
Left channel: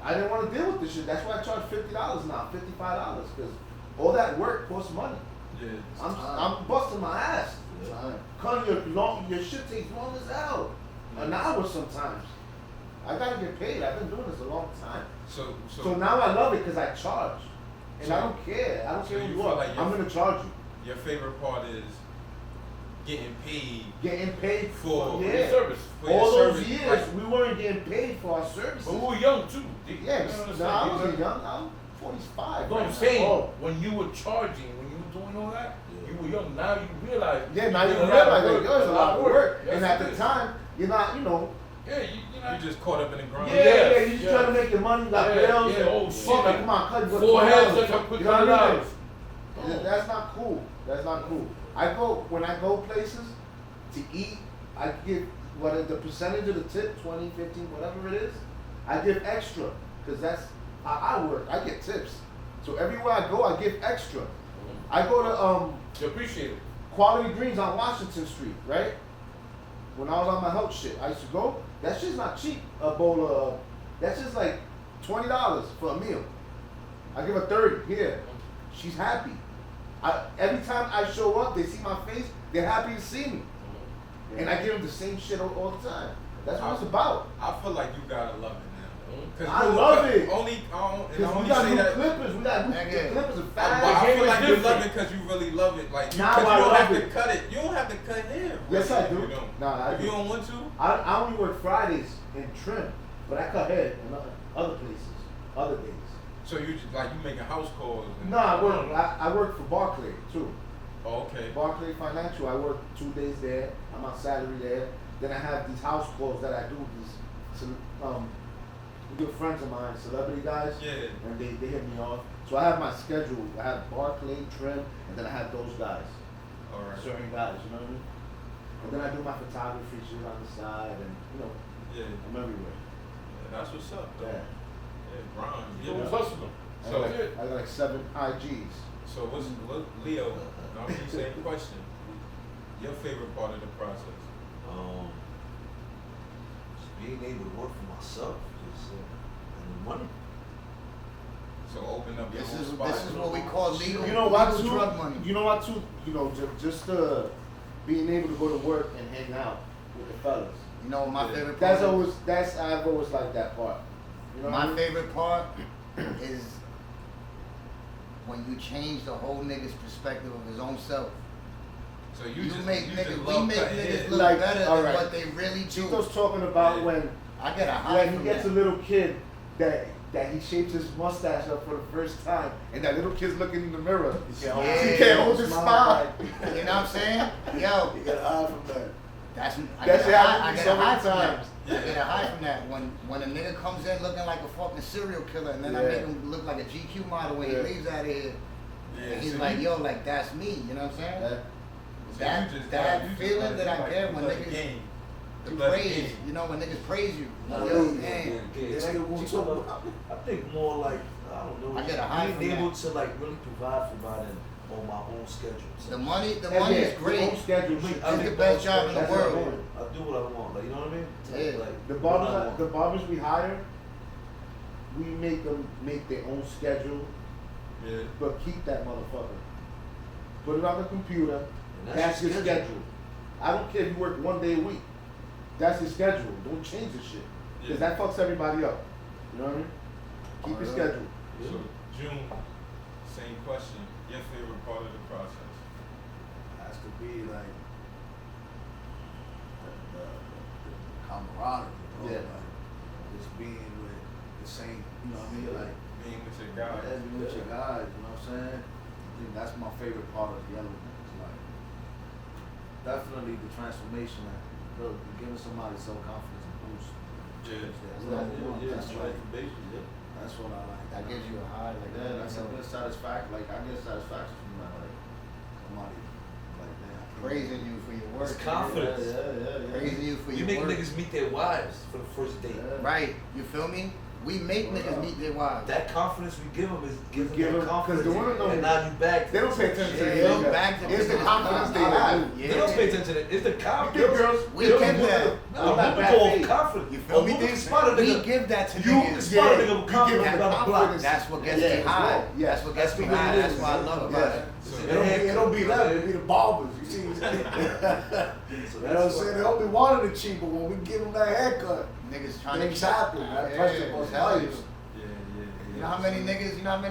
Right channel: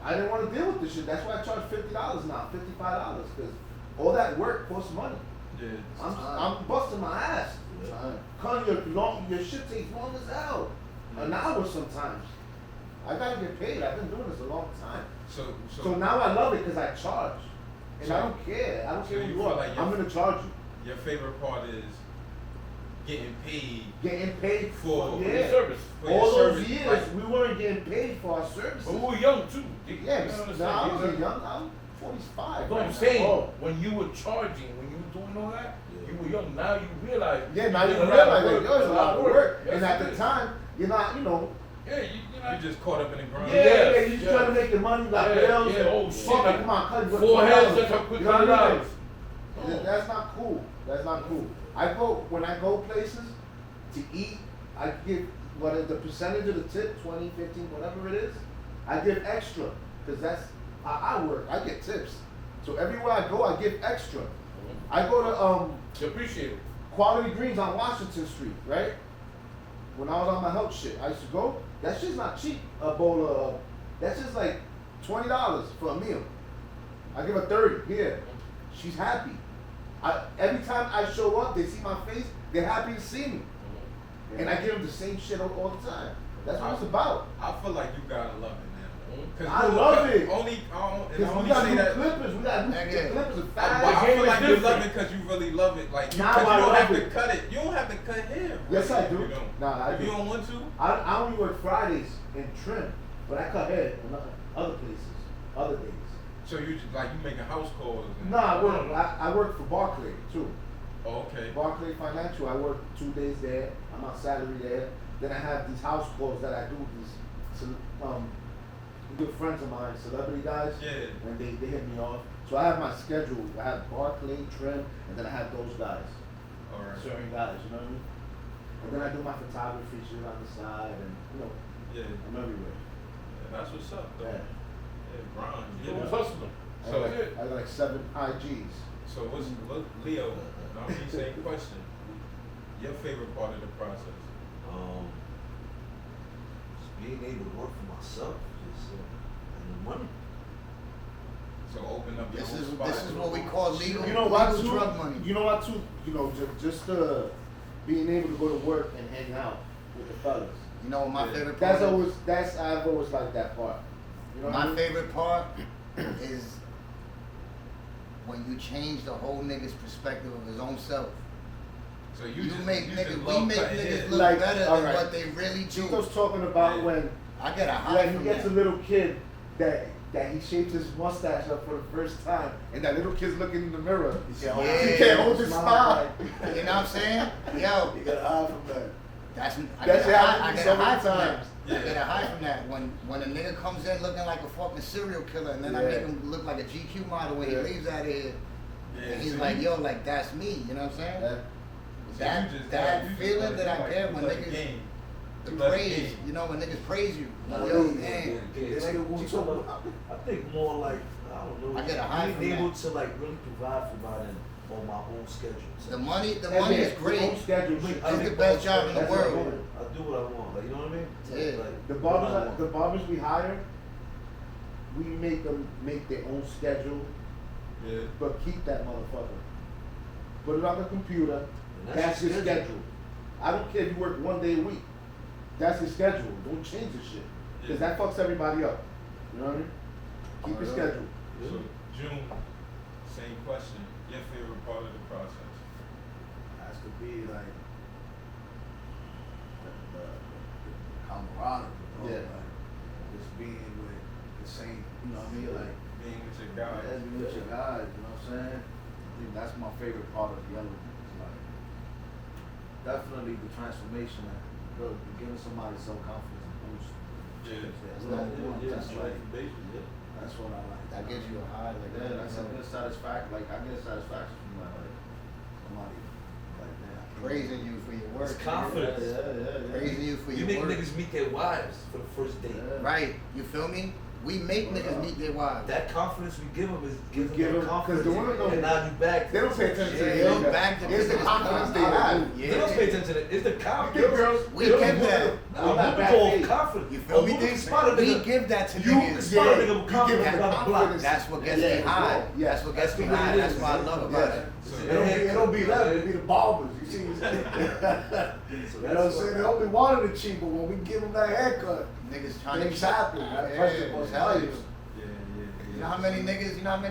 I didn't want to deal with this shit. That's why I charge $50 now, $55, because all that work costs money. yeah. I'm busting my ass. Cause your shit takes long as hell. An hour sometimes. I gotta get paid. I've been doing this a long time. So now I love it because I charge. And I don't care. I don't So care you who you feel are. like I'm gonna charge you. Your favorite part is getting paid Getting paid for yeah. your service. For your All those service, years right. we weren't getting paid for our services. But we were young too. Yeah, You know what I'm now I saying? was young. I'm 45. But I'm right saying, now. when you were charging, when you were doing all that, you were young. Now you realize. Yeah, now you doing realize of that work. there's a lot of work. Yes, And at it the is. time, you're not, you know, Yeah, you know. You just caught up in the grind. yeah, Yes, you just yes. trying to make your money like Yeah, bills. yeah, oh, shit. Like, come on, cut Four heads like a quick You know what I mean? $100. That's not cool. That's not cool. When I go places to eat, I give the percentage of the tip, 20, 15, whatever it is, I give extra. Because that's how I work. I get tips. So everywhere I go, I give extra. I go to You appreciate it. Quality Greens on Washington Street, right? When I was on my health shit, I used to go. That shit's not cheap. A bowl of, that's just like $20 for a meal. I give her 30 here. She's happy. Every time I show up, they see my face, they're happy to see me. And I give them the same shit all the time. That's what it's about. I feel like you gotta love it now. I love it. And I Because we only got say new that. clippers. We got new Nigga. clippers are But fast. I feel like you different. love it because you really love it. Like, Now because I you don't love have to it. cut it. You don't have to cut hair. Yes, I do. You don't. Nah, I if do. you don't want to, I only work Fridays and trim, but I cut hair in other places, other days. so you just like you making house calls. And, No, I work for Barclay too. Oh, okay. Barclay Financial, I work 2 days there. I'm on salary there. Then I have these house calls that I do. These good friends of mine, celebrity guys. Yeah. And they hit me off. So I have my schedule. I have Barclay, Trim, and then I have those guys. All right. Certain guys, you know what I mean? And then I do my photography shit on the side, and Yeah. I'm everywhere. That's what's up. Though. Yeah. Yeah, grind. You Yeah. was hustling. I So- got I got like 7 IGs. So what's Leo? Now I'm the same question. Your favorite part of the process? Just being able to work for myself, just and money. So open up your This own is spot. this is what we call legal, You know what, legal too? drug money. You know what, too? You know, just being able to go to work and hang out with the fellas. You know what my Yeah. favorite part is? I've always liked that part. You know what I My mean? favorite part is when you change the whole nigga's perspective of his own self. So You just- make you niggas, just we love make cutting niggas hair. look Like, better than alright. what they really do. Chico's talking about Yeah. when I get a high when he from gets that. a little kid that he shapes his mustache up for the first time, and that little kid's looking in the mirror. He can't hold his smile. You know what I'm saying? Yo, You got high from that. I That's get a happened high, I to me get so a high many from that. times. I get a high from that when a nigga comes in looking like a fucking serial killer, and then I Yeah. make him look like a GQ model when Yeah. he leaves out of here. Yeah, And he's so like, you- yo, like that's me. You know what I'm saying? Yeah. so That you just that you just feeling like- that I like get you when love the niggas game. the You love the praise. game. You know when niggas praise you. I Yo, think- man. yeah, like, I think more like, I don't know, I get a high being from able that. to like really provide for God and on my own schedule. The money Yeah, is yeah, great. your own schedule. It's the best job in the That's world. what I want. I do what I want, like, you know what I mean? Yeah. Like, The barbers we hire, we make them make their own schedule, Yeah. but keep that motherfucker. Put it on the computer. And That's your schedule. schedule. I don't care if you work 1 day a week. That's your schedule. Don't change the shit. Because Yeah. that fucks everybody up. You know what I mean? Keep your schedule. So June, same question. Your favorite part of the process? Has to be like the camaraderie, bro. Yeah. Like, just being with the same, you know what I mean? Like, Being with your guys. being with your guys, you know what I'm saying? I think that's my favorite part of the element. It's like, definitely the transformation, like, bro, giving somebody self-confidence and boost. Yeah. That's number one. That's like, that's what I like. That gives you a high, like, Yeah, that's a good satisfaction. Like, I get satisfaction from that. Like, somebody, like, that. praising you for your work. It's confidence. Yeah. Praising you for You your make work. niggas meet their wives for the first date. Yeah. Right, you feel me? We make niggas meet their wives. That confidence we give them is gives give them them- 'cause confidence. the women don't- And now you back. They don't pay attention Yeah, to you the back to It's the business. confidence they have. Yeah. They don't pay attention to that. It's the You confidence. give girls. We girls give who- that. who have bad call faith. confidence. You feel me? A woman spot a We nigga. give that to You niggas. spot a nigga with you confidence give on that the block. confidence. That's what gets Yeah, me high. yeah. That's what gets me That's what high. it That's is. what I love about it. It don't be them, it be the barbers. You see, you know what I'm saying? They don't be wanting it cheap, but when we give them that haircut, Niggas trying they to shopping. That pressure Yeah, was tell you. nice. You know how many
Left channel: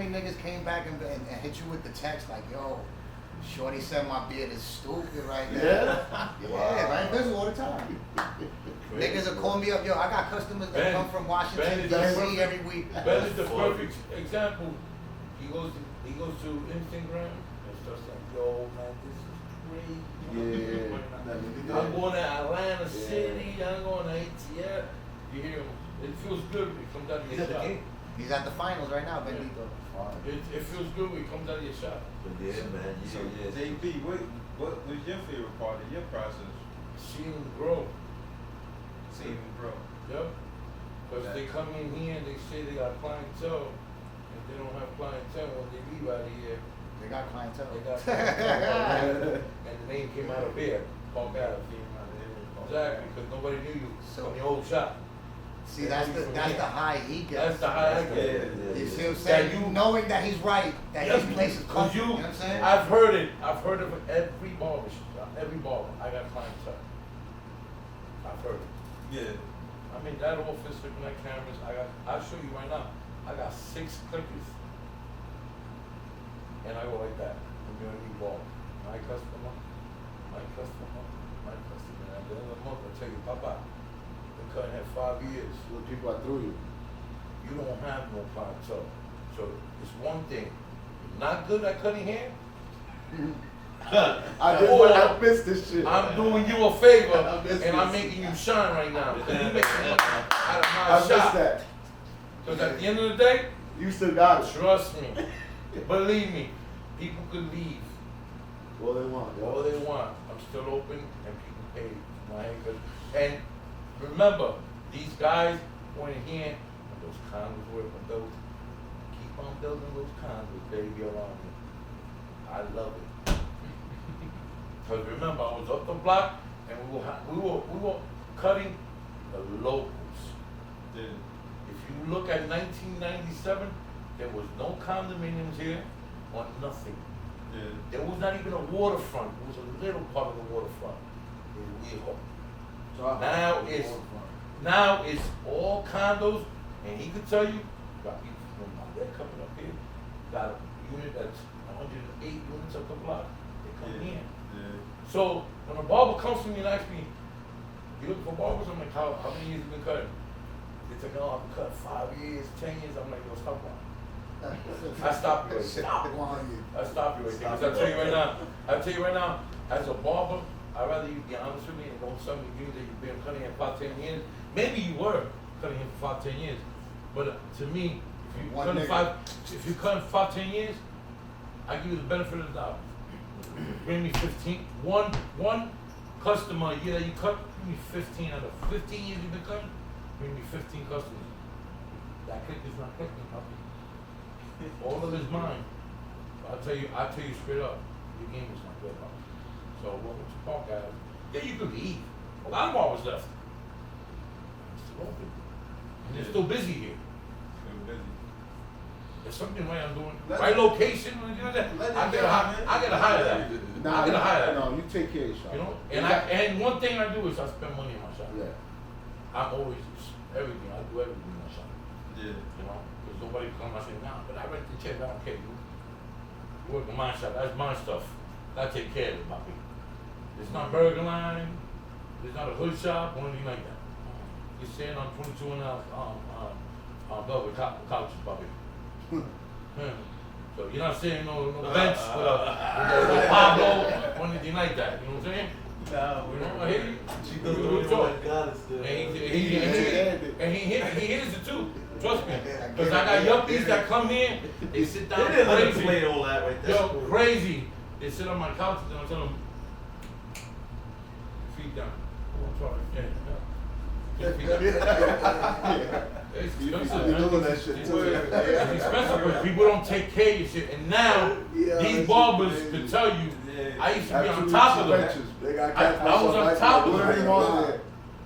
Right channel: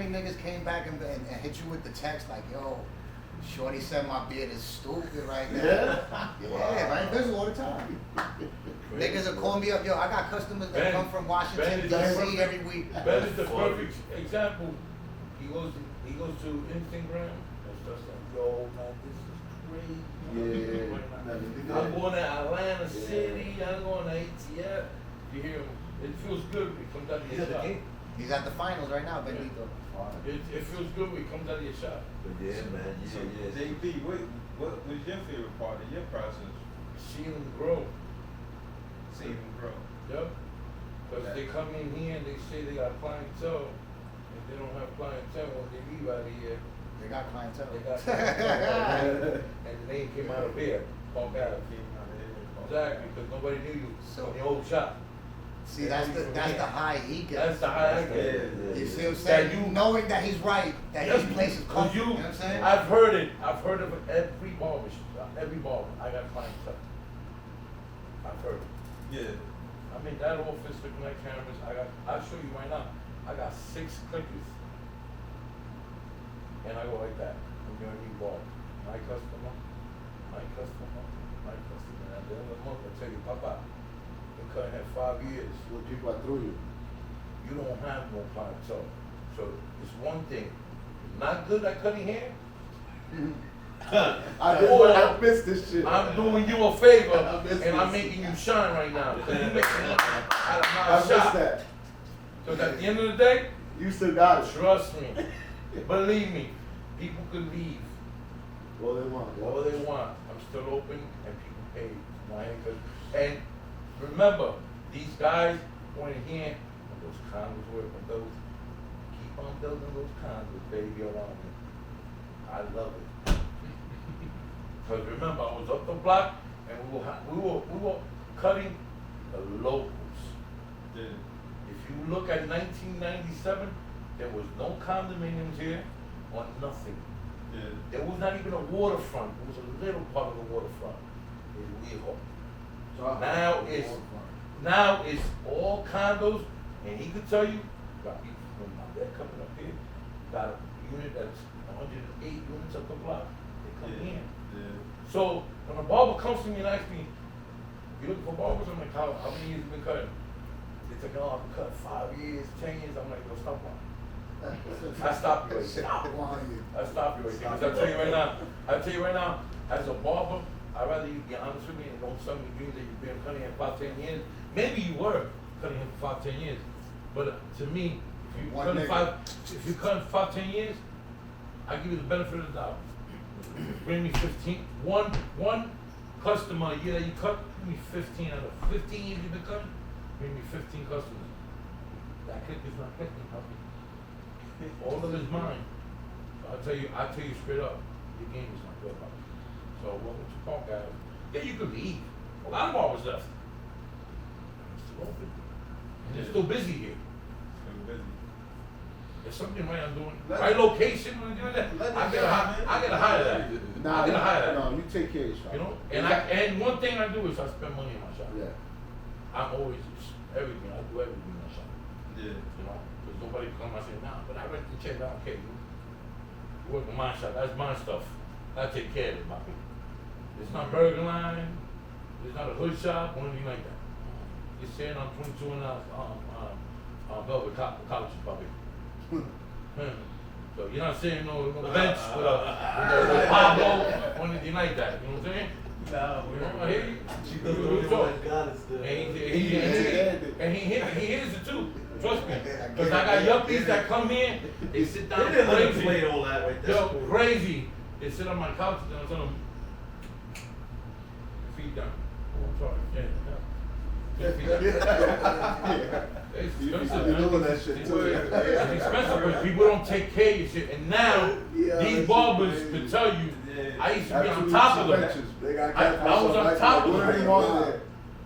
niggas came back and hit you with the text like, yo, shorty said my beard is stupid right now. Yeah, right? Visual all the time. Niggas will call me up, yo, I got customers that Ben- come from Washington, Ben is the D.C. perfect- every week. Ben is the perfect example. He goes to Instagram and starts like, yo, man, this is crazy. Yeah. I'm going to Atlanta City. I'm going to ATL. You hear him? It feels good when it comes out of He's your at the shop. game. He's at the finals right now, Benito. It feels good when it comes out of your shop. Yeah, man. So JB, what was your favorite part of your process? Seeing them grow. Seeing them grow. Yep. Because they come in here and they say they got clientele. If they don't have clientele, when they leave out of here, They got clientele. they got clientele. And the name came out of there, Park Ave. Exactly, because nobody knew you So- from the old shop. See, that's the high he gets. That's the high I get. You see what I'm That saying? you- Knowing that he's right, that his place is Because comfortable. You know what I'm saying? I've heard it. I've heard of it every barber shop, every barber. I got clientele. I've heard it. Yeah. I mean, that office looking at cameras, I'll show you right now. I got 6 clickers. And I go like that. I'm doing a new ball. My customer, my customer, my customer. And at the end of the month, I tell you, Papa, been cutting at 5 years. What people are through you. You don't have no clientele. So it's one thing. You're not good at cutting hair. I missed this shit. I'm doing you a favor I missed and I'm this. making you shine right now. Because you making money out of I my missed shop. that. Because at the end of the day, You still got it. trust me, believe me, people could leave All they want. all they want. I'm still open and people pay my haircut. And remember, these guys going in here, and those condos work, and those keep on building those condos, baby, around me. I love it. Because remember, I was up the block and we were cutting the locals. Yeah. If you look at 1997, there was no condominiums here or nothing. Yeah. There was not even a waterfront. It was a little part of the waterfront in Viejo. Now it's all condos, and he could tell you, got people from they're coming up here, got a unit that's 108 units up the block. They come Yeah. here. Yeah. So when a barber comes to me and asks me, you looking for barbers? I'm like, how many years you been cutting? They say, oh, I've cut 5 years, 10 years. I'm like, well, stop that. I stop you right there. I stop you right there. 'Cause I tell you right now, as a barber, I'd rather you be honest with me and don't tell me that you've been cutting hair 5, 10 years. Maybe you were cutting hair for 5, 10 years. But to me, if you cut 5, 10 years, I give you the benefit of the doubt. Bring me 15. One customer a year that you cut, give me 15 out of 15 years you've been cutting, bring me 15 customers. That click is not clicking, puppy. All of it is mine. I'll tell you straight up, your game is not good. So what was the park at? Yeah, you could leave. A lot of barbers left. It's open. And they're still busy here. Still busy. There's something right I'm doing. Right location, when you do that, I gotta hire that. Nah, I gotta hire that. no, you take care of your shop. You know? And one thing I do is I spend money in my shop. Yeah. I'm always everything. I do everything in my shop. Yeah. You know? There's nobody come and say, nah, but I rent the check, I don't care. You work in my shop, that's my stuff. I take care of it, my people. It's not burger line, it's not a hood shop, or anything like that. You're sitting on 22 and out velvet couches, Bobby. So you're not saying no bench with Pablo or anything like that. You know what I'm saying? No, You know, I hear you. She You doesn't talk. know And he hears it too. Trust me. Because I got yuppies that come here, they sit down They didn't let him crazy. play all that right there. Yo, crazy. They sit on my couch and I tell them, feet down. I'm sorry. Yeah. Feet down. It's You expensive, be man. doing that shit too. It's expensive because people don't take care of your shit. And now, Yeah, these that barbers shit could crazy. tell you, I used to be After on we top of them. switches, they got I cats was on like top of that. them. Yeah.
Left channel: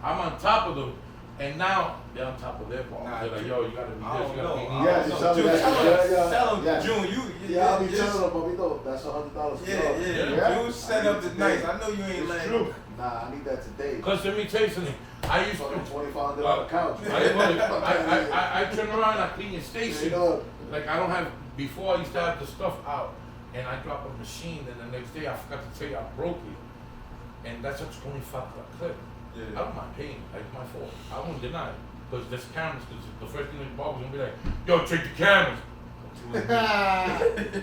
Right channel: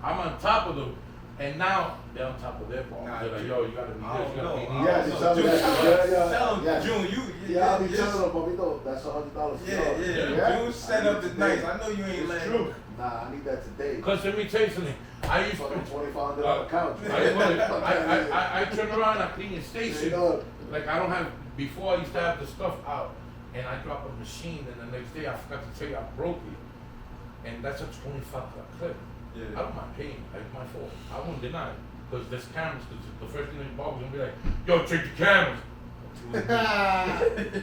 I'm on top of them. And now, they're on top of their barbers. Nah, They're like, yo, you gotta be I this, don't you gotta know. be Yeah, this. just tell me that. Tell him, Yeah. June, Yeah, I'll be just- telling them, but we know that's $100. Yeah. June set up the nice. I know you ain't It's letting. true. Nah, I need that today. Because let me tell you something. I used Fucking to, $25 couch. I turn around, I clean your station. Straight up. Like I don't have, before I used to have the stuff out and I drop a machine and the next day I forgot to tell you I broke it. And that's a $25 clip. Yeah. I don't mind paying, it's my fault. I won't deny it. Because there's cameras, because the first thing the barber's gonna be like, yo, check the cameras.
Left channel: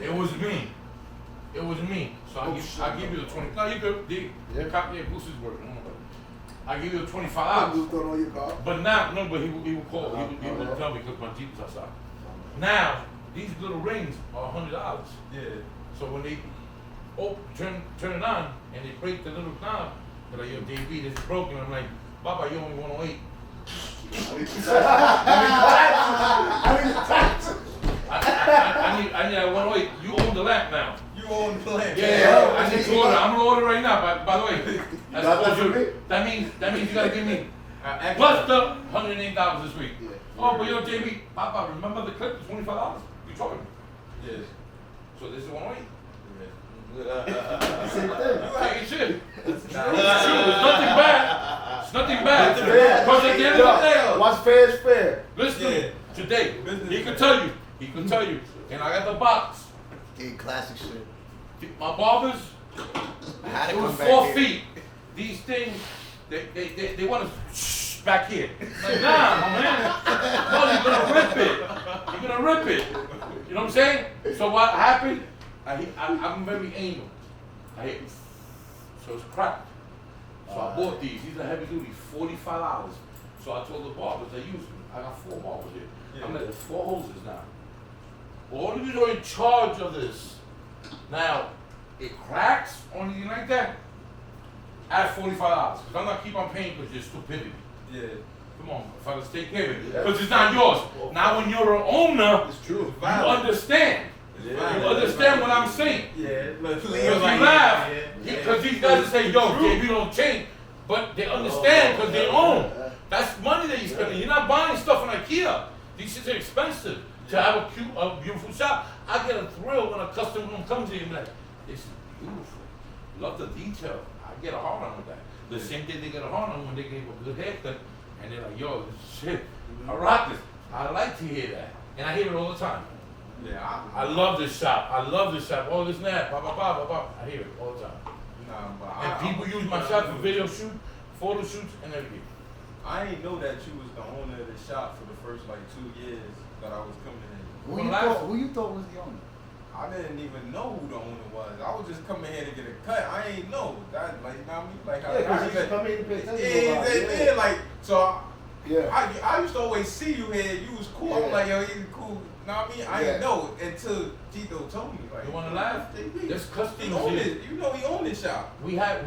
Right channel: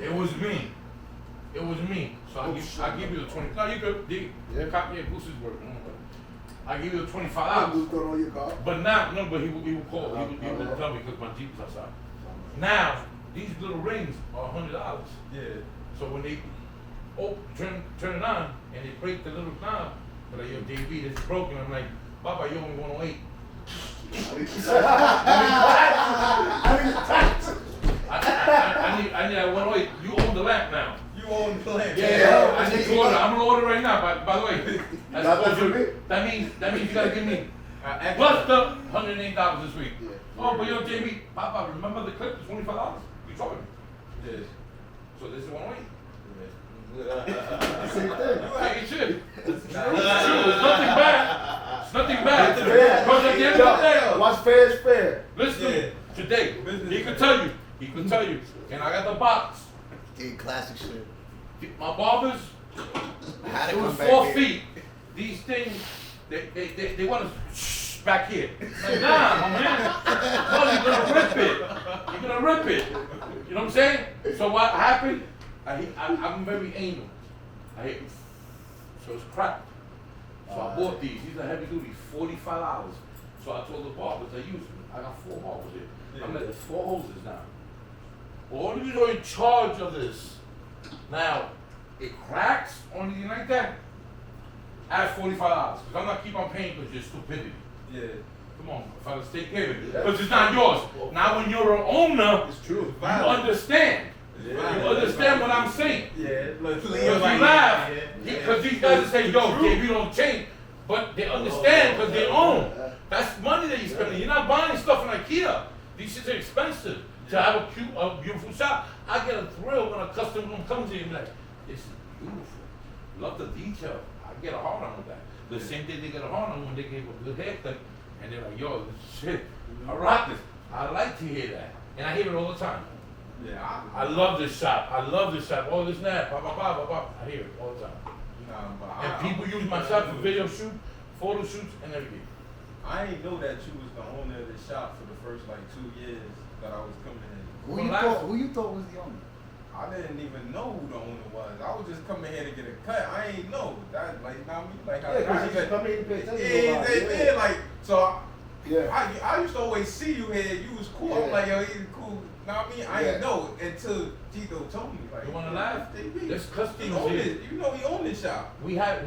It was me. It was me. So I give you the 20. No, you good. The copy of Boogz is working. I give you the $25. Who's throwing on your car? But now, no, but he will call. He will tell me because my Jeep is outside. Now, these little rings are $100. Yeah. So when they turn it on and they break the little knob, they're like, yo, JB, this is broken. I'm like, Baba, you only 108. I need that 108. You own the lamp now. You own the land. Yeah, I need to order. I'm gonna order right now. By the way, Not that for me. that means you gotta give me plus the $108 this week. Yeah. Oh, but yo, JB, Papa, remember the clip? $25. You talking? Yeah. So this is 108. Same thing. Hey, it should. It's nothing bad. It's nothing bad. Fair. Because at the end of the day, What's fair is fair. listen to me. Today, he can tell you. He can tell you. And I got the box. Dude, classic shit. My barbers, I had to it was come back 4 here. feet. These things, they want to back here. Like, nah, my man. No, you're gonna rip it. You're gonna rip it. You know what I'm saying? So what happened? I'm very anal. I hit, so it's cracked. So I bought these. These are heavy duty, $45. So I told the barbers I use them. I got 4 barbers here. I'm like, there's 4 hoses now. All of you are in charge of this. Now, it cracks or anything like that. Add $45. Because I'm not keep on paying because you're stupidity. Yeah. Come on, fellas, take care of it. Because it's not yours. Now, when you're an owner, It's true. you understand. You understand what I'm saying. Yeah. Look, Because you laugh, because these guys are saying, yo, JB don't change. But they understand because they own. That's money that you're spending. You're not buying stuff in IKEA. These shits are expensive. To have a beautiful shop, I get a thrill when a customer comes here and be like, it's beautiful. Love the detail. I get a hard on with that. The same thing they get a hard on when they gave a good haircut and they're like, yo, this shit, I rock this. I like to hear that. And I hear it all the time. Yeah. I love this shop. I love this shop. All this and that. Blah, blah, blah, blah, blah. I hear it all the time. Nah, but And people use my shop for video shoot, photo shoots, and everything. I didn't know that you was the owner of the shop for the first like 2 years that I was coming in. Who you thought was the owner? I didn't even know who the owner was. I was just coming here to get a cut. I ain't know that, like, you know what I mean? Like, Yeah, because you come here to pay attention. yeah, like, so Yeah. I used to always see you here. You was cool. I'm Yeah. like, yo, he's cool. Know what I mean? I Yeah. didn't know until Tito told me. Like, You wanna laugh? There's He customers owned here. it. You know he owned this shop. We have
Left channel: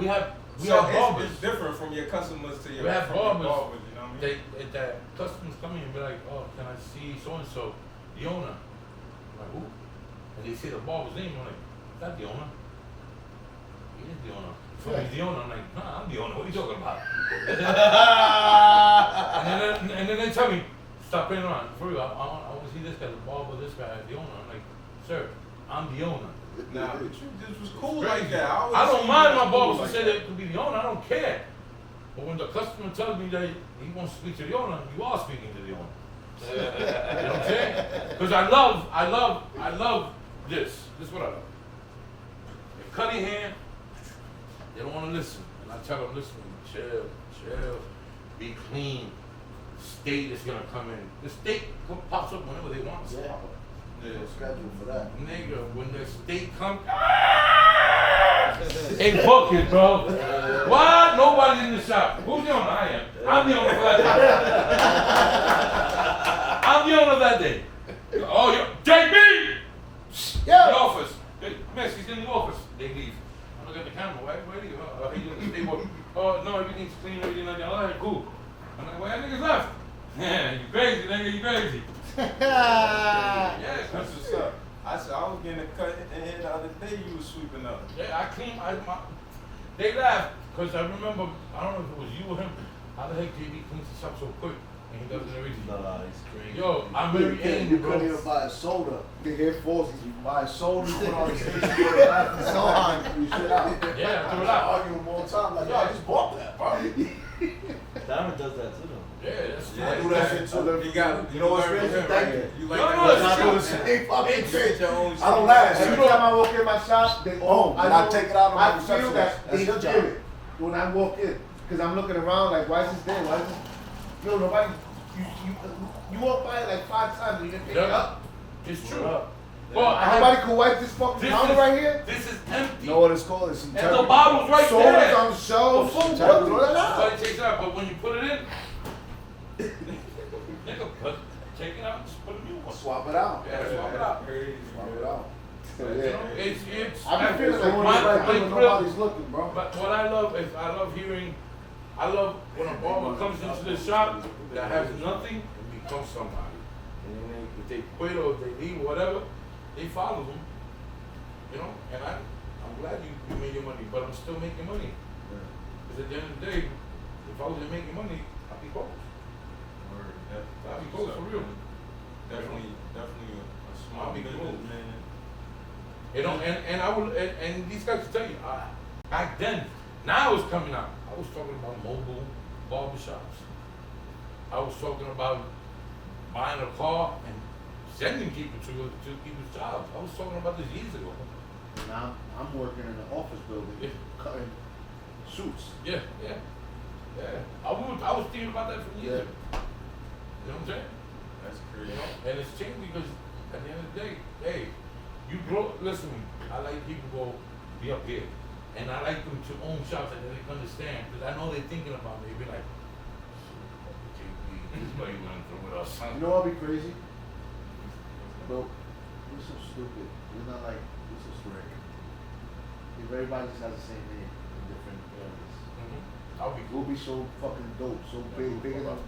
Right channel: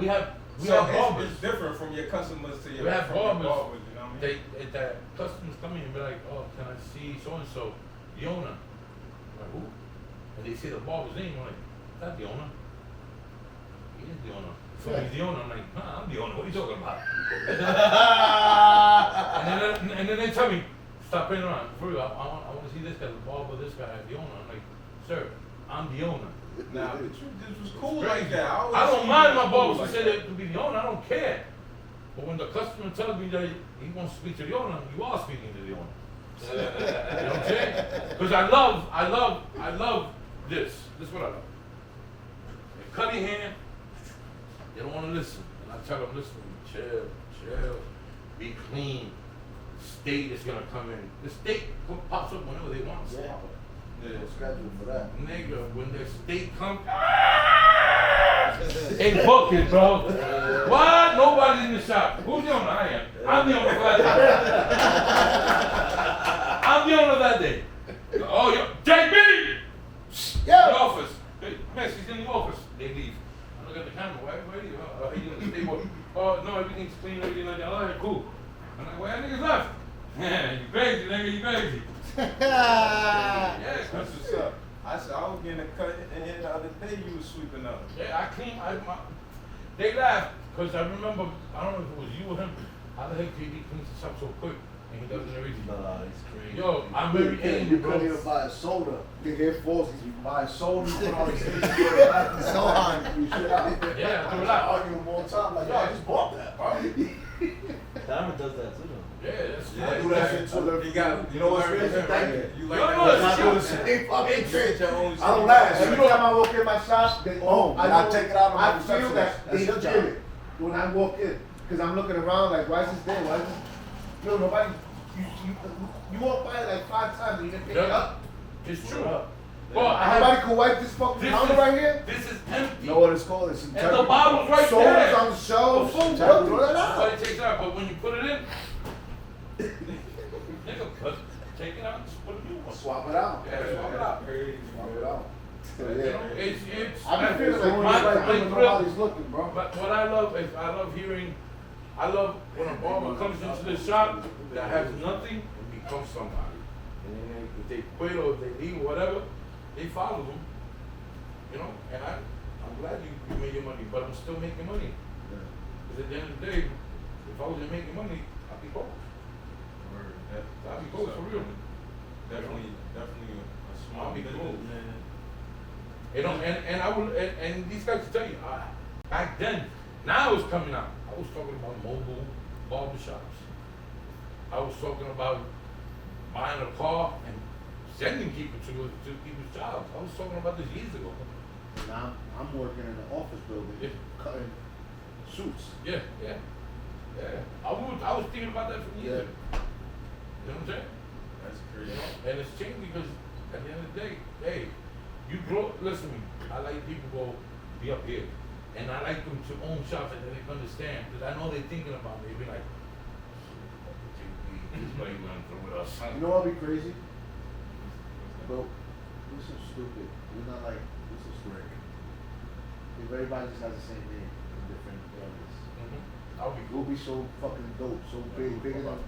So barbers. it's different from your customers to your We have from your barbers. you know what I mean? That customers come in and be like, oh, can I see so and so, the owner? I'm like, who? And they say the barber's name. I'm like, that's the owner. He is the owner. So he's the owner. I'm like, nah, I'm the owner. What are you talking about? and then they tell me, stop playing around. For real, I want to see this guy, the barber, this guy is the owner. I'm like, sir, I'm the owner. Now, this was cool like that. I don't mind my barber to say that to be the owner. I don't care. But when the customer tells me that he wants to speak to the owner, you are speaking to the owner. You know what I'm saying? Because I love this. This is what I love. They cut their hair, they don't want to listen. And I tell them, listen, chill, be clean. State is going to come in. The state pops up whenever they want to. Yeah. There's no schedule for that. Nigga, when the state comes, they book it, bro. What? Nobody's in the shop. Who's the owner? I am. I'm the owner for that day. I'm the owner that day. Oh, yo, JB! Yeah. The office. Hey, man, she's in the office. They leave. I look at the camera. Where are you? Are you in the stable? Oh, no, everything's clean, everything like that. All right, cool. I'm like, well, that nigga's left. Yeah, you crazy, nigga, you crazy. Yeah, That's what's up. I said I was getting a cut in here the other day. You was sweeping up. yeah, I clean. They laughed because I remember. I don't know if it was you or him. How the heck JB cleans this up so quick and he doesn't everything? Nah, it's crazy. Yo, I'm very angry, You bro. couldn't even buy a soda. You hear forces, you buy a soda, you put on the stage, you go back and So hard. you sit out. Yeah, throw it out. Arguing all the time, like, yo, I just bought that, bro. Diamond does that too, though. Yeah, that's I do that shit too. You got, you know what's crazy? Thank you. You Yo, like no, that? it's Not true. doing shit. They fucking You get your own I don't laugh. Every time I walk in my shop, they and I take it out of my I feel reception that desk. they That's your hear job. it when I walk in. Because I'm looking around like, why is this there? Why is this? Yo, nobody, you walk by it like 5 times and you didn't pick it up. It's true. Well, I Nobody have, can wipe this fucking this counter is, right here? this is empty. You know what it's called? It's And the bottle's right Sodas there. on the shelf. The food, Throw it out. Somebody takes it out, but when you put it in, nigga, take it out, just put a new one. Swap it out. Yeah, swap it out. Swap it out. You know, it's. I been feeling It's like going my- right my when grill- nobody's looking, bro. But what I love is I love when a barber comes into the shop that has nothing and becomes somebody. And then if they quit or if they leave, whatever, they follow them. You know, and I'm glad you made your money, but I'm still making money. Because at the end of the day, if I wasn't making money, I'd be broke. I'd be broke for real. Definitely a small I'll be business, cool. man. You know, and I will, and these guys will tell you, back then, now it's coming out. I was talking about mobile barbershops. I was talking about buying a car and sending people to people's jobs. I was talking about this years ago. Now I'm working in an office building, Yeah. cutting suits. Yeah. I was thinking about that for years. You know what I'm saying? That's You crazy. know, and it's changed because at the end of the day, hey, you grow. Listen, I like people go be up here, and I like them to own shops and they can understand because I know they're thinking about me. They be like, this way you went through with us. You know what'd be crazy? Yo, we're so stupid. We're not like, we're so stupid. If everybody just has the same name in different areas. I'll be We'll be so fucking dope, so big enough.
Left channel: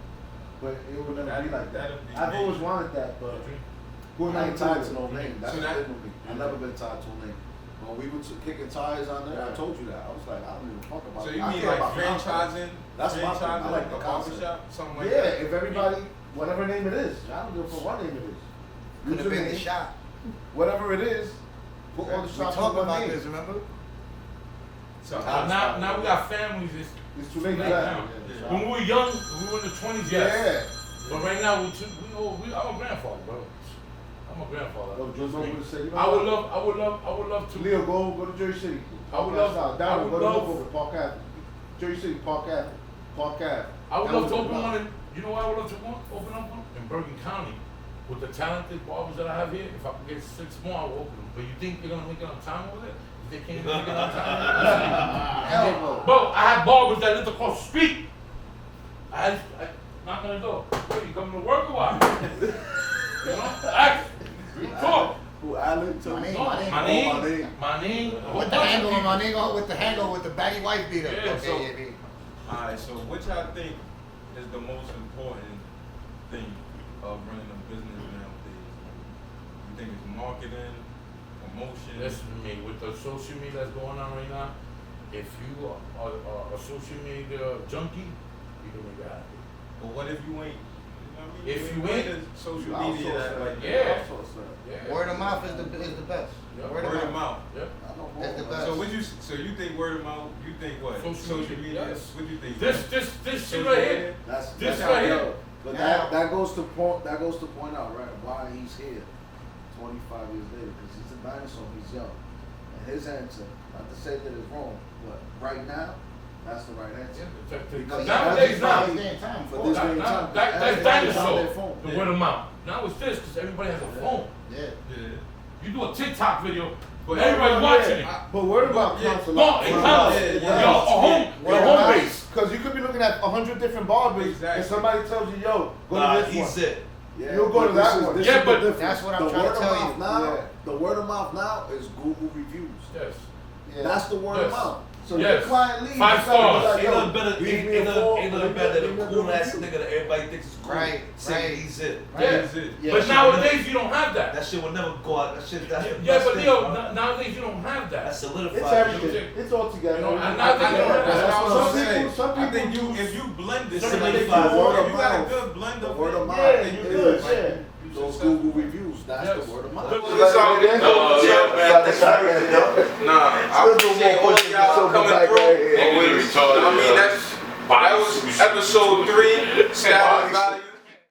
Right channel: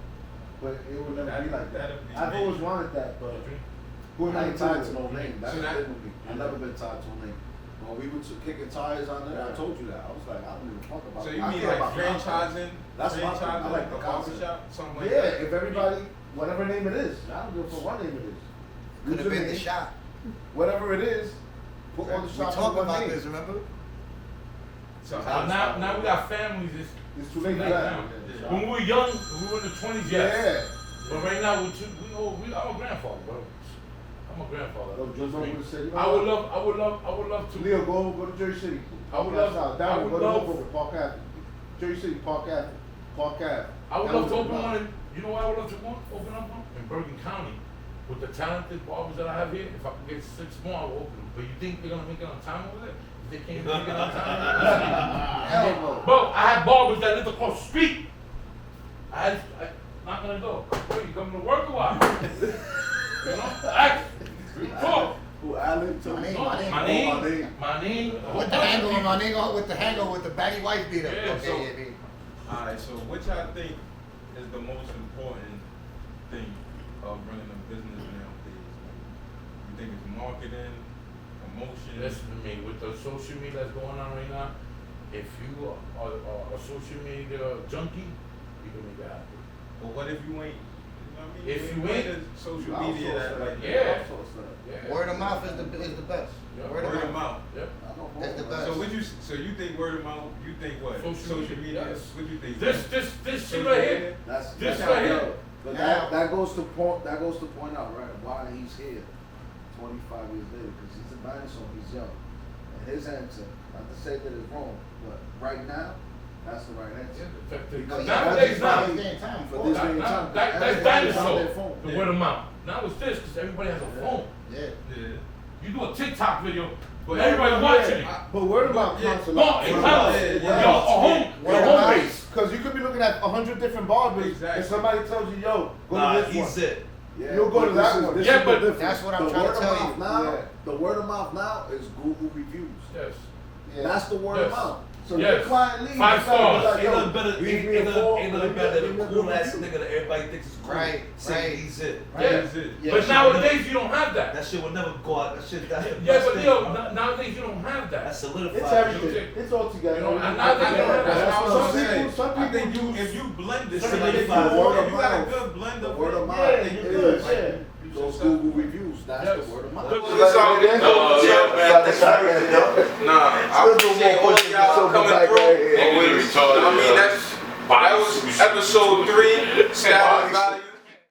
But it would never be like that. That'd be I've me. always wanted that, but who I ain't tied to no name. name. That's See the that? thing with me. I've never been tied to a name. When we were kicking tires on there, I told you that. I was like, I don't give a fuck about So it. you I mean care like about concepts. franchising? That's my thing. I like the a concept. barbershop, something like Yeah, that. if everybody, whatever name it is, I don't give a fuck what name it is. Could have been the Username, shop. Whatever it is, put all the We shops talked under about name. this, remember? So now we got families. It's too late for Right that. now. When we were young, we were in the 20s, yes. Yeah. But right now, I'm a grandfather, bro. I'm a grandfather. Well, Joe's over to say, you know I would what? love to. Leo, go to Jersey City. I would love- I Down, would go to love- Hoover, Park Ave. Jersey City, Park Ave. Park Ave. I would That love was to the open block. one. You know where I would love to open up one? In Bergen County. With the talented barbers that I have here, if I could get 6 more, I will open them. But you think they're gonna make enough time over there? If they can't make enough time, Hell no. bro, I have barbers that live across the street. I knock on the door. Bro, you coming to work or what? You know? Ask. We talk. Who, Allen? Tell me. My name. With the handle on my nigga, with the handle with the baggy wife beater. Yeah, Okay, so- yeah, baby. Alright, so which I think is the most important thing of running a business nowadays? You think it's marketing, promotion. Listen to me, with the social media that's going on right now, if you are a social media junkie, you don't need that. But what if you ain't? If you ain't social media, like yeah. yeah. Word of mouth is the best. Yeah. Word of mouth. Yeah. That's the best. So what you? So you think word of mouth? You think what? Social media. Yes. What you think? This shit right here. This right here. But that goes to point out right why he's here 25 years later, because he's a dinosaur, he's young. And his answer, not to say that it's wrong, but right now, that's the right answer. Because nowadays, now, for this day and time, that's everybody's on their dinosaur. phone. The word of mouth. Now it's this, because everybody has a phone. Yeah. Yeah. You do a TikTok video, But everybody watching it. But word of mouth counts a lot. No, it counts. Yeah. Your home base. Because you could be looking at 100 different barbers, Exactly. and somebody tells you, yo, go Nah, to this he's one. it. Yeah, You'll go but to this that is- one. this Yeah, is but the difference. that's what I'm The trying to word of tell mouth you. Now, Yeah. the word of mouth now is Google reviews. Yes. That's the word of Yes. mouth. So Yes. your client leaves. 5 you tell them, stars. like, Ain't yo, nothing better, leave me ain't a four, nothing better than leave me a cool ass review. nigga that everybody thinks is cool. Right, Say right. he's it. Yeah. That's it. Yeah, But shit, nowadays you don't have that. That shit would never go out. That shit, that's Yeah, but Leo, nowadays you don't have that. that's solidified. It's everything. It's all together. You know, and now they don't have That's that. what I'm saying. Some I people think do- if you blend this, Some shit, people if do you word of got a mouth. good blend The of word it, of mouth. Yeah, you good, yeah. Those Google reviews. That's Yes. the word of mouth. Look, It's all good. Nah, I appreciate all y'all coming through. I mean, that was episode 3, Status Value.